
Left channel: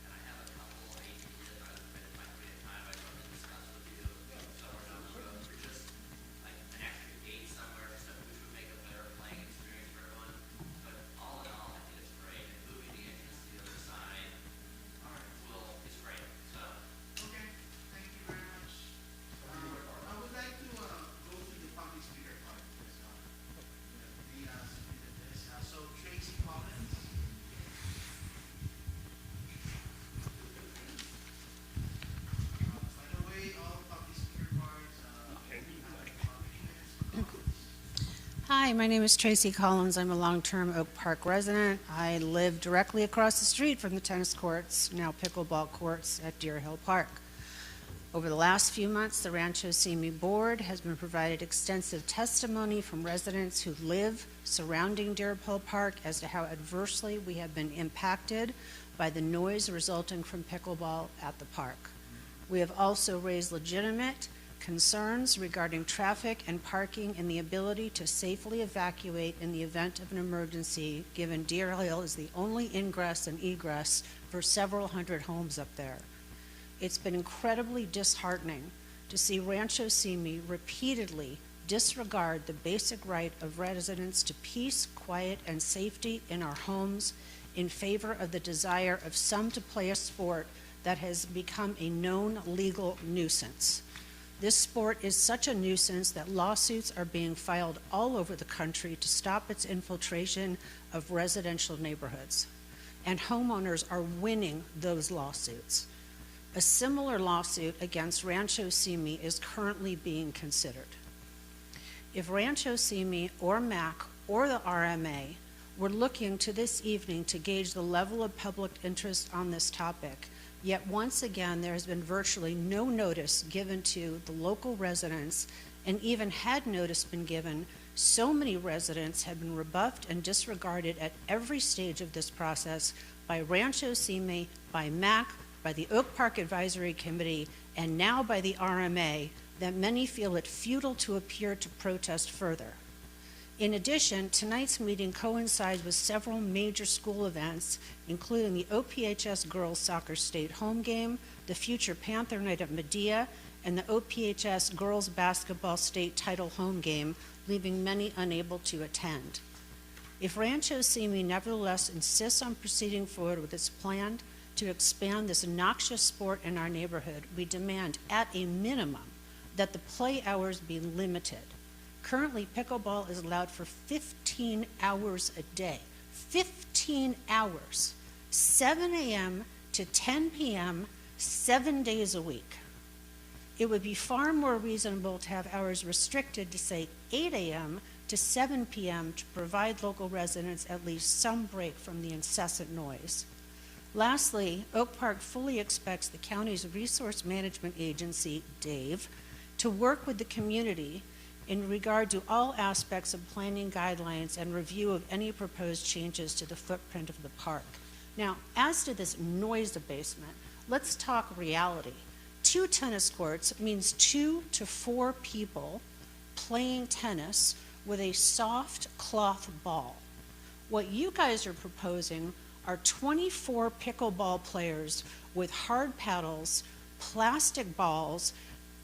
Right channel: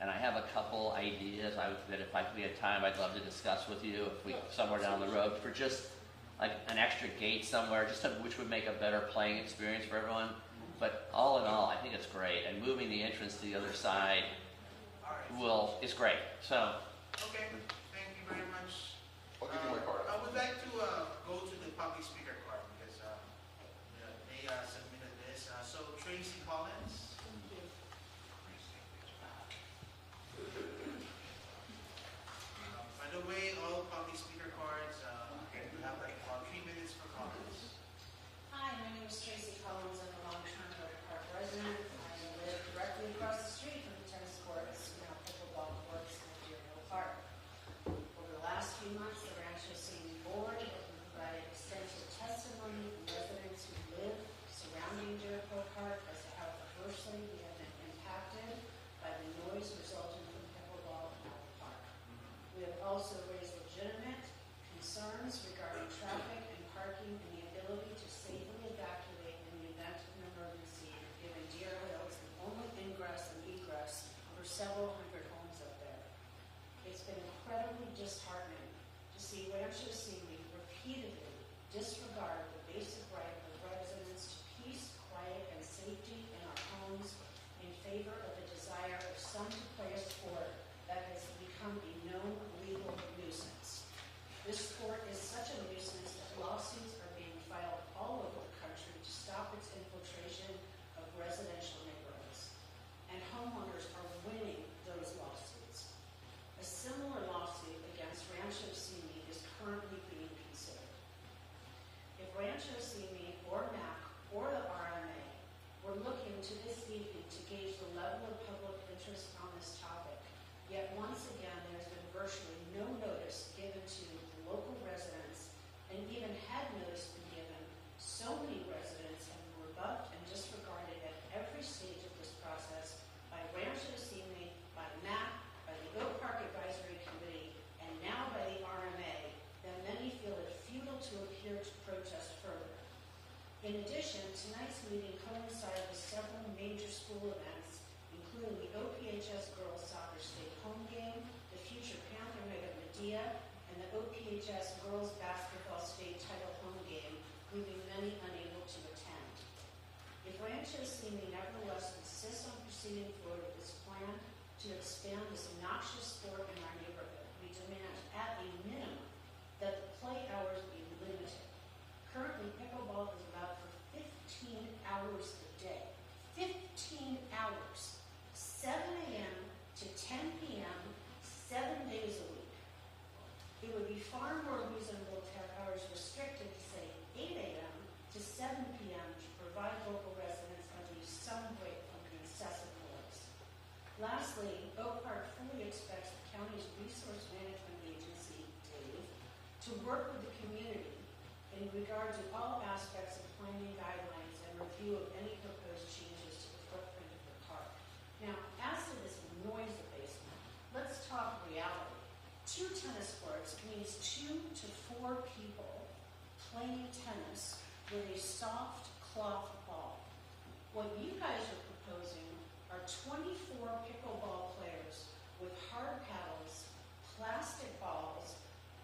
and I have a couple ideas that if we had time, I'd love to discuss with you somewhere down the road for just like an extra gate somewhere, which would make a better playing experience for everyone. But all in all, I think it's great, and moving the entrance to the other side is great. So. Okay, thank you very much. I'll give you my card. I would like to go to the public speaker part, because they submitted this. So Tracy Collins. By the way, all public speaker cards, you have like about 3 minutes for comments. Hi, my name is Tracy Collins. I'm a long-term Oak Park resident. I live directly across the street from the tennis courts, now pickleball courts at Deer Hill Park. Over the last few months, the Rancho Simi Board has been provided extensive testimony from residents who live surrounding Deer Hill Park as to how adversely we have been impacted by the noise resulting from pickleball at the park. We have also raised legitimate concerns regarding traffic and parking and the ability to safely evacuate in the event of an emergency, given Deer Hill is the only ingress and egress for several hundred homes up there. It's been incredibly disheartening to see Rancho Simi repeatedly disregard the basic right of residents to peace, quiet, and safety in our homes in favor of the desire of some to play a sport that has become a known legal nuisance. This sport is such a nuisance that lawsuits are being filed all over the country to stop its infiltration of residential neighborhoods. And homeowners are winning those lawsuits. A similar lawsuit against Rancho Simi is currently being considered. If Rancho Simi or MAC or the RMA were looking to this evening to gauge the level of public interest on this topic, yet once again there has been virtually no notice given to the local residents, and even had notice been given, so many residents have been rebuffed and disregarded at every stage of this process by Rancho Simi, by MAC, by the Oak Park Advisory Committee, and now by the RMA, that many feel it futile to appear to protest further. In addition, tonight's meeting coincides with several major school events, including the OPHS Girls Soccer State Home Game, the future Panther Night at Medea, and the OPHS Girls Basketball State Title Home Game, leaving many unable to attend. If Rancho Simi nevertheless insists on proceeding forward with its plan to expand this noxious sport in our neighborhood, we demand, at a minimum, that the play hours be limited. Currently, pickleball is allowed for 15 hours a day. 15 hours, 7 a.m. to 10 p.m., 7 days a week. It would be far more reasonable to have hours restricted to, say, 8 a.m. to 7 p.m. to provide local residents at least some break from the incessant noise. Lastly, Oak Park fully expects the county's resource management agency, DAVE, to work with the community in regard to all aspects of planning guidelines and review of any proposed changes to the footprint of the park. Now, as to this noise abasement, let's talk reality. 2 tennis courts means 2 to 4 people playing tennis with a soft cloth ball. What you guys are proposing are 24 pickleball players with hard paddles, plastic balls,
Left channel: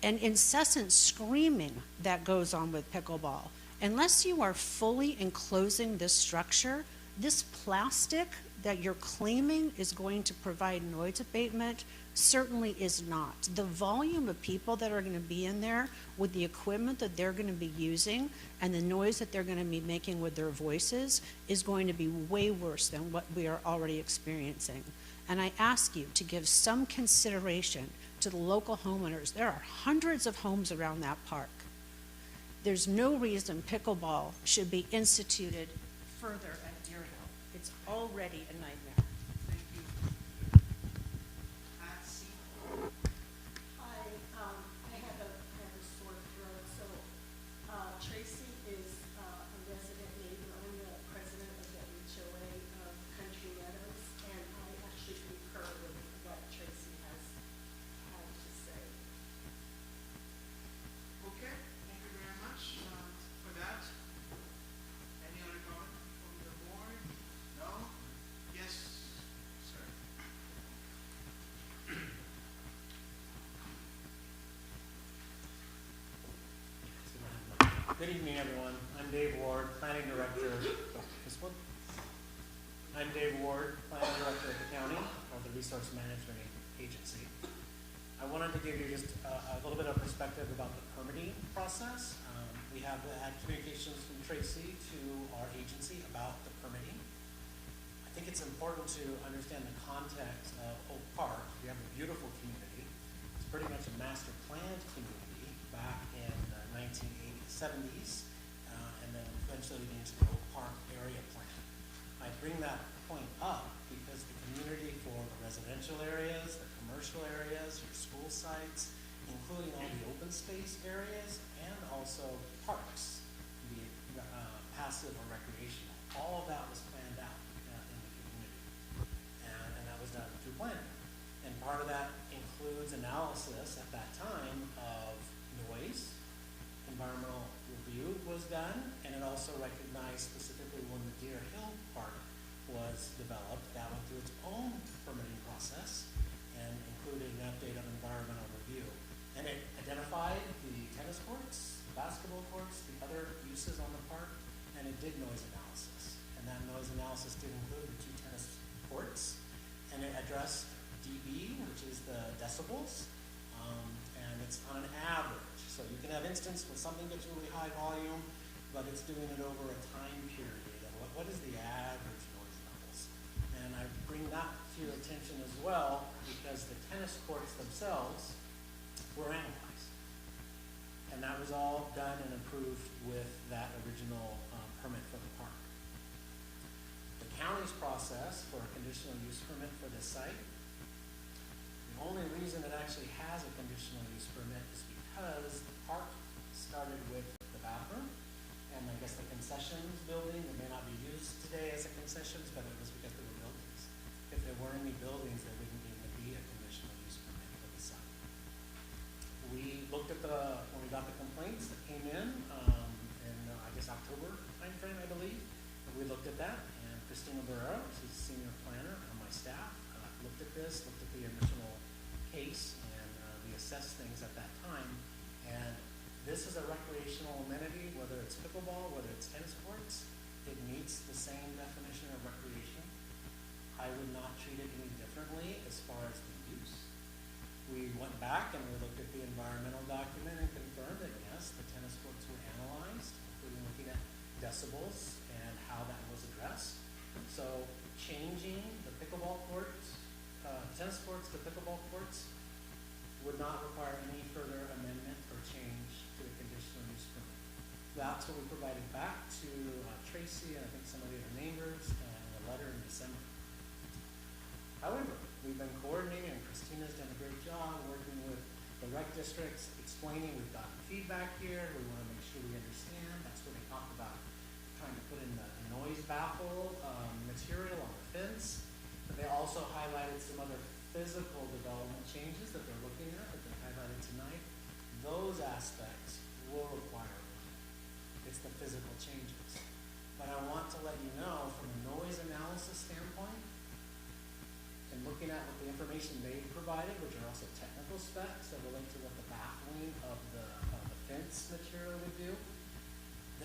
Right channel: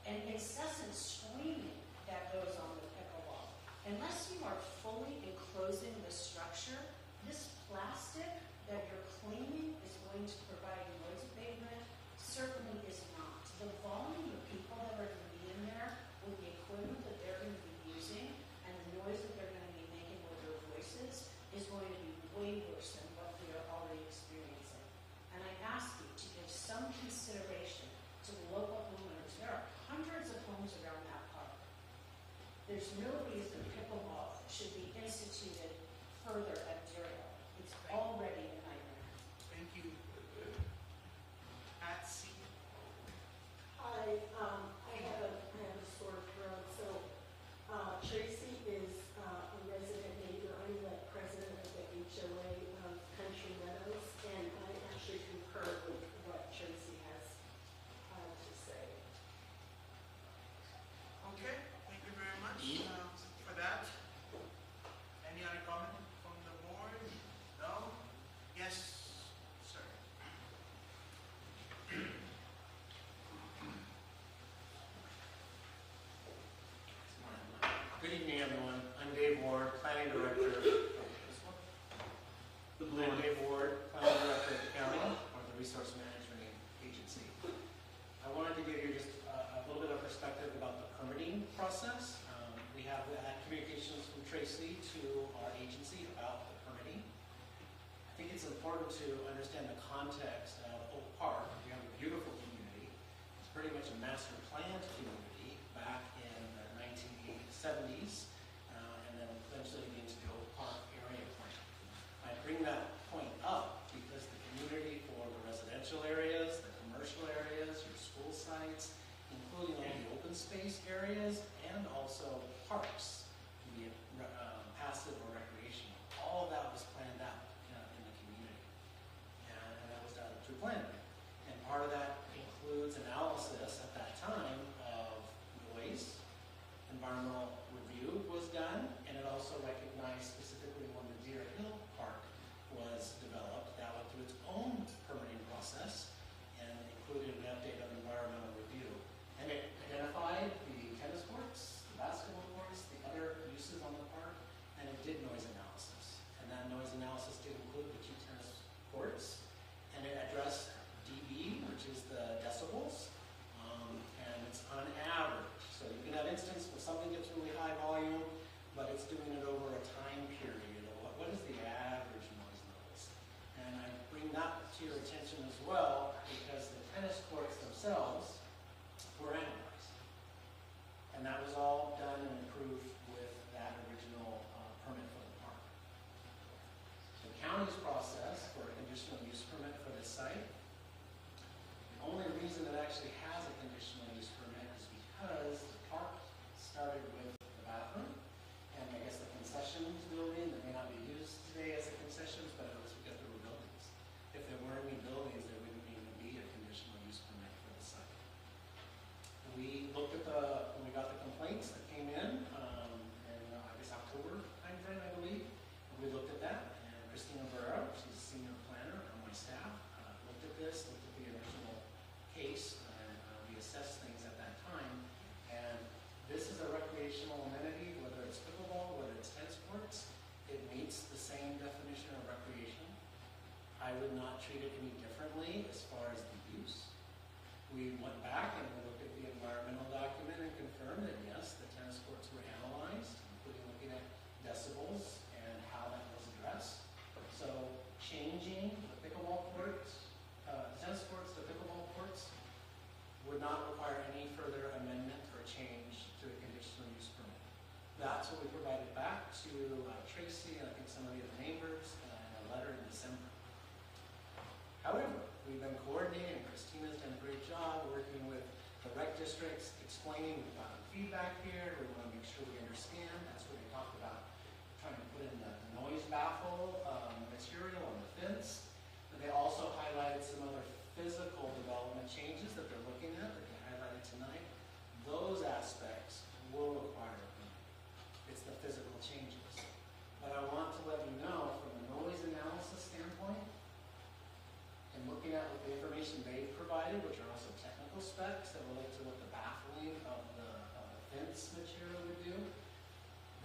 and incessant screaming that goes on with pickleball. Unless you are fully enclosing this structure, this plastic that you're claiming is going to provide noise abatement certainly is not. The volume of people that are going to be in there with the equipment that they're going to be using and the noise that they're going to be making with their voices is going to be way worse than what we are already experiencing. And I ask you to give some consideration to the local homeowners. There are hundreds of homes around that park. There's no reason pickleball should be instituted further at Deer Hill. It's already a nightmare. Thank you. Patsy. Hi, I have a sore throat. So Tracy is a resident neighbor. I'm the president of the HOA of Country Meadows, and I actually concur with what Tracy has to say. Okay, thank you very much for that. Any other comment from the board? No?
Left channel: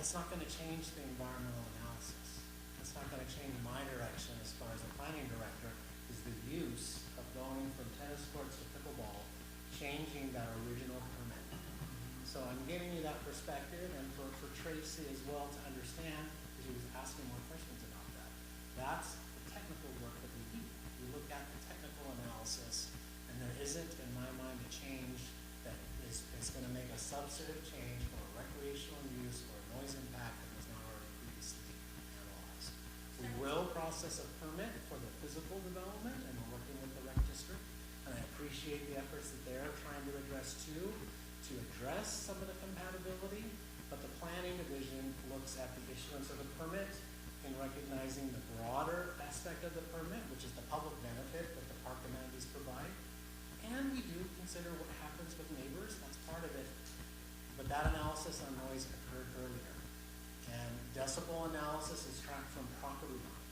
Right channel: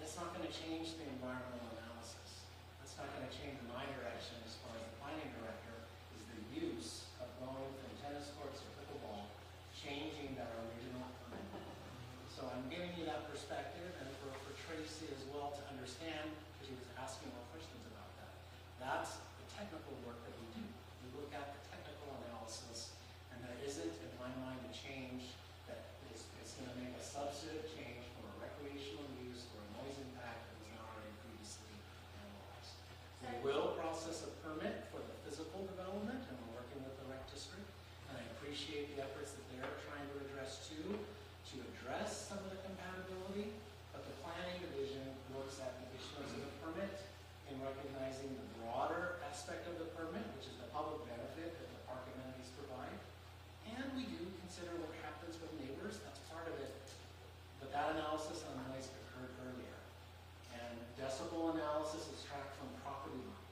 it's not gonna change the environmental analysis. It's not gonna change my direction as far as the planning director, is the use of going from tennis courts to pickleball, changing that original permit. So I'm giving you that perspective, and for Tracy as well to understand, because he was asking more questions about that. That's technical work that we do. We look at the technical analysis, and there isn't, in my mind, a change that is going to make a substantive change for recreational use or noise impact that was not already previously analyzed. We will process a permit for the physical development, and we're working with the rec district, and I appreciate the efforts that they're trying to address too, to address some of the compatibility, but the planning division looks at the issuance of the permit in recognizing the broader aspect of the permit, which is the public benefit that the park amenities provide. And we do consider what happens with neighbors, that's part of it. But that analysis on noise occurred earlier. And decibel analysis is tracked from property line.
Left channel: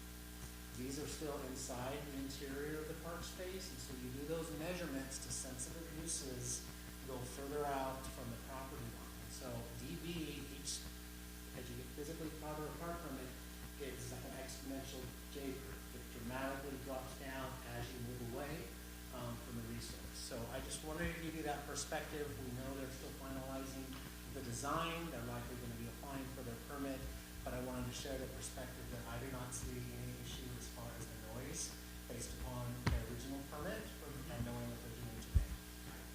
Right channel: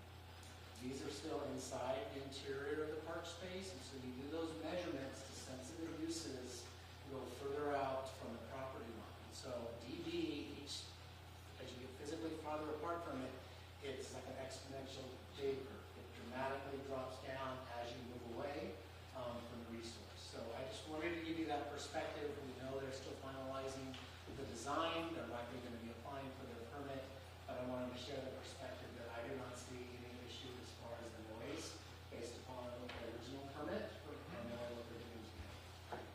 These are still inside the interior of the park space, and so you do those measurements to sensitive uses, go further out from the property line. So dB, each, as you get physically part of the park permit, it's like an exponential J curve. It dramatically drops down as you move away from the resource. So I just wanted to give you that perspective. We know they're still finalizing the design. They're likely going to be applying for their permit, but I wanted to share the perspective that I do not see any issue as far as the noise based upon the original permit and knowing what they're doing today.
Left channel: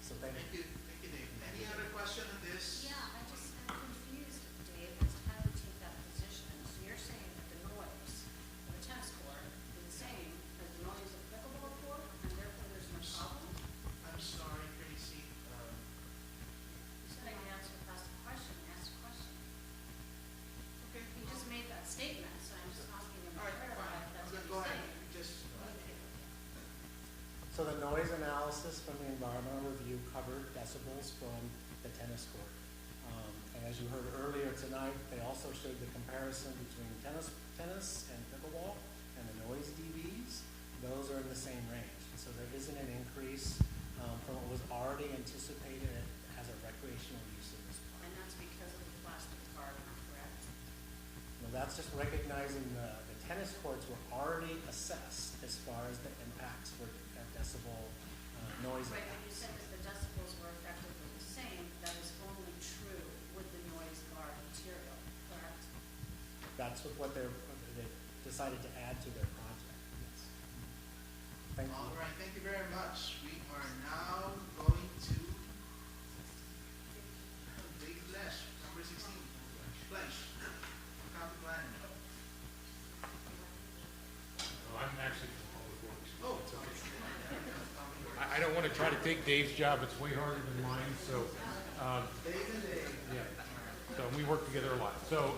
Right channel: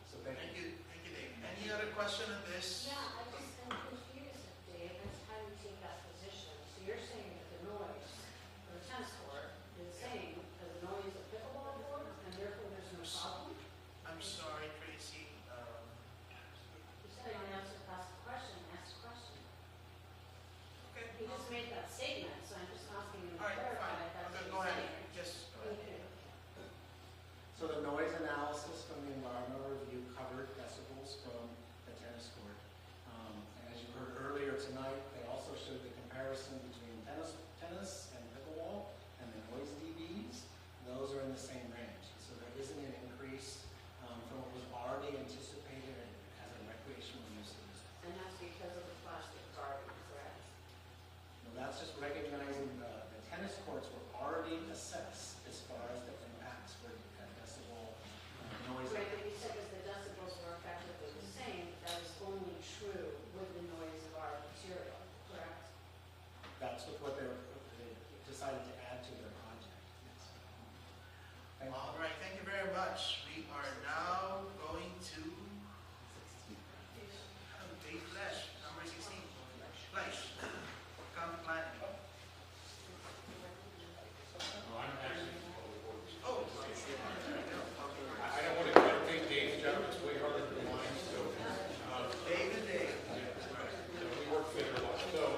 So thank you. Thank you, Dave. Any other question on this? Yeah, I just, I'm confused, Dave, as to how you take that position. So you're saying that the noise of the tennis court is the same as the noise of pickleball court, and therefore there's no problem? I'm sorry, Tracy. You said I can answer, ask the question, Okay. He just made that statement, so I'm just asking him to All right, clarify fine. if that's what Go he's ahead. saying. Just, Thank you. So the noise analysis from the environmental review covered decibels from the tennis court. And as you heard earlier tonight, they also showed the comparison between tennis and pickleball and the noise dBs. Those are in the same range. So there isn't an increase from what was already anticipated as a recreational use of this park. And that's because of the plastic garden, correct? Well, that's just recognizing the tennis courts were already assessed as far as the impacts for decibel noise. Right, but you said that the decibels were effectively the same. That is only true with the noise of our material, correct? That's what they decided to add to their project. Thank you. all right, thank you very much. We are now going to Dave Lesh, number 16. Lesh, county planning. I'm actually from Public Works. Oh, I don't want to try to take Dave's job, it's way harder than mine, so, Dave and Dave. so we work together a lot. So,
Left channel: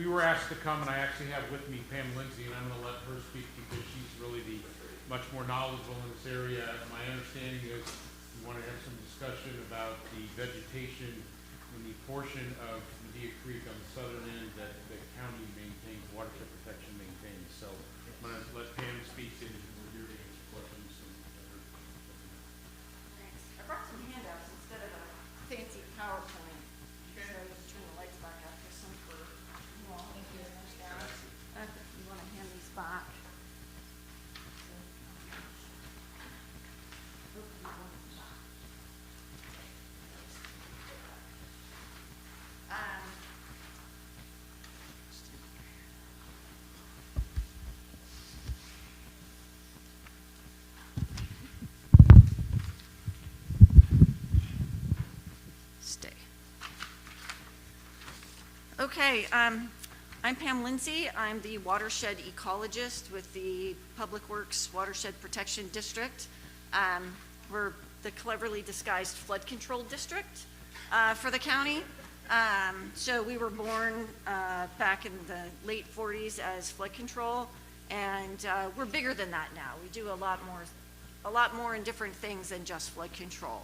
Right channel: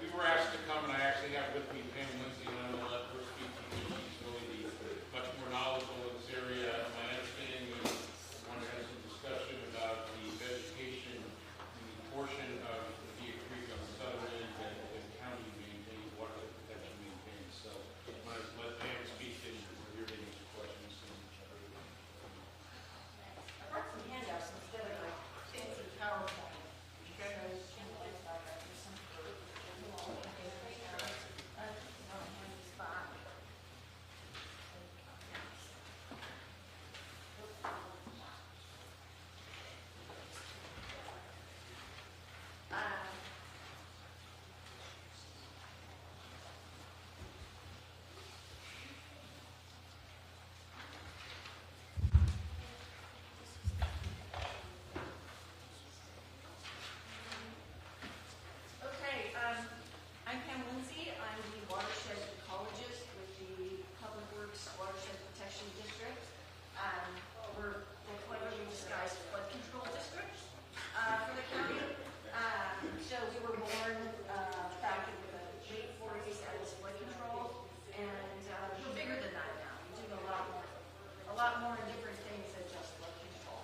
we were asked to come, and I actually have with me Pam Lindsay, and I'm gonna let her speak because she's really the much more knowledgeable in this area. My understanding is we want to have some discussion about the vegetation in the portion of the Deer Creek on the southern end that the county maintains, watershed protection maintains. So, I'm gonna let Pam speak, and we're here to answer questions. I brought some handouts instead of a fancy PowerPoint. So I was trying to light by up this one. You want to hand this back? Stay. Okay, I'm Pam Lindsay. I'm the watershed ecologist with the Public Works Watershed Protection District. We're the cleverly disguised flood control district for the county. So we were born back in the late 40s as flood control, and we're bigger than that now. We do a lot more in different things than just flood control.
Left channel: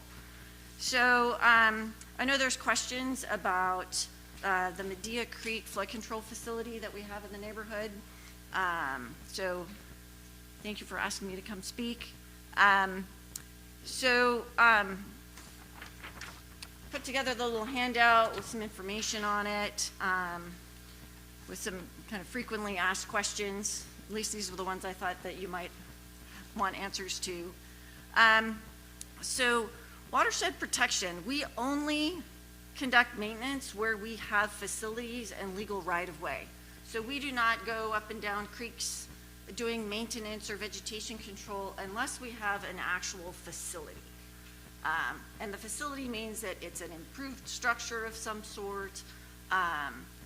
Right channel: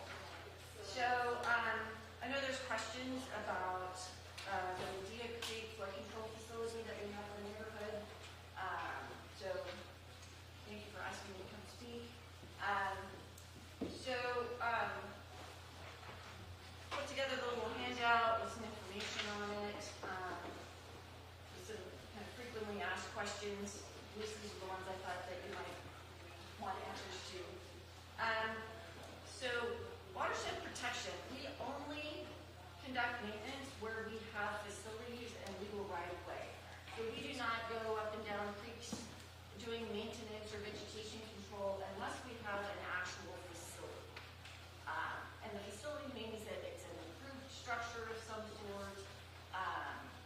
So I know there's questions about the Medea Creek flood control facility that we have in the neighborhood. So thank you for asking me to come speak. put together the little handout with some information on it, with some kind of frequently asked questions. At least these were the ones I thought that you might want answers to. So watershed protection, we only conduct maintenance where we have facilities and legal right-of-way. So we do not go up and down creeks doing maintenance or vegetation control unless we have an actual facility. And the facility means that it's an improved structure of some sort.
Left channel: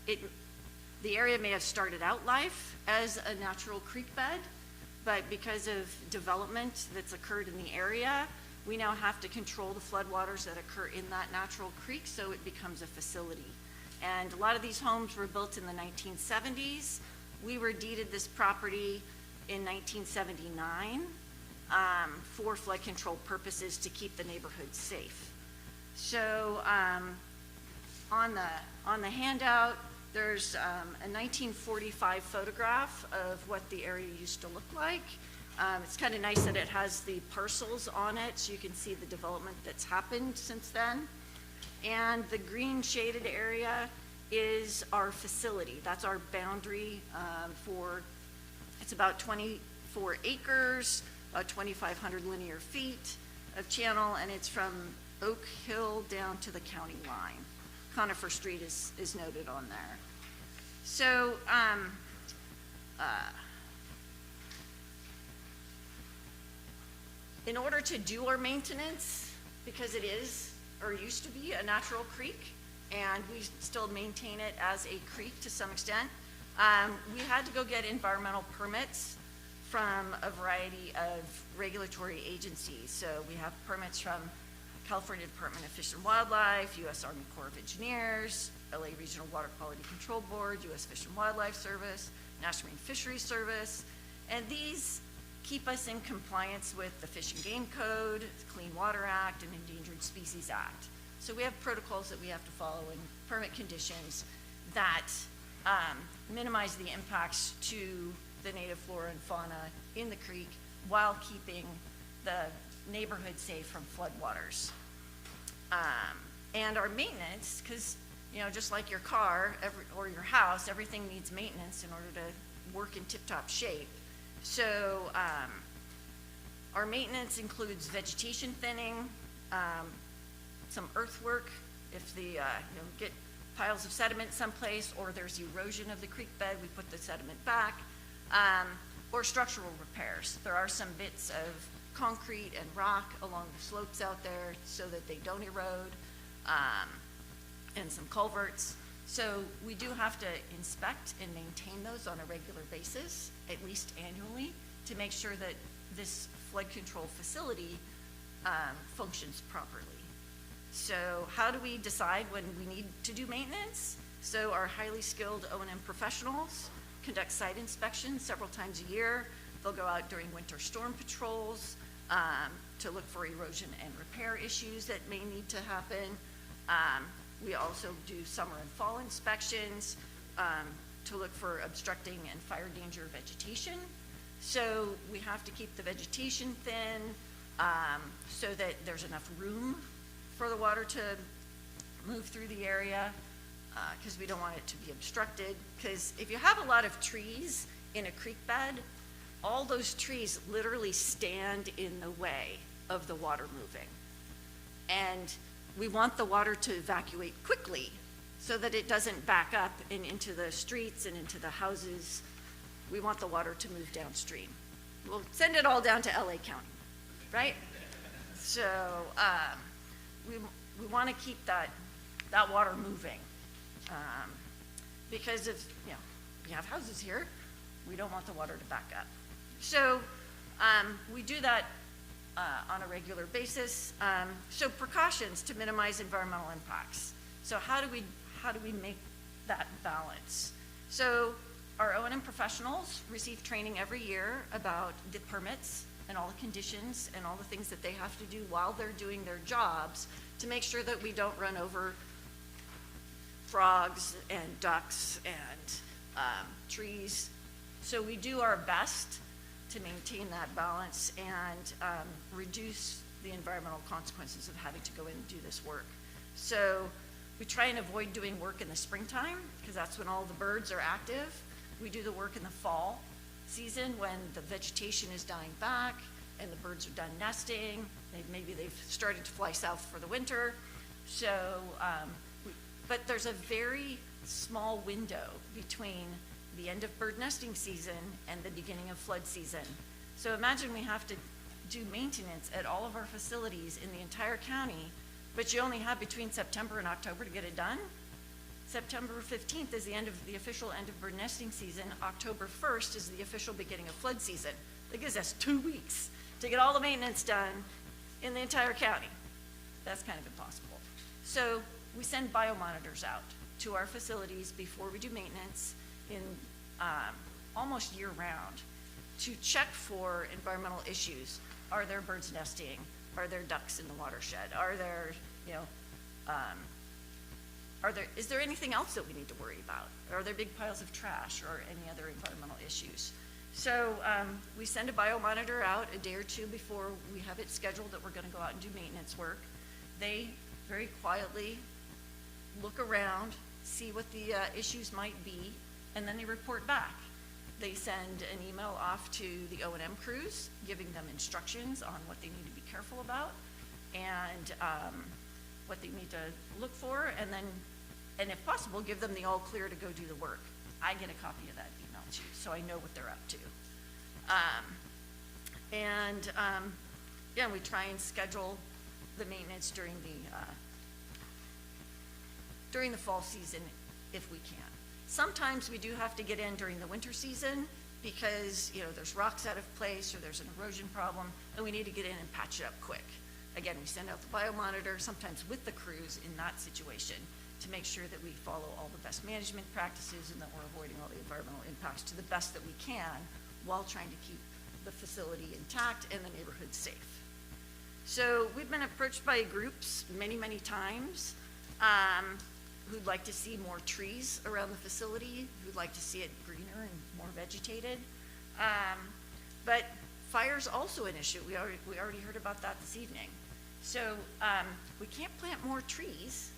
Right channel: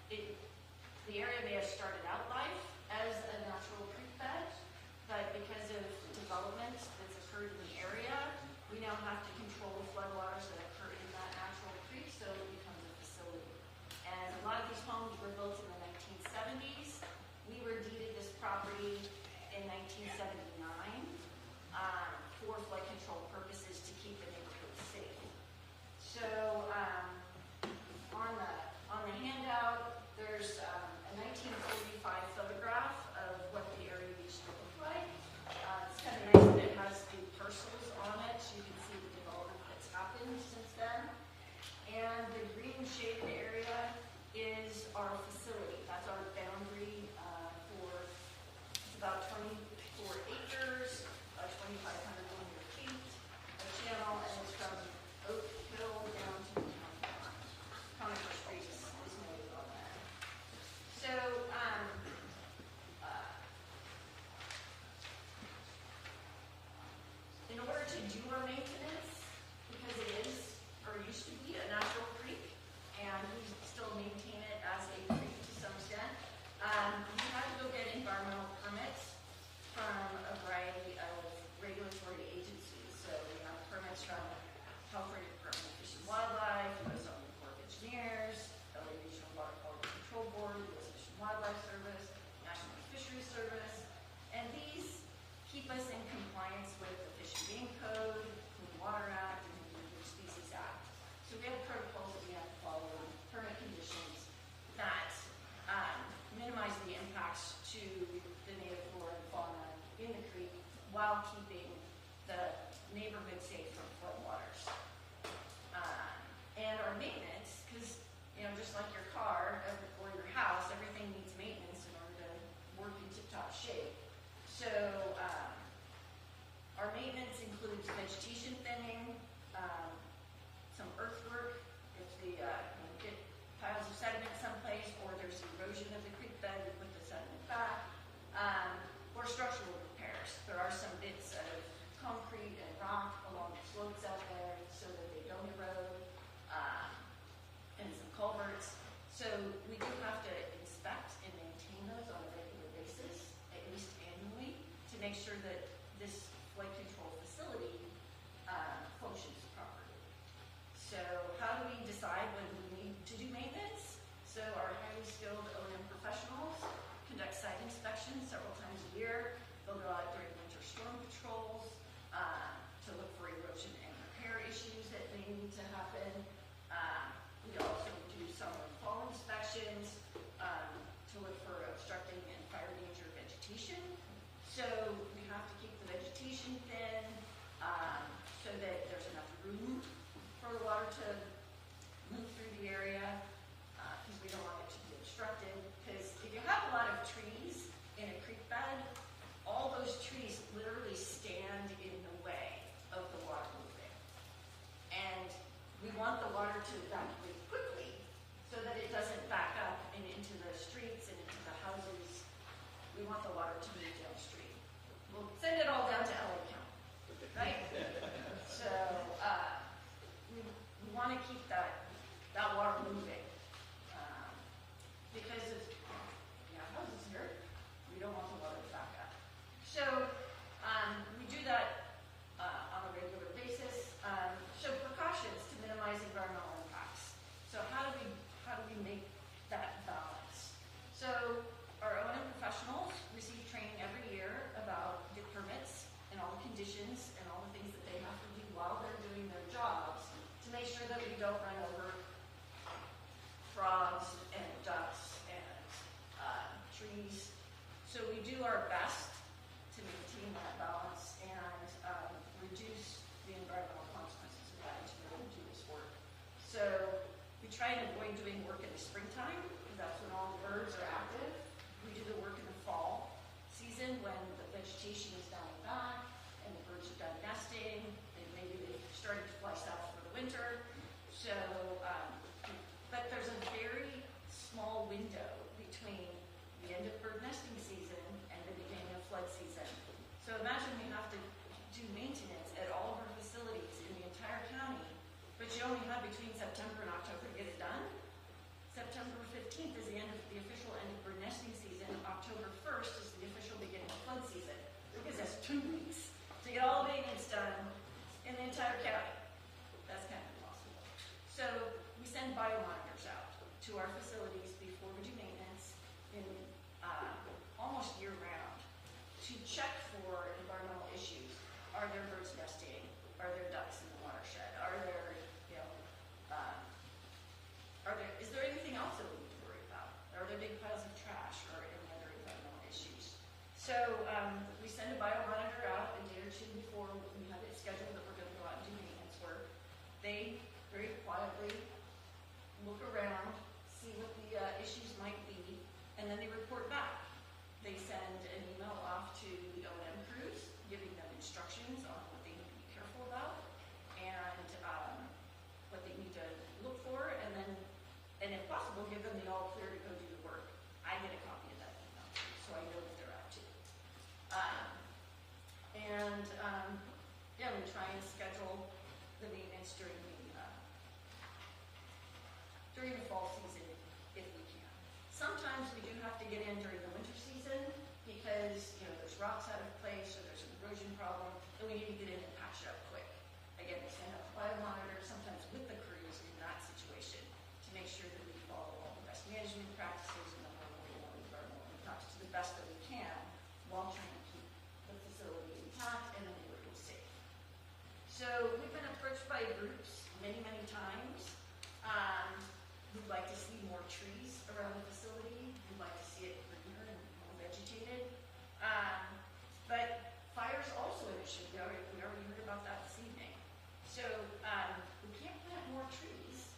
The area may have started out life as a natural creek bed, but because of development that's occurred in the area, we now have to control the floodwaters that occur in that natural creek, so it becomes a facility. And a lot of these homes were built in the 1970s. We were deeded this property in 1979 for flood control purposes to keep the neighborhood safe. So on the handout, there's a 1945 photograph of what the area used to look like. It's kind of nice that it has the parcels on it, so you can see the development that's happened since then. And the green shaded area is our facility. That's our boundary it's about 24 acres, 2,500 linear feet of channel, and it's from Oak Hill down to the county line. Conifer Street is noted on there. So, in order to do our maintenance, because it is, or used to be, a natural creek, and we still maintain it as a creek to some extent, we had to go get environmental permits from a variety of regulatory agencies. So we have permits from California Department of Fish and Wildlife, U.S. Army Corps of Engineers, LA Regional Water Quality Control Board, U.S. Fish and Wildlife Service, National Marine Fisheries Service, and these keep us in compliance with the Fish and Game Code, the Clean Water Act, and Endangered Species Act. So we have protocols that we have to follow and permit conditions that minimize the impacts to the native flora and fauna in the creek while keeping the neighborhood safe from floodwaters. And our maintenance, because just like your car or your house, everything needs maintenance in order to work in tip-top shape. So our maintenance includes vegetation thinning, some earthwork, if the get piles of sediment someplace, or there's erosion of the creek bed, we put the sediment back, or structural repairs. There are some bits of concrete and rock along the slopes out there so that they don't erode, and some culverts. So we do have to inspect and maintain those on a regular basis, at least annually, to make sure that this flood control facility functions properly. So how do we decide when we need to do maintenance? So our highly skilled O&M professionals conduct site inspections several times a year. They'll go out during winter storm patrols to look for erosion and repair issues that may need to happen. We also do summer and fall inspections to look for obstructing and fire danger vegetation. So we have to keep the vegetation thin so that there's enough room for the water to move through the area, because we don't want it to be obstructed. Because if you have a lot of trees in a creek bed, all those trees literally stand in the way of the water moving. And we want the water to evacuate quickly so that it doesn't back up and into the streets and into the houses. We want the water to move downstream. We'll send it all down to LA County, right? So we want to keep that water moving, because if we have houses here, we don't want the water to back up. So we do that on a regular basis. So precautions to minimize environmental impacts. So how do we make that balance? So our O&M professionals receive training every year about the permits and all the conditions and all the things that they have to do while they're doing their jobs to make sure that we don't run over frogs and ducks and trees. So we do our best to maintain that balance and reduce the environmental consequences of having to go in and do this work. So we try and avoid doing work in the springtime, because that's when all the birds are active. We do the work in the fall season when the vegetation is dying back and the birds are done nesting, and maybe they've started to fly south for the winter. So, but there's a very small window between the end of bird nesting season and the beginning of flood season. So imagine we have to do maintenance at all of our facilities in the entire county, but you only have between September and October to get it done. September 15th is the end of the official end of bird nesting season. October 1st is the official beginning of flood season. That gives us 2 weeks to get all the maintenance done in the entire county. That's kind of impossible. So we send biomonitors out to our facilities before we do maintenance in almost year-round to check for environmental issues. Are there birds nesting? Are there ducks in the watershed? Are there, is there anything else that we need to worry about? Are there big piles of trash or any other environmental issues? So we send a biomonitor out a day or two before we have it scheduled that we're going to go out and do maintenance work. They very quietly look around, see what the issues might be, and then they report back. They send an email off to the O&M crews, giving them instructions on what they need to be careful about and what they need to look for, and then, and if possible, give them the all clear to go do the work. I get a copy of that email too, so I know what they're up to. Yeah, we try and schedule the maintenance during the fall season if we can. Sometimes we do have to get in during the winter season because, there's rocks out of place or there's an erosion problem, and we need to get in and patch it up quick. Again, we send out the biomonitor, sometimes with the crews in that situation, to make sure that we follow all the best management practices and that we're avoiding all the environmental impacts to the best that we can while trying to keep the facility intact and the neighborhood safe. So we've been approached by groups many, many times who'd like to see more trees around the facility, who'd like to see it greener and more vegetated. But fire's also an issue. We already heard about that this evening. So we can't plant more trees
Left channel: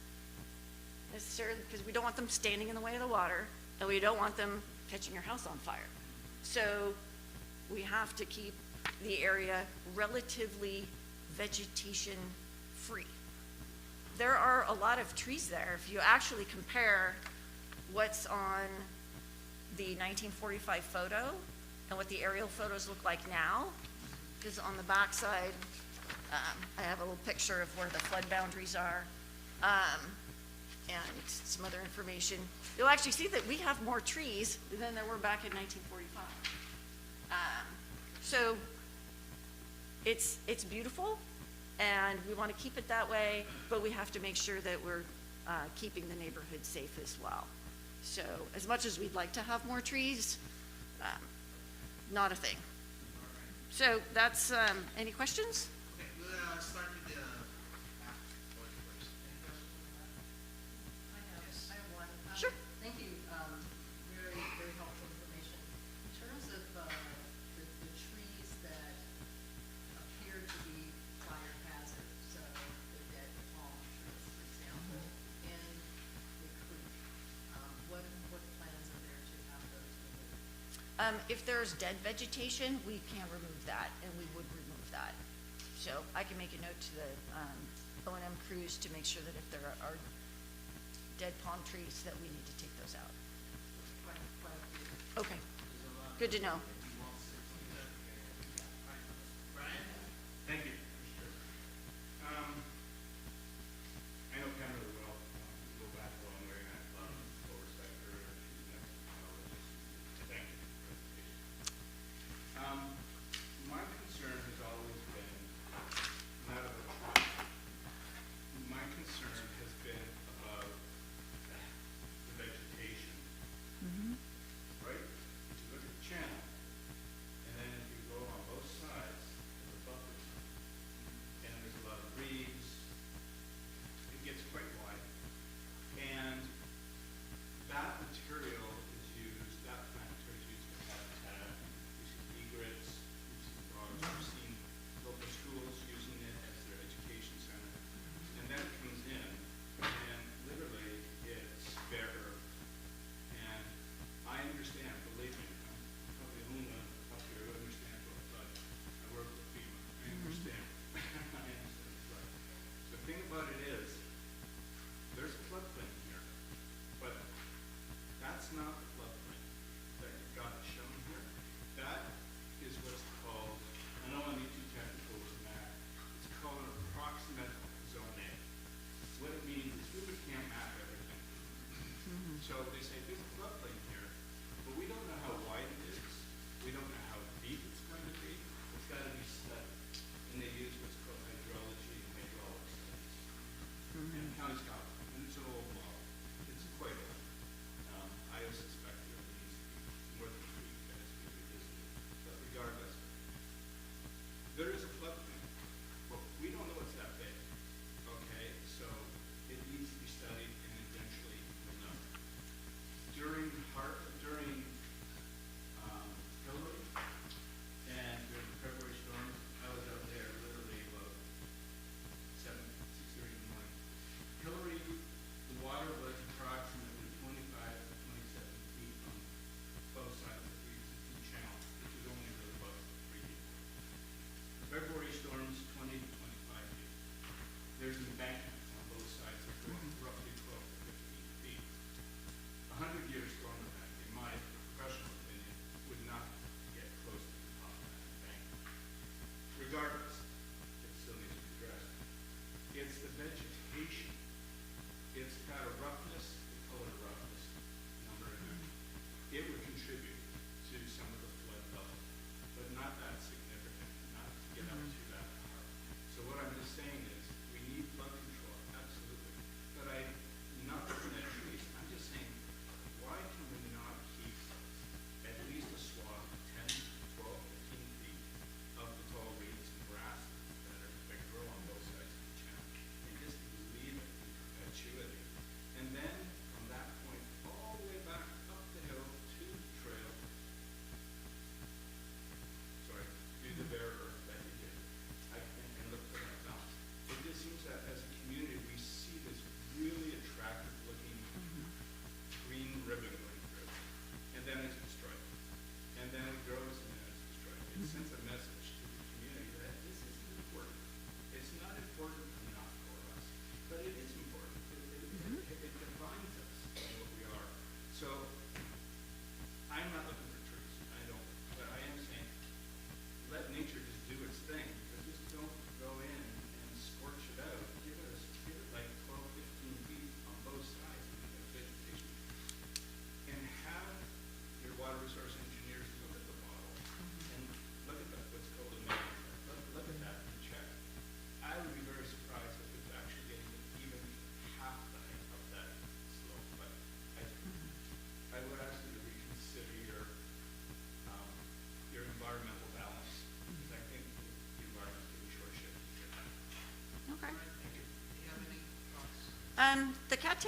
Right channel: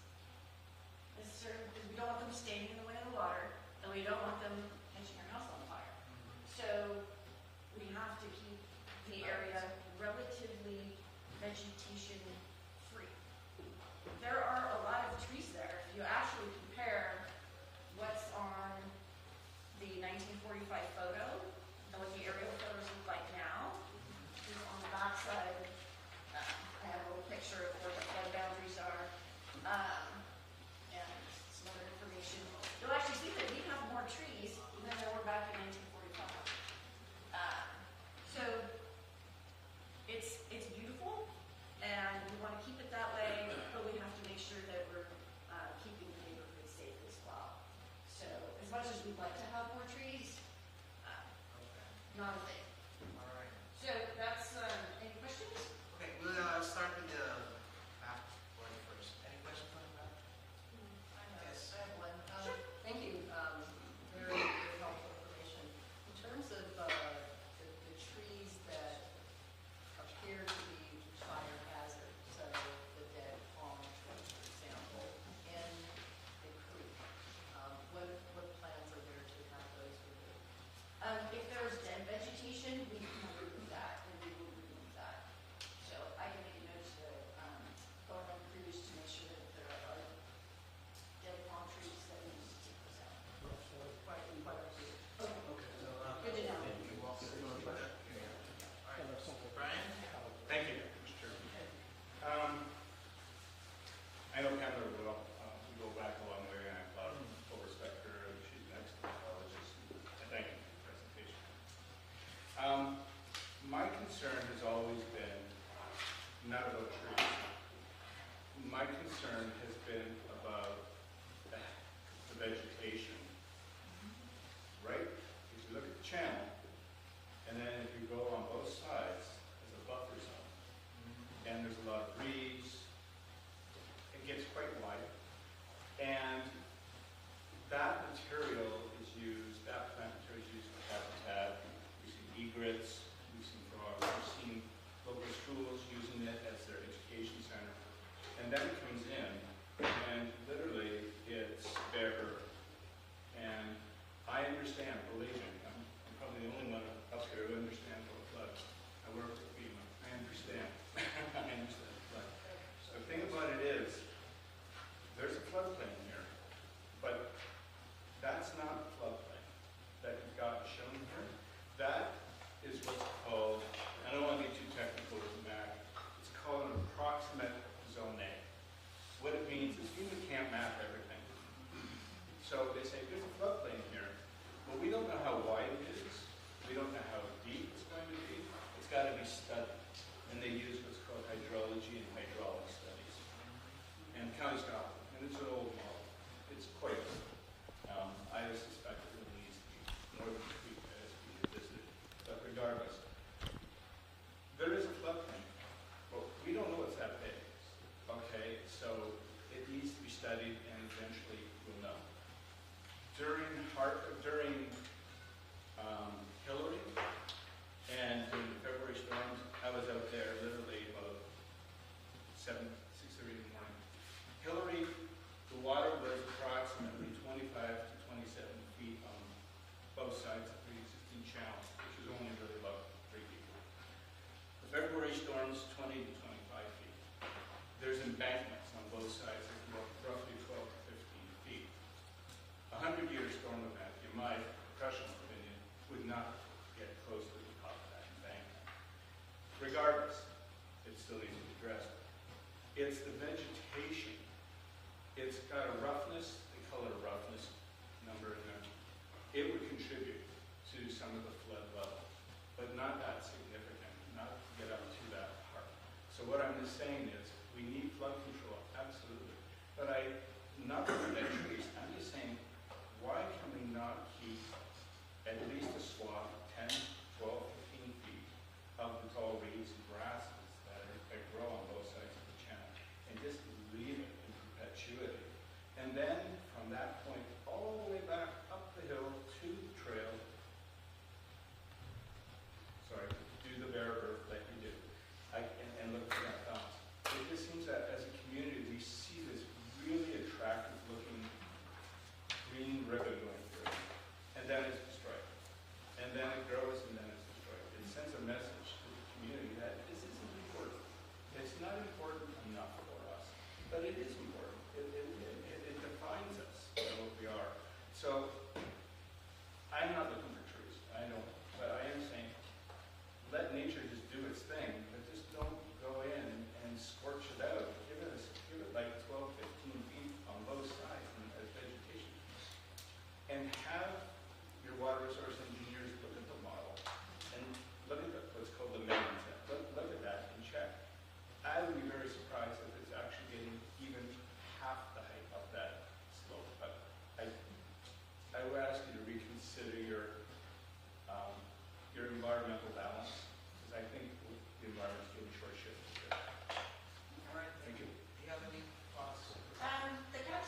necessarily because we don't want them standing in the way of the water, and we don't want them catching your house on fire. So we have to keep the area relatively vegetation free. There are a lot of trees there. If you actually compare what's on the 1945 photo and what the aerial photos look like now, because on the back side, I have a little picture of where the flood boundaries are, and some other information. You'll actually see that we have more trees than there were back in 1945. So it's beautiful, and we want to keep it that way, but we have to make sure that we're keeping the neighborhood safe as well. So as much as we'd like to have more trees, not a thing. So that's, any questions? Okay, we'll start with the back one first. Any questions on that? Yes. I have one. Sure. Thank you. Very, very helpful information. In terms of the trees that appear to be fire hazard, so the dead palm trees, for example, in the creek, what plans are there to have those removed? If there's dead vegetation, we can remove that, and we would remove that. So I can make a note to the O&M crews to make sure that if there are dead palm trees, that we need to take those out. Okay, good to know. Brian? Thank you. I know Kendra will go back a long way, and I have a lot of full respect for her, and she's an excellent biologist. Thank you for the presentation. My concern has always been not about trees. My concern has been about the vegetation. Right? If you look at the channel,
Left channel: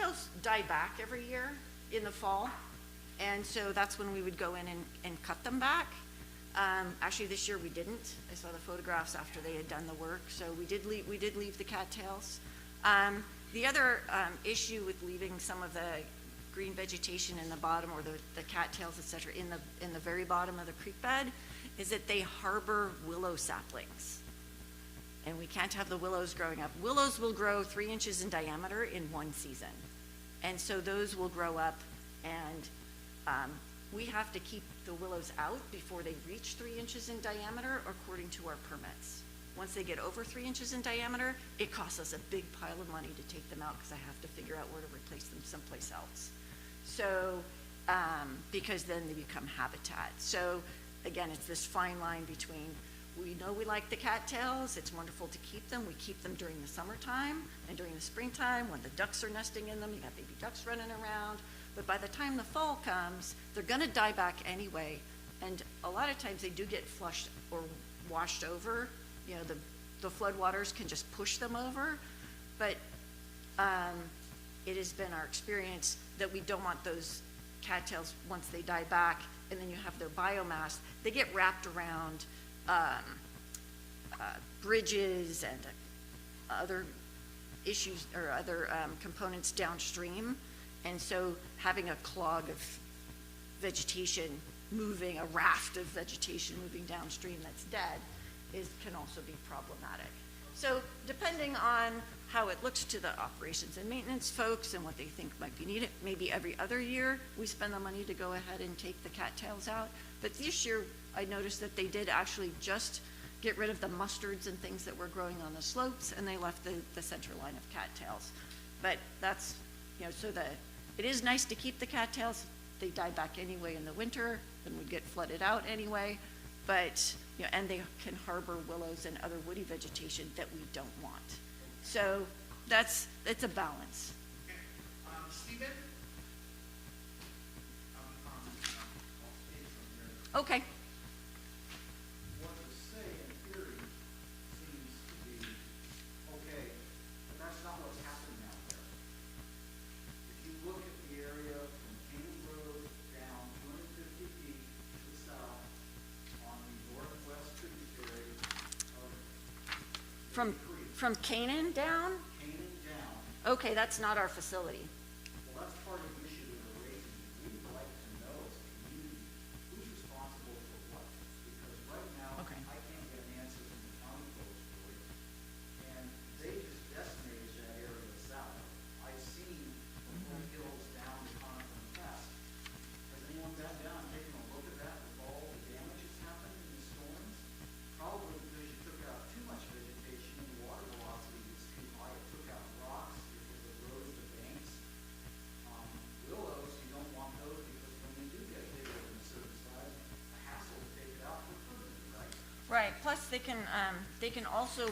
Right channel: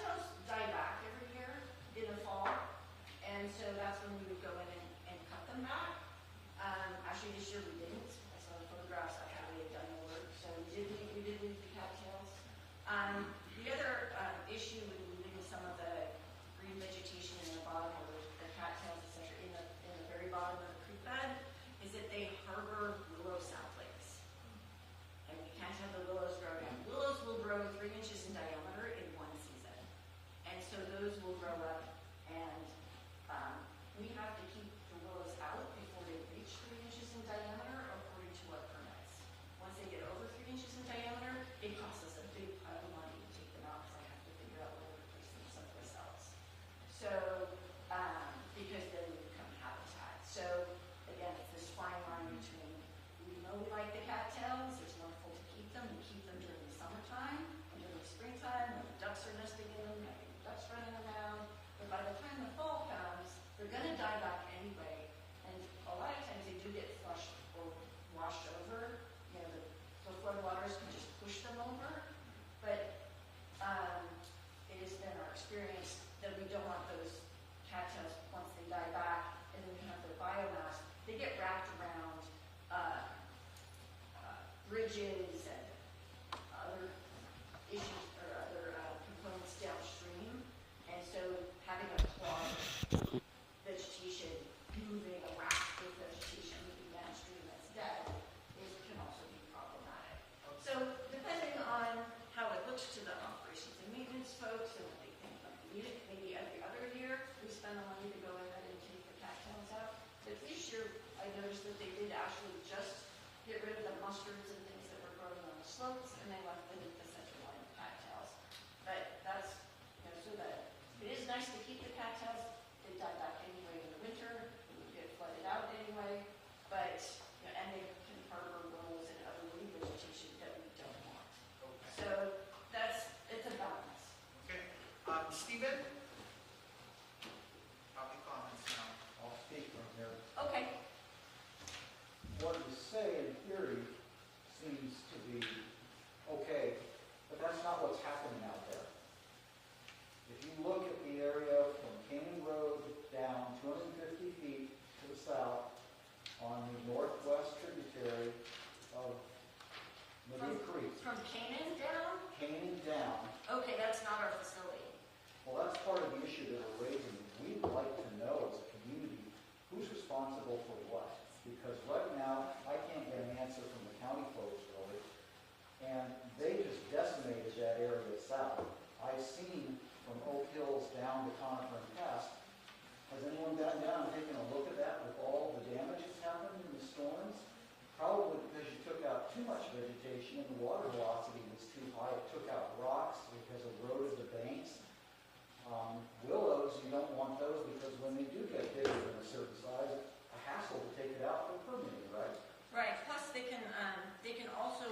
cattails die back every year in the fall, and so that's when we would go in and cut them back. Actually, this year we didn't. I saw the photographs after they had done the work, so we did leave the cattails. The other issue with leaving some of the green vegetation in the bottom, or the cattails, et cetera, in the very bottom of the creek bed, is that they harbor willow saplings. And we can't have the willows growing up. Willows will grow 3 inches in diameter in one season. And so those will grow up, and we have to keep the willows out before they reach 3 inches in diameter according to our permits. Once they get over 3 inches in diameter, it costs us a big pile of money to take them out because I have to figure out where to replace them someplace else. So, because then they become habitat. So again, it's this fine line between, we know we like the cattails, it's wonderful to keep them. We keep them during the summertime and during the springtime when the ducks are nesting in them. You got baby ducks running around. But by the time the fall comes, they're gonna die back anyway. And a lot of times they do get flushed or washed over. You know, the flood waters can just push them over. But it has been our experience that we don't want those cattails, once they die back, and then you have their biomass, they get wrapped around bridges and other issues or other components downstream. And so having a clog of vegetation moving, a raft of vegetation moving downstream that's dead can also be problematic. So depending on how it looks to the operations and maintenance folks and what they think might be needed, maybe every other year we spend the money to go ahead and take the cattails out. But this year I noticed that they did actually just get rid of the mustards and things that were growing on the slopes, and they left the center line of cattails. But that's, you know, so it is nice to keep the cattails. They die back anyway in the winter and would get flooded out anyway. But, you know, and they can harbor willows and other woody vegetation that we don't want. So it's a balance. Okay. Stephen? I'll speak from here. Okay. What you say in theory seems to be okay, but that's not what's happening out there. If you look at the area from Caney Road down 250 feet to the south on the northwest tributary of Maybe Creek. From Canaan down? Caney down. Okay, that's not our facility. Well, that's part of the issue that we're raising. We would like to know as a community, who's responsible for what? Because right now, I can't get an answer from the county folks really, and they just decimated that area south. I've seen from Oak Hills down to Conifer and Pass. Has anyone been down and taken a look at that with all the damage that's happened in the storms? Probably because you took out too much vegetation and the water velocity was too high. It took out rocks because it eroded the banks. Willows, you don't want those because when they do get bigger than a certain size, a hassle to take it out for permanent, right? Right. Plus, they can also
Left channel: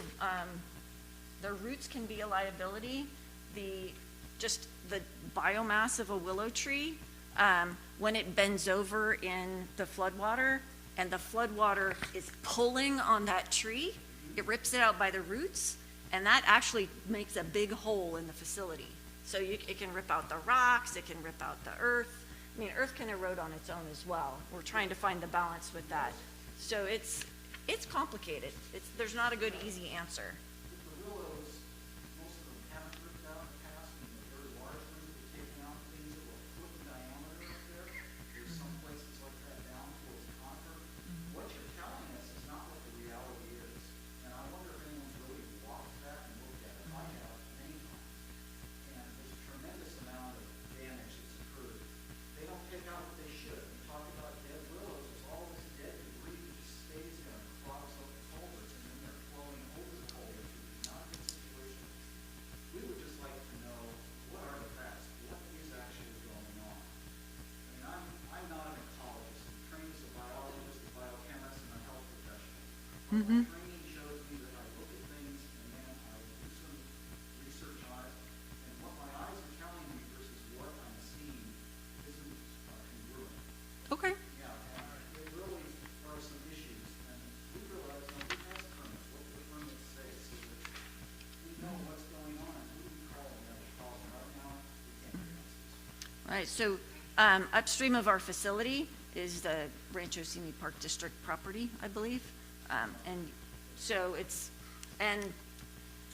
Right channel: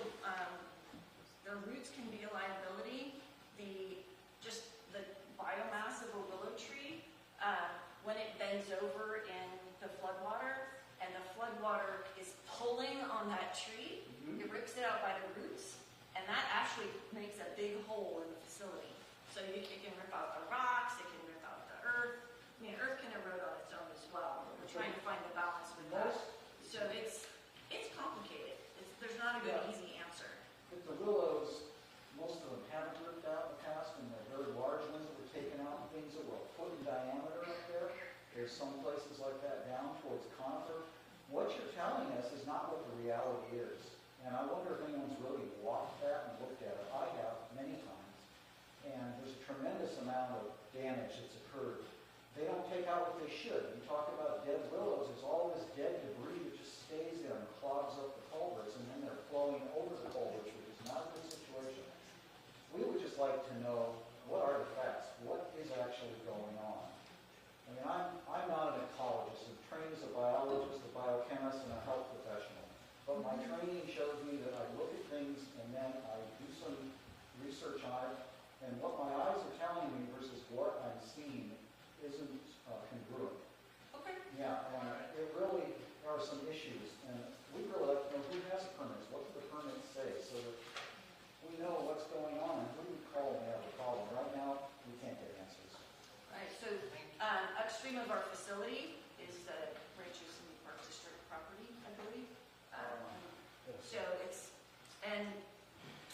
their roots can be a liability. Just the biomass of a willow tree, when it bends over in the floodwater, and the floodwater is pulling on that tree, it rips it out by the roots, and that actually makes a big hole in the facility. So it can rip out the rocks, it can rip out the earth. I mean, earth can erode on its own as well. We're trying to find the balance with that. So it's complicated. There's not a good, easy answer. But the willows, most of them haven't ripped out in the past, and the very large ones that were taken out, things that were a foot in diameter up there. There's some places like that down towards Conifer. What you're telling us is not what the reality is. And I wonder if anyone's really walked that and looked at it. I have many times. And there's a tremendous amount of damage that's occurred. They don't take out what they should. You talk about dead willows, there's all this dead debris that just stays there and clogs up the culverts, and then they're flowing over the culverts So upstream of our facility is the Rancho Simi Park District property, I believe. And so it's, and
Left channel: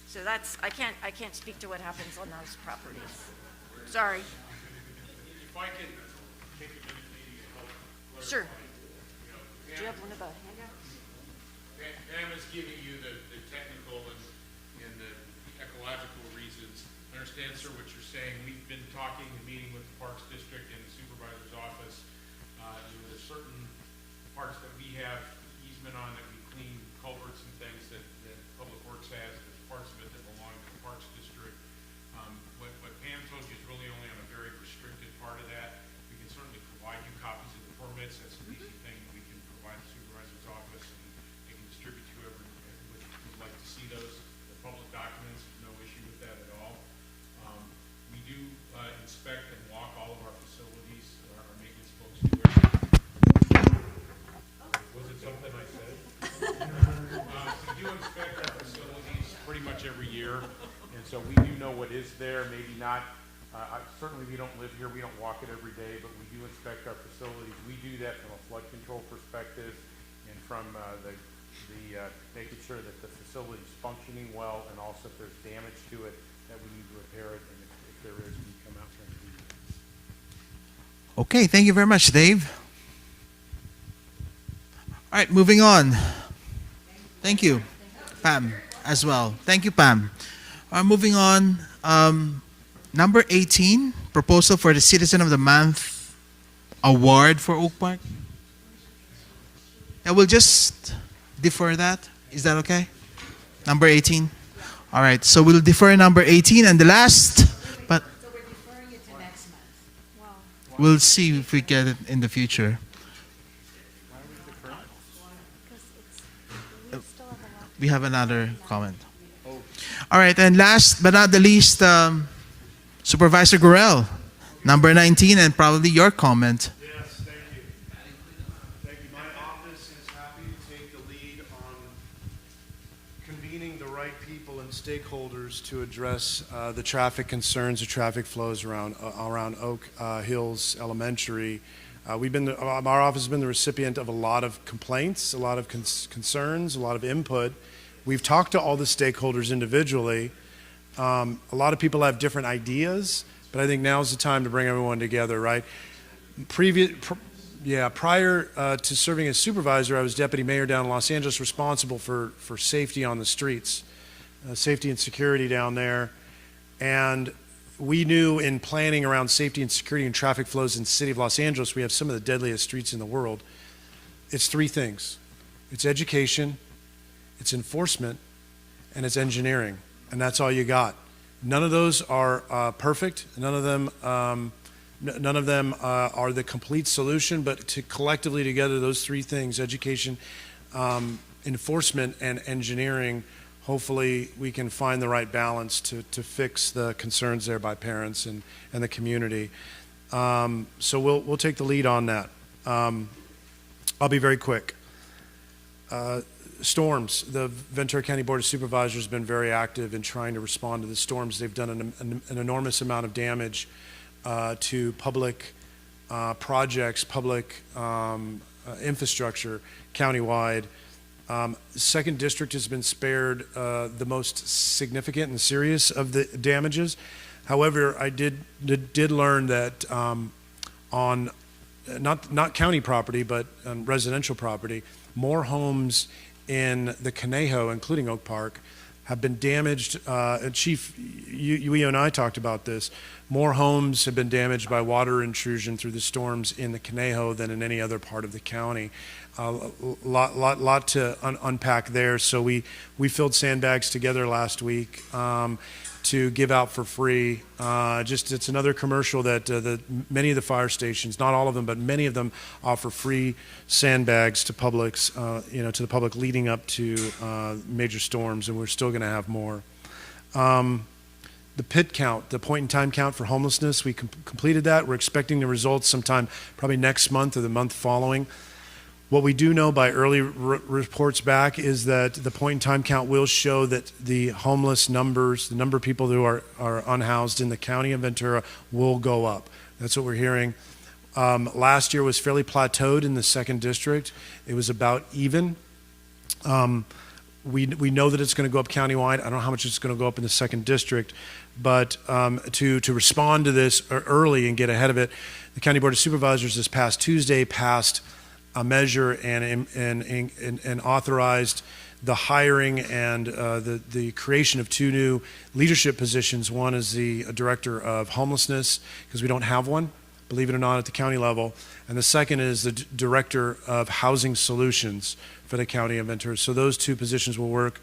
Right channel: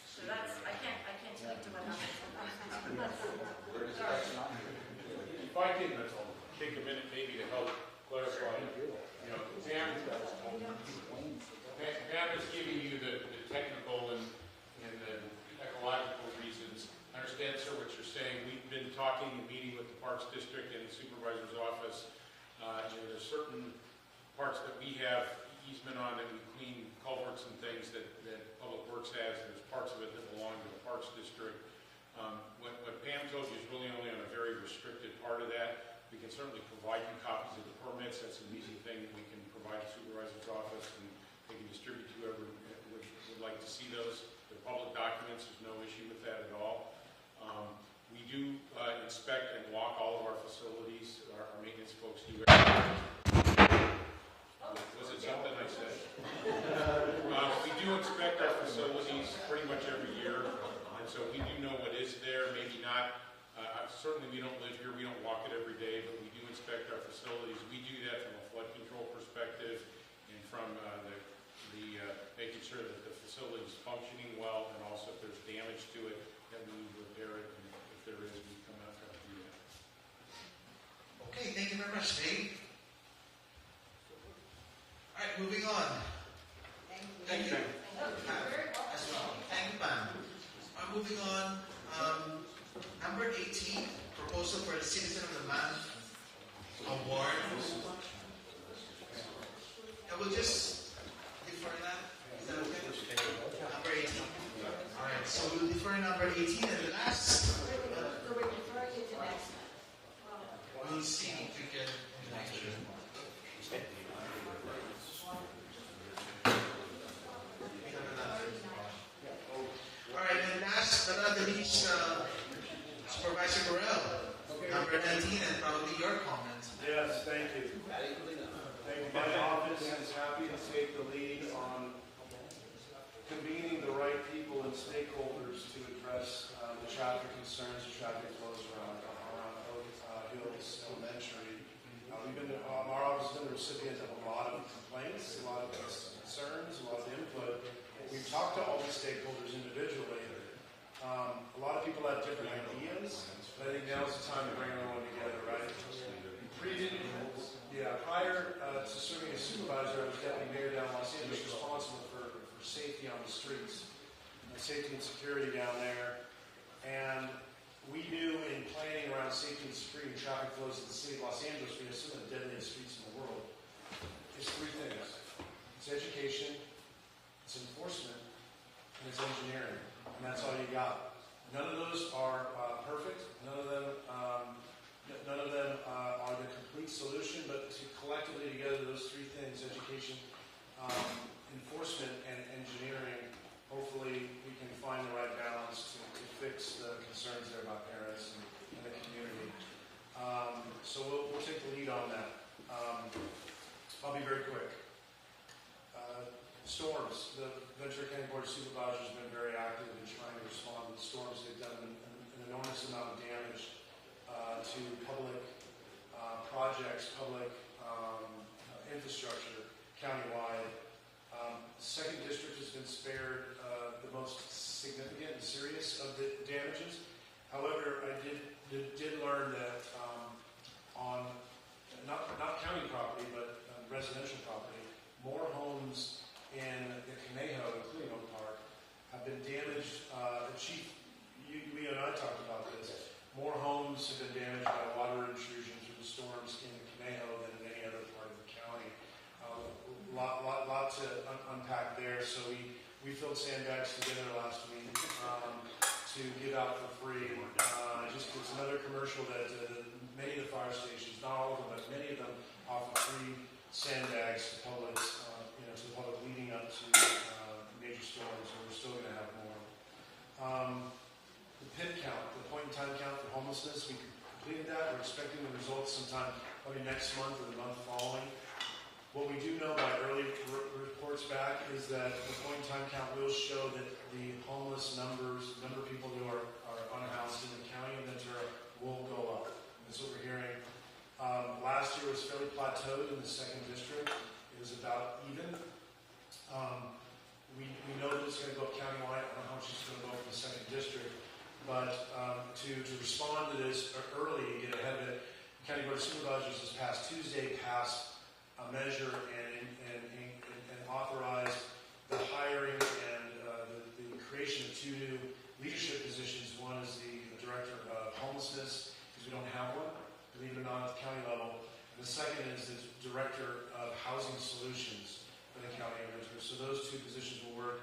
so that's, I can't speak to what happens on those properties. Sorry. If I can take a minute maybe to help clarify. Sure. You know, Pam is giving you the technical and the ecological reasons. I understand, sir, what you're saying. We've been talking and meeting with the Parks District and the Supervisor's Office. There's certain parts that we have easement on that we clean culverts and things that Public Works has. There's parts of it that belong to the Parks District. What Pam told you is really only on a very restricted part of that. We can certainly provide you copies of the permits. That's an easy thing that we can provide the Supervisor's Office, and they can distribute to whoever would like to see those. The public documents, there's no issue with that at all. We do inspect and walk all of our facilities, so our maintenance folks do everything. Was it something I said? We do inspect our facilities pretty much every year, and so we do know what is there, maybe not. Certainly we don't live here, we don't walk it every day, but we do inspect our facilities. We do that from a flood control perspective and from making sure that the facility is functioning well, and also if there's damage to it, that we need to repair it, and if there is, we come out there and do that. Okay, thank you very much, Dave. All right, moving on. Thank you, Pam, as well. Thank you, Pam. Moving on, number 18, proposal for the Citizen of the Month Award for Oak Park. Yeah, we'll just defer that. Is that okay? Number 18? All right, so we'll defer number 18, and the last, but we'll see if we get it in the future. We have another comment. All right, and last but not the least, Supervisor Gurel, number 19, and probably your comment. Yes, thank you. My office is happy to take the lead on convening the right people and stakeholders to address the traffic concerns, the traffic flows around Oak Hills Elementary. Our office has been the recipient of a lot of complaints, a lot of concerns, a lot of input. We've talked to all the stakeholders individually. A lot of people have different ideas, but I think now's the time to bring everyone together, right? Prior to serving as supervisor, I was deputy mayor down in Los Angeles, responsible for safety on the streets, safety and security down there. And we knew in planning around safety and security and traffic flows in the city of Los Angeles, we have some of the deadliest streets in the world. It's three things. It's education, it's enforcement, and it's engineering. And that's all you got. None of those are perfect. None of them are the complete solution, but collectively together, those three things, education, enforcement, and engineering, hopefully we can find the right balance to fix the concerns there by parents and the community. So we'll take the lead on that. I'll be very quick. Storms. The Ventura County Board of Supervisors has been very active in trying to respond to the storms. They've done an enormous amount of damage to public projects, public infrastructure countywide. Second District has been spared the most significant and serious of the damages. However, I did learn that on not county property, but residential property, more homes in the Conejo, including Oak Park, have been damaged. Chief, you and I talked about this. More homes have been damaged by water intrusion through the storms in the Conejo than in any other part of the county. Lot to unpack there. So we filled sandbags together last week to give out for free. It's another commercial that many of the fire stations, not all of them, but many of them offer free sandbags to publics, to the public leading up to major storms, and we're still going to have more. The PIT count, the point-in-time count for homelessness, we completed that. We're expecting the results sometime probably next month or the month following. What we do know by early reports back is that the point-in-time count will show that the homeless numbers, the number of people who are unhoused in the county of Ventura will go up. That's what we're hearing. Last year was fairly plateaued in the 2nd district. It was about even. We know that it's going to go up countywide. I don't know how much it's going to go up in the 2nd district, but to respond to this early and get ahead of it, the County Board of Supervisors this past Tuesday passed a measure and authorized the hiring and the creation of 2 new leadership positions. One is the director of homelessness, because we don't have one, believe it or not, at the county level. And the second is the director of housing solutions for the county of Ventura. So those 2 positions will work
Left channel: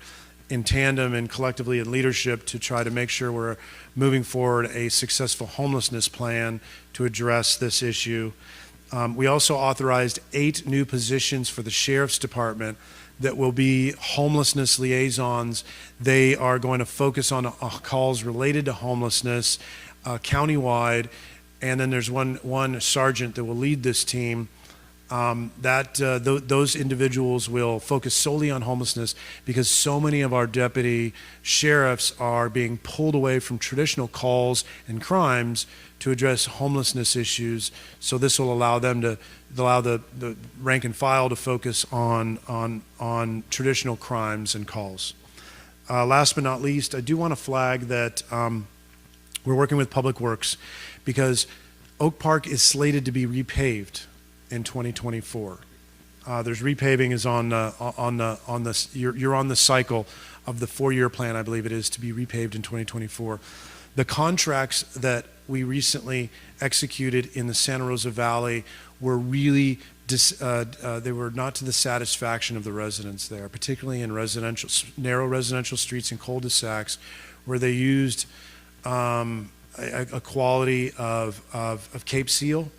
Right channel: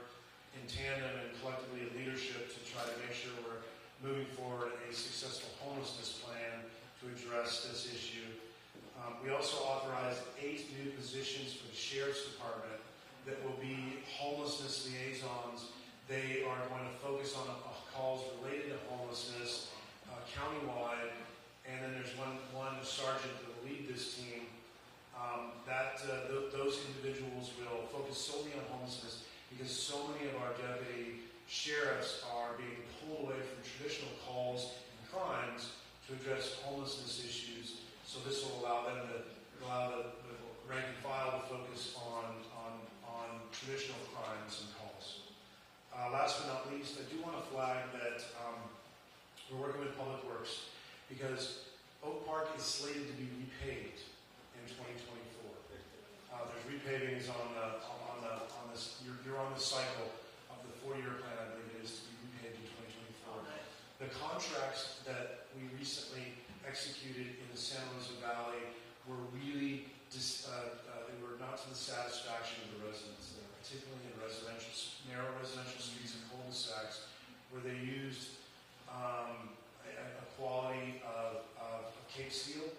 in tandem and collectively in leadership to try to make sure we're moving forward a successful homelessness plan to address this issue. We also authorized 8 new positions for the Sheriff's Department that will be homelessness liaisons. They are going to focus on calls related to homelessness countywide, and then there's one sergeant that will lead this team. Those individuals will focus solely on homelessness because so many of our deputy sheriffs are being pulled away from traditional calls and crimes to address homelessness issues. So this will allow them to allow the rank and file to focus on traditional crimes and calls. Last but not least, I do want to flag that we're working with Public Works because Oak Park is slated to be repaved in 2024. There's repaving is you're on the cycle of the 4-year plan, I believe it is, to be repaved in 2024. The contracts that we recently executed in the Santa Rosa Valley were really they were not to the satisfaction of the residents there, particularly in narrow residential streets and cul-de-sacs, where they used a quality of Cape Seal,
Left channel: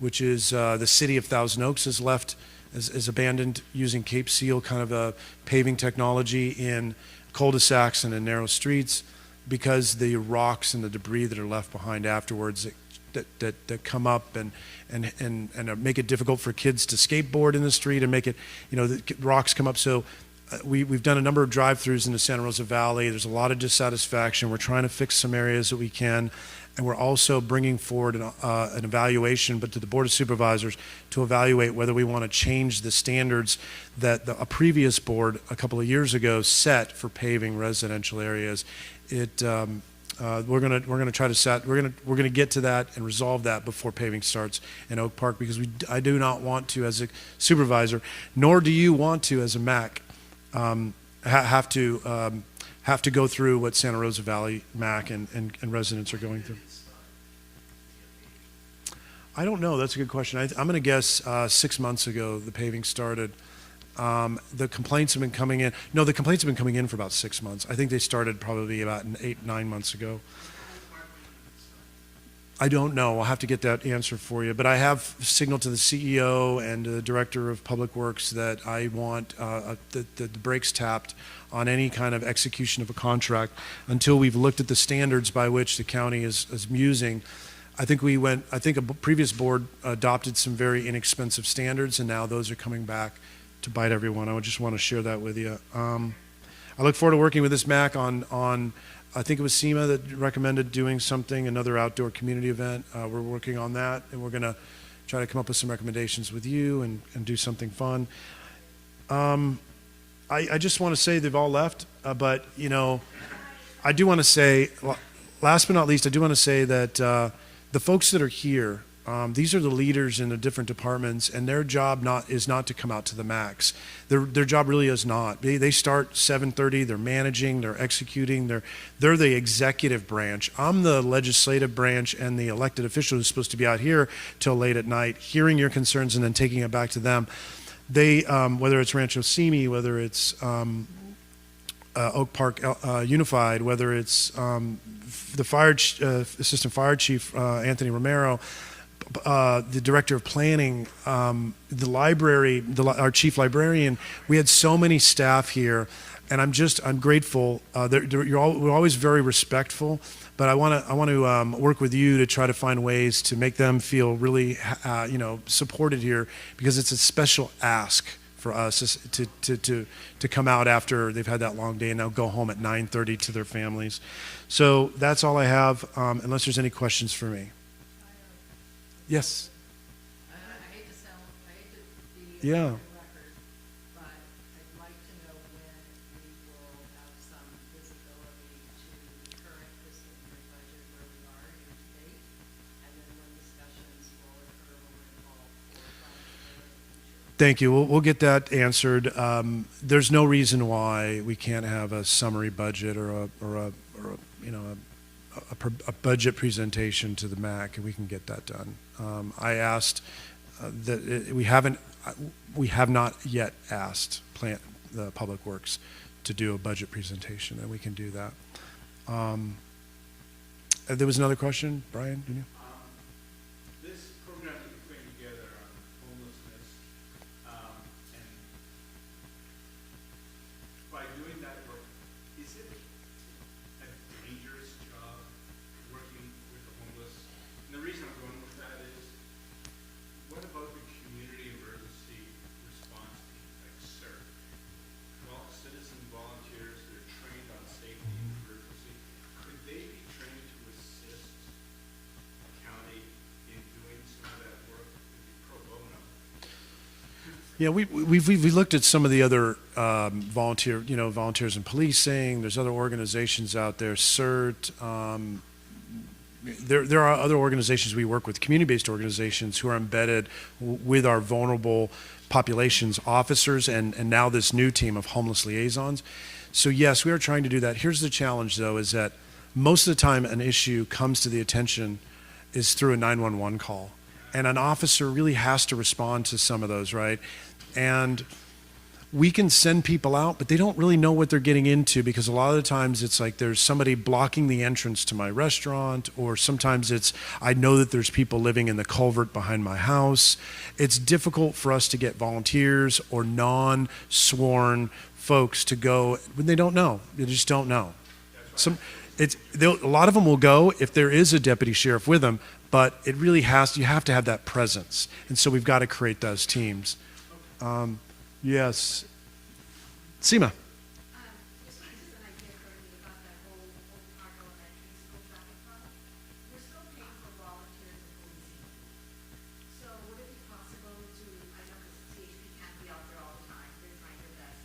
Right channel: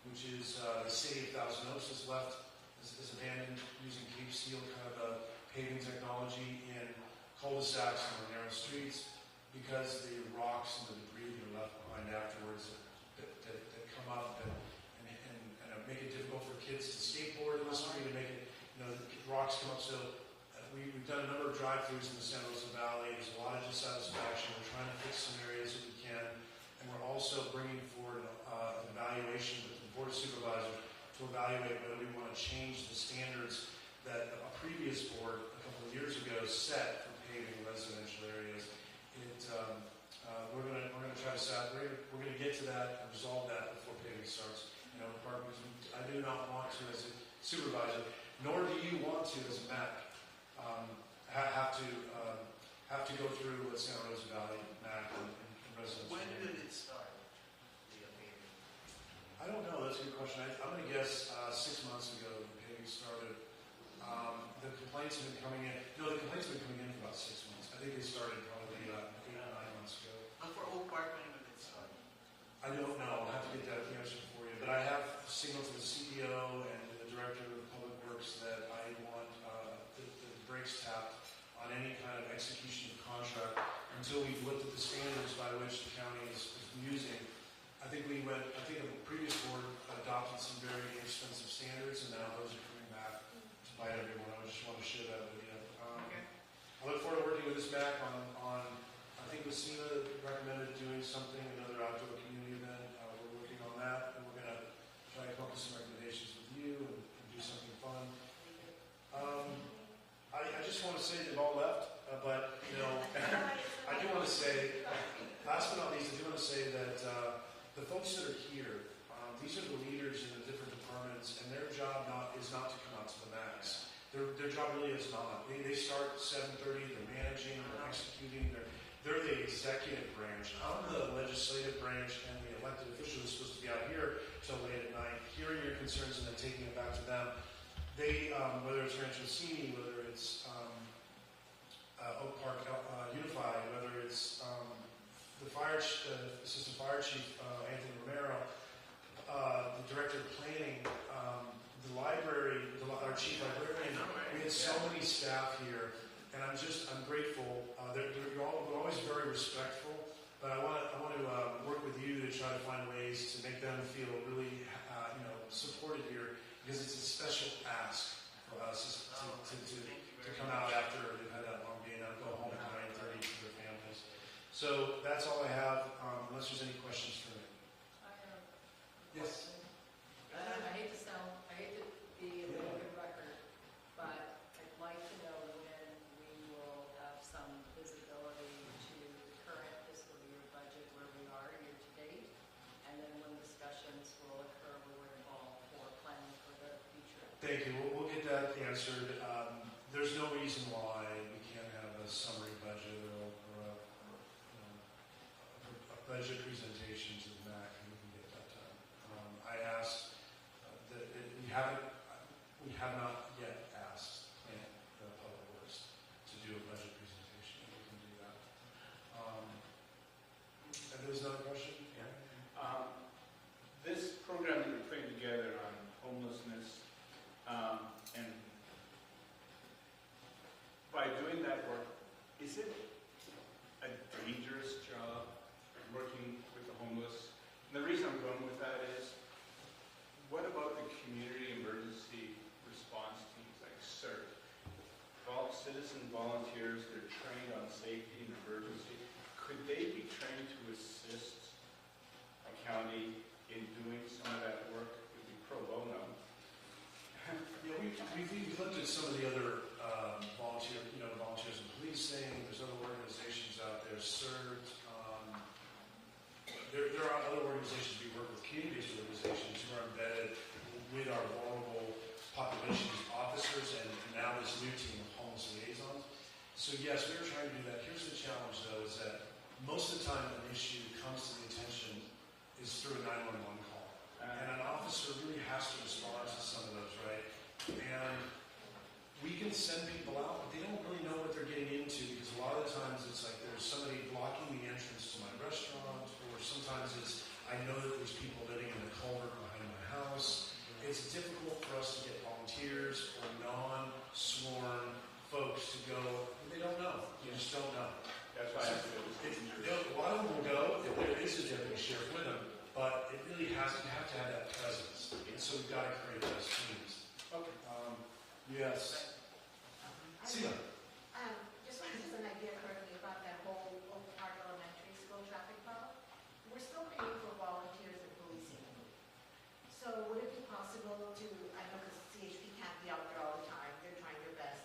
which is the city of Thousand Oaks is abandoned using Cape Seal kind of a paving technology in cul-de-sacs and in narrow streets, because the rocks and the debris that are left behind afterwards that come up and make it difficult for kids to skateboard in the street and make it, the rocks come up. So we've done a number of drive-throughs in the Santa Rosa Valley. There's a lot of dissatisfaction. We're trying to fix some areas that we can. And we're also bringing forward an evaluation, but to the Board of Supervisors, to evaluate whether we want to change the standards that a previous board a couple of years ago set for paving residential areas. We're gonna try to we're gonna get to that and resolve that before paving starts in Oak Park, because I do not want to, as a supervisor, nor do you want to as a MAC, have to go through what Santa Rosa Valley MAC and residents are going through. I don't know. That's a good question. I'm going to guess 6 months ago the paving started. The complaints have been coming in. No, the complaints have been coming in for about 6 months. I think they started probably about 8-9 months ago. I don't know. I'll have to get that answer for you. But I have signaled to the CEO and the Director of Public Works that I want the brakes tapped on any kind of execution of a contract until we've looked at the standards by which the county is using. I think a previous board adopted some very inexpensive standards, and now those are coming back to bite everyone. I just want to share that with you. I look forward to working with this MAC on I think it was SEMA that recommended doing something, another outdoor community event. We're working on that, and we're going to try to come up with some recommendations with you and do something fun. I just want to say they've all left, but I do want to say, last but not least, I do want to say that the folks that are here, these are the leaders in the different departments, and their job is not to come out to the max. Their job really is not. They start 7:30. They're managing. They're executing. They're the executive branch. I'm the legislative branch and the elected official who's supposed to be out here till late at night, hearing your concerns and then taking it back to them. They, whether it's Rancho Simi, whether it's Oak Park Unified, whether it's the Assistant Fire Chief Anthony Romero, the Director of Planning, the library, our Chief Librarian. We had so many staff here, and I'm grateful. We're always very respectful, but I want to work with you to try to find ways to make them feel really supported here, because it's a special ask for us to come out after they've had that long day and now go home at 9:30 to their families. So that's all I have, unless there's any questions for me. Yes. I hate to be Yeah. record, but I'd like to know when we will have some visibility to the current fiscal year budget where we are year to date, and then when discussions will occur where we're involved for planning for the future. Thank you. We'll get that answered. There's no reason why we can't have a summary budget or a budget presentation to the MAC, and we can get that done. I asked we have not yet asked the Public Works to do a budget presentation, and we can do that. There was another question, Brian? Did you? This program that you're putting together on homelessness, and by doing that work, is it a dangerous job working with the homeless? And the reason I'm going with that is, what about the community emergency response teams like CERT? Citizen volunteers that are trained on safety and emergency, could they be trained to assist a county in doing some of that work? It would be pro bono. Yeah, we've looked at some of the other volunteers in policing. There's other organizations out there, CERT. There are other organizations we work with, community-based organizations who are embedded with our vulnerable populations officers and now this new team of homeless liaisons. So yes, we are trying to do that. Here's the challenge though, is that most of the time an issue comes to the attention is through a 911 call. And an officer really has to respond to some of those, right? And we can send people out, but they don't really know what they're getting into, because a lot of the times it's like there's somebody blocking the entrance to my restaurant, or sometimes it's, I know that there's people living in the culvert behind my house. It's difficult for us to get volunteers or non-sworn folks to go when they don't know. They just don't know. A lot of them will go if there is a deputy sheriff with them, but it really you have to have that presence. And so we've got to create those teams. Yes. Seema. Just an idea currently about that whole Oak Park Elementary School traffic problem. We're still paying for volunteers and policing. So would it be possible to, I know because CHP can't be out there all the time, they're trying their best,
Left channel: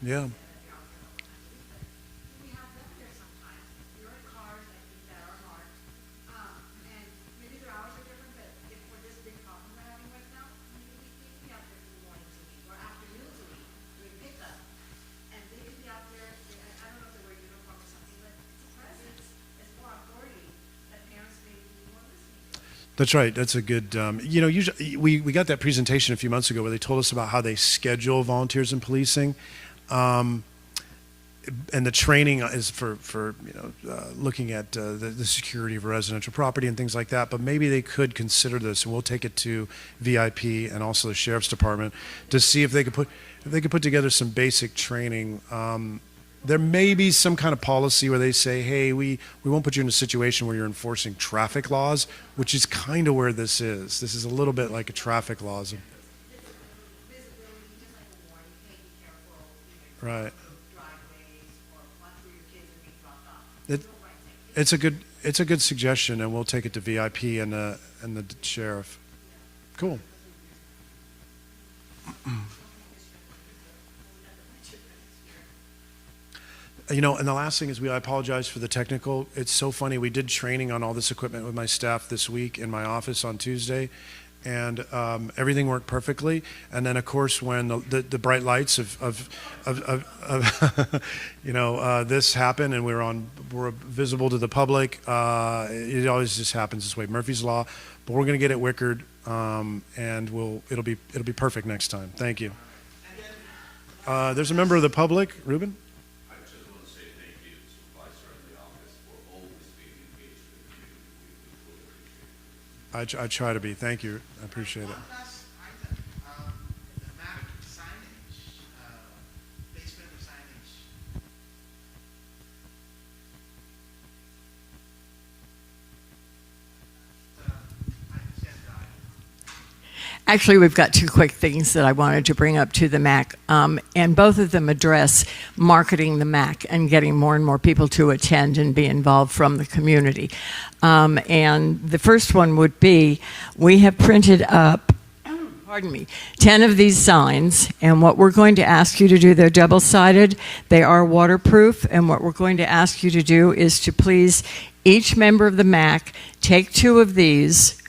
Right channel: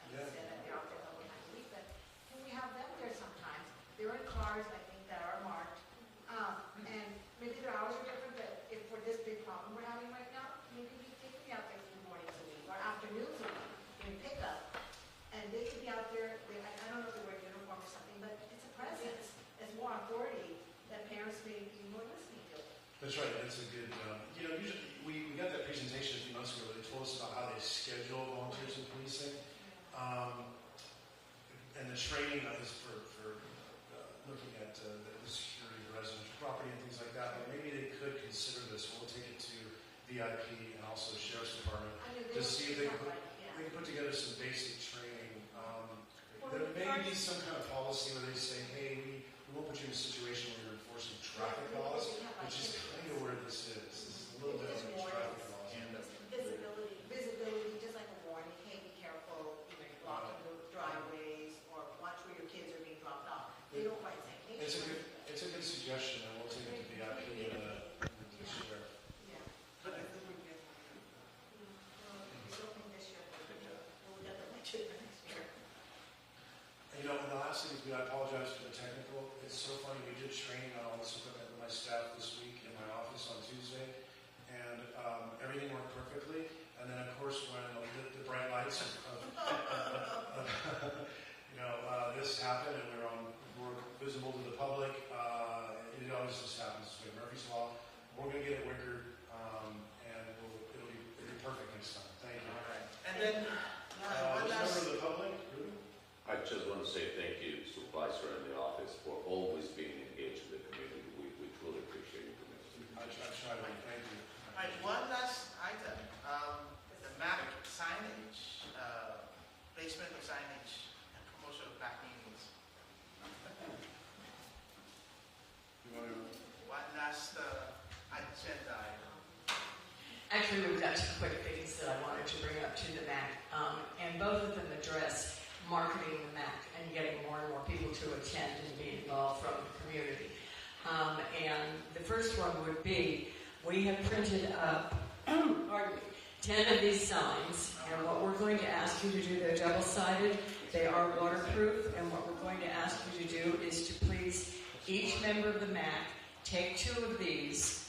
Yeah. they're out there all the time. But can we have them there sometimes? They're in cars, I think, that are marked. And maybe their hours are different, but if for this big problem we're having right now, maybe they can be out there from mornings a week or afternoons a week doing pickup. And they can be out there, I don't know if they wear uniform or something, but it's a presence, it's more authority that parents may be more listening to. That's right. That's a good, usually we got that presentation a few months ago where they told us about how they schedule volunteers in policing. And the training is for looking at the security of residential property and things like that. But maybe they could consider this, and we'll take it to VIP and also the sheriff's department to see if they could put together some basic training. There may be some kind of policy where they say, hey, we won't put you in a situation where you're enforcing traffic laws, which is kind of where this is. This is a little bit like a traffic laws. Visibility, just like a warning, hey, be careful, Right. driveways, or watch where your kids are being dropped off. It's a good suggestion, and we'll take it to VIP and the sheriff. Cool. And the last thing is I apologize for the technical. It's so funny. We did training on all this equipment with my staff this week in my office on Tuesday, and everything worked perfectly. And then, of course, when the bright lights of this happened and we're visible to the public, it always just happens this way. Murphy's Law. But we're going to get it wickered, and it'll be perfect next time. Thank you. There's a member of the public, Ruben. I just want to say thank you, Supervisor and the office, for always being engaged with the community. We truly appreciate it. I try to be. Thank you. I appreciate it. One last item, the MAC signage, basement signage, closure of black meetings. One last agenda Actually, we've got two quick things that I wanted to bring up to the MAC, and both of them address marketing the MAC and getting more and more people to attend and be involved from the community. And the first one would be, we have printed up, 10 of these signs, and what we're going to ask you to do, they're double-sided, they are waterproof, and what we're going to ask you to do is to please, each member of the MAC, take 2 of these,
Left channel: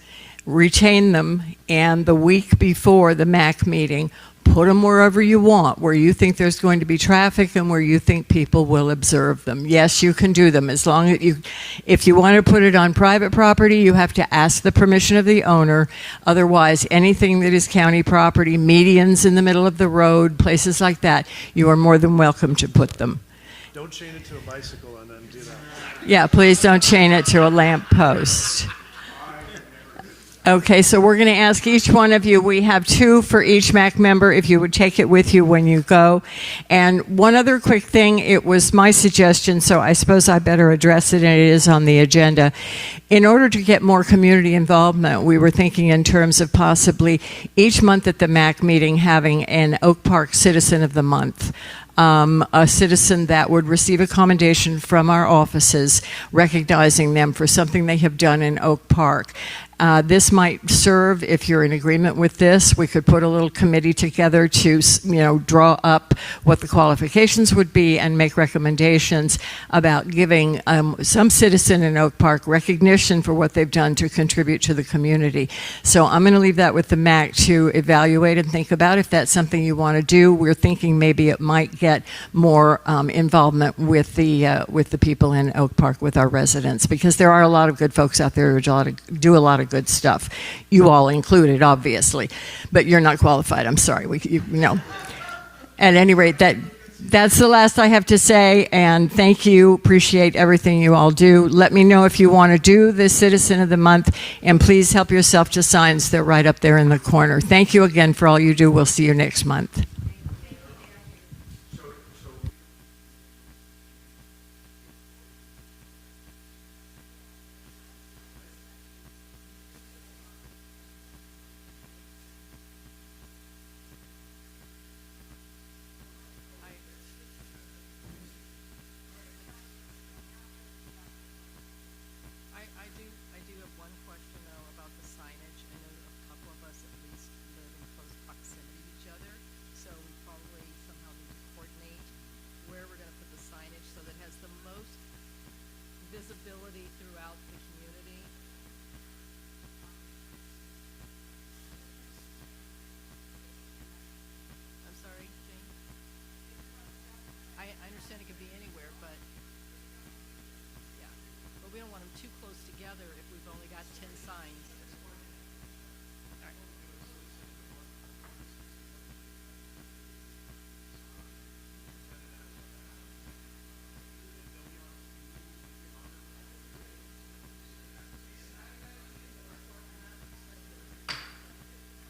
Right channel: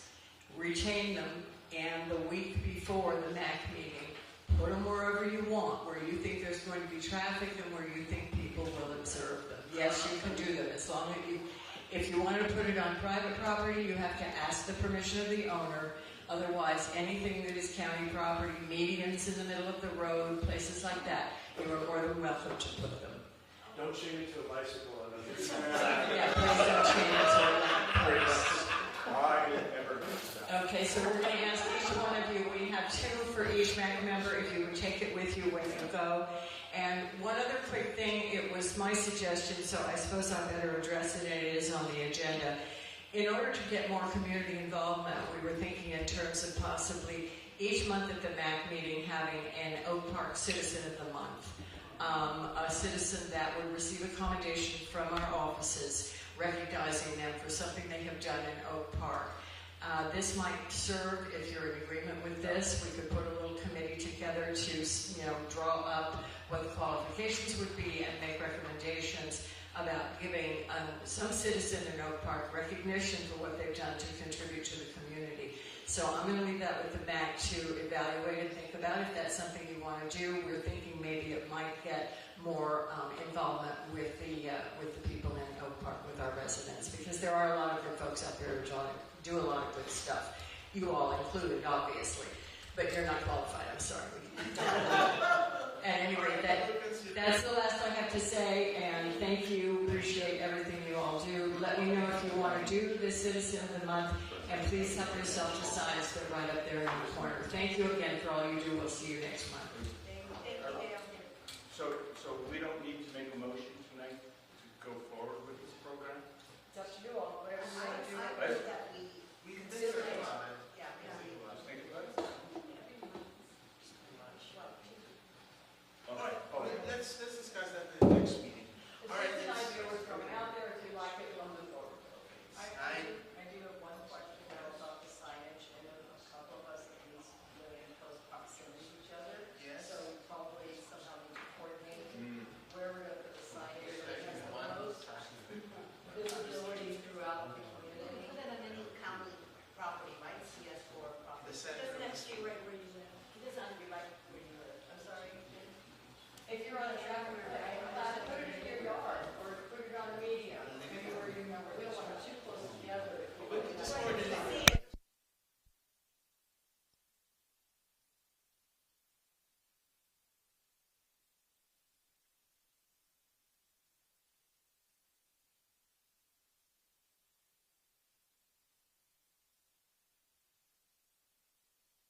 retain them, and the week before the MAC meeting, put them wherever you want, where you think there's going to be traffic and where you think people will observe them. Yes, you can do them as long as if you want to put it on private property, you have to ask the permission of the owner. Otherwise, anything that is county property, medians in the middle of the road, places like that, you are more than welcome to put them. Don't chain it to a bicycle and then do that. Yeah, please don't chain it to a lamp post. Okay, so we're going to ask each one of you, we have 2 for each MAC member, if you would take it with you when you go. And one other quick thing, it was my suggestion, so I suppose I better address it, and it is on the agenda. In order to get more community involvement, we were thinking in terms of possibly each month at the MAC meeting having an Oak Park Citizen of the Month. A citizen that would receive a commendation from our offices recognizing them for something they have done in Oak Park. This might serve, if you're in agreement with this, we could put a little committee together to, draw up what the qualifications would be and make recommendations about giving some citizen in Oak Park recognition for what they've done to contribute to the community. So I'm going to leave that with the MAC to evaluate and think about if that's something you want to do. We're thinking maybe it might get more involvement with the people in Oak Park, with our residents, because there are a lot of good folks out there who do a lot of good stuff. You all included, obviously, but you're not qualified. I'm sorry. At any rate, that's the last I have to say, and thank you. Appreciate everything you all do. Let me know if you want to do the Citizen of the Month, and please help yourself to signs. They're right up there in the corner. Thank you again for all you do. We'll see you next month.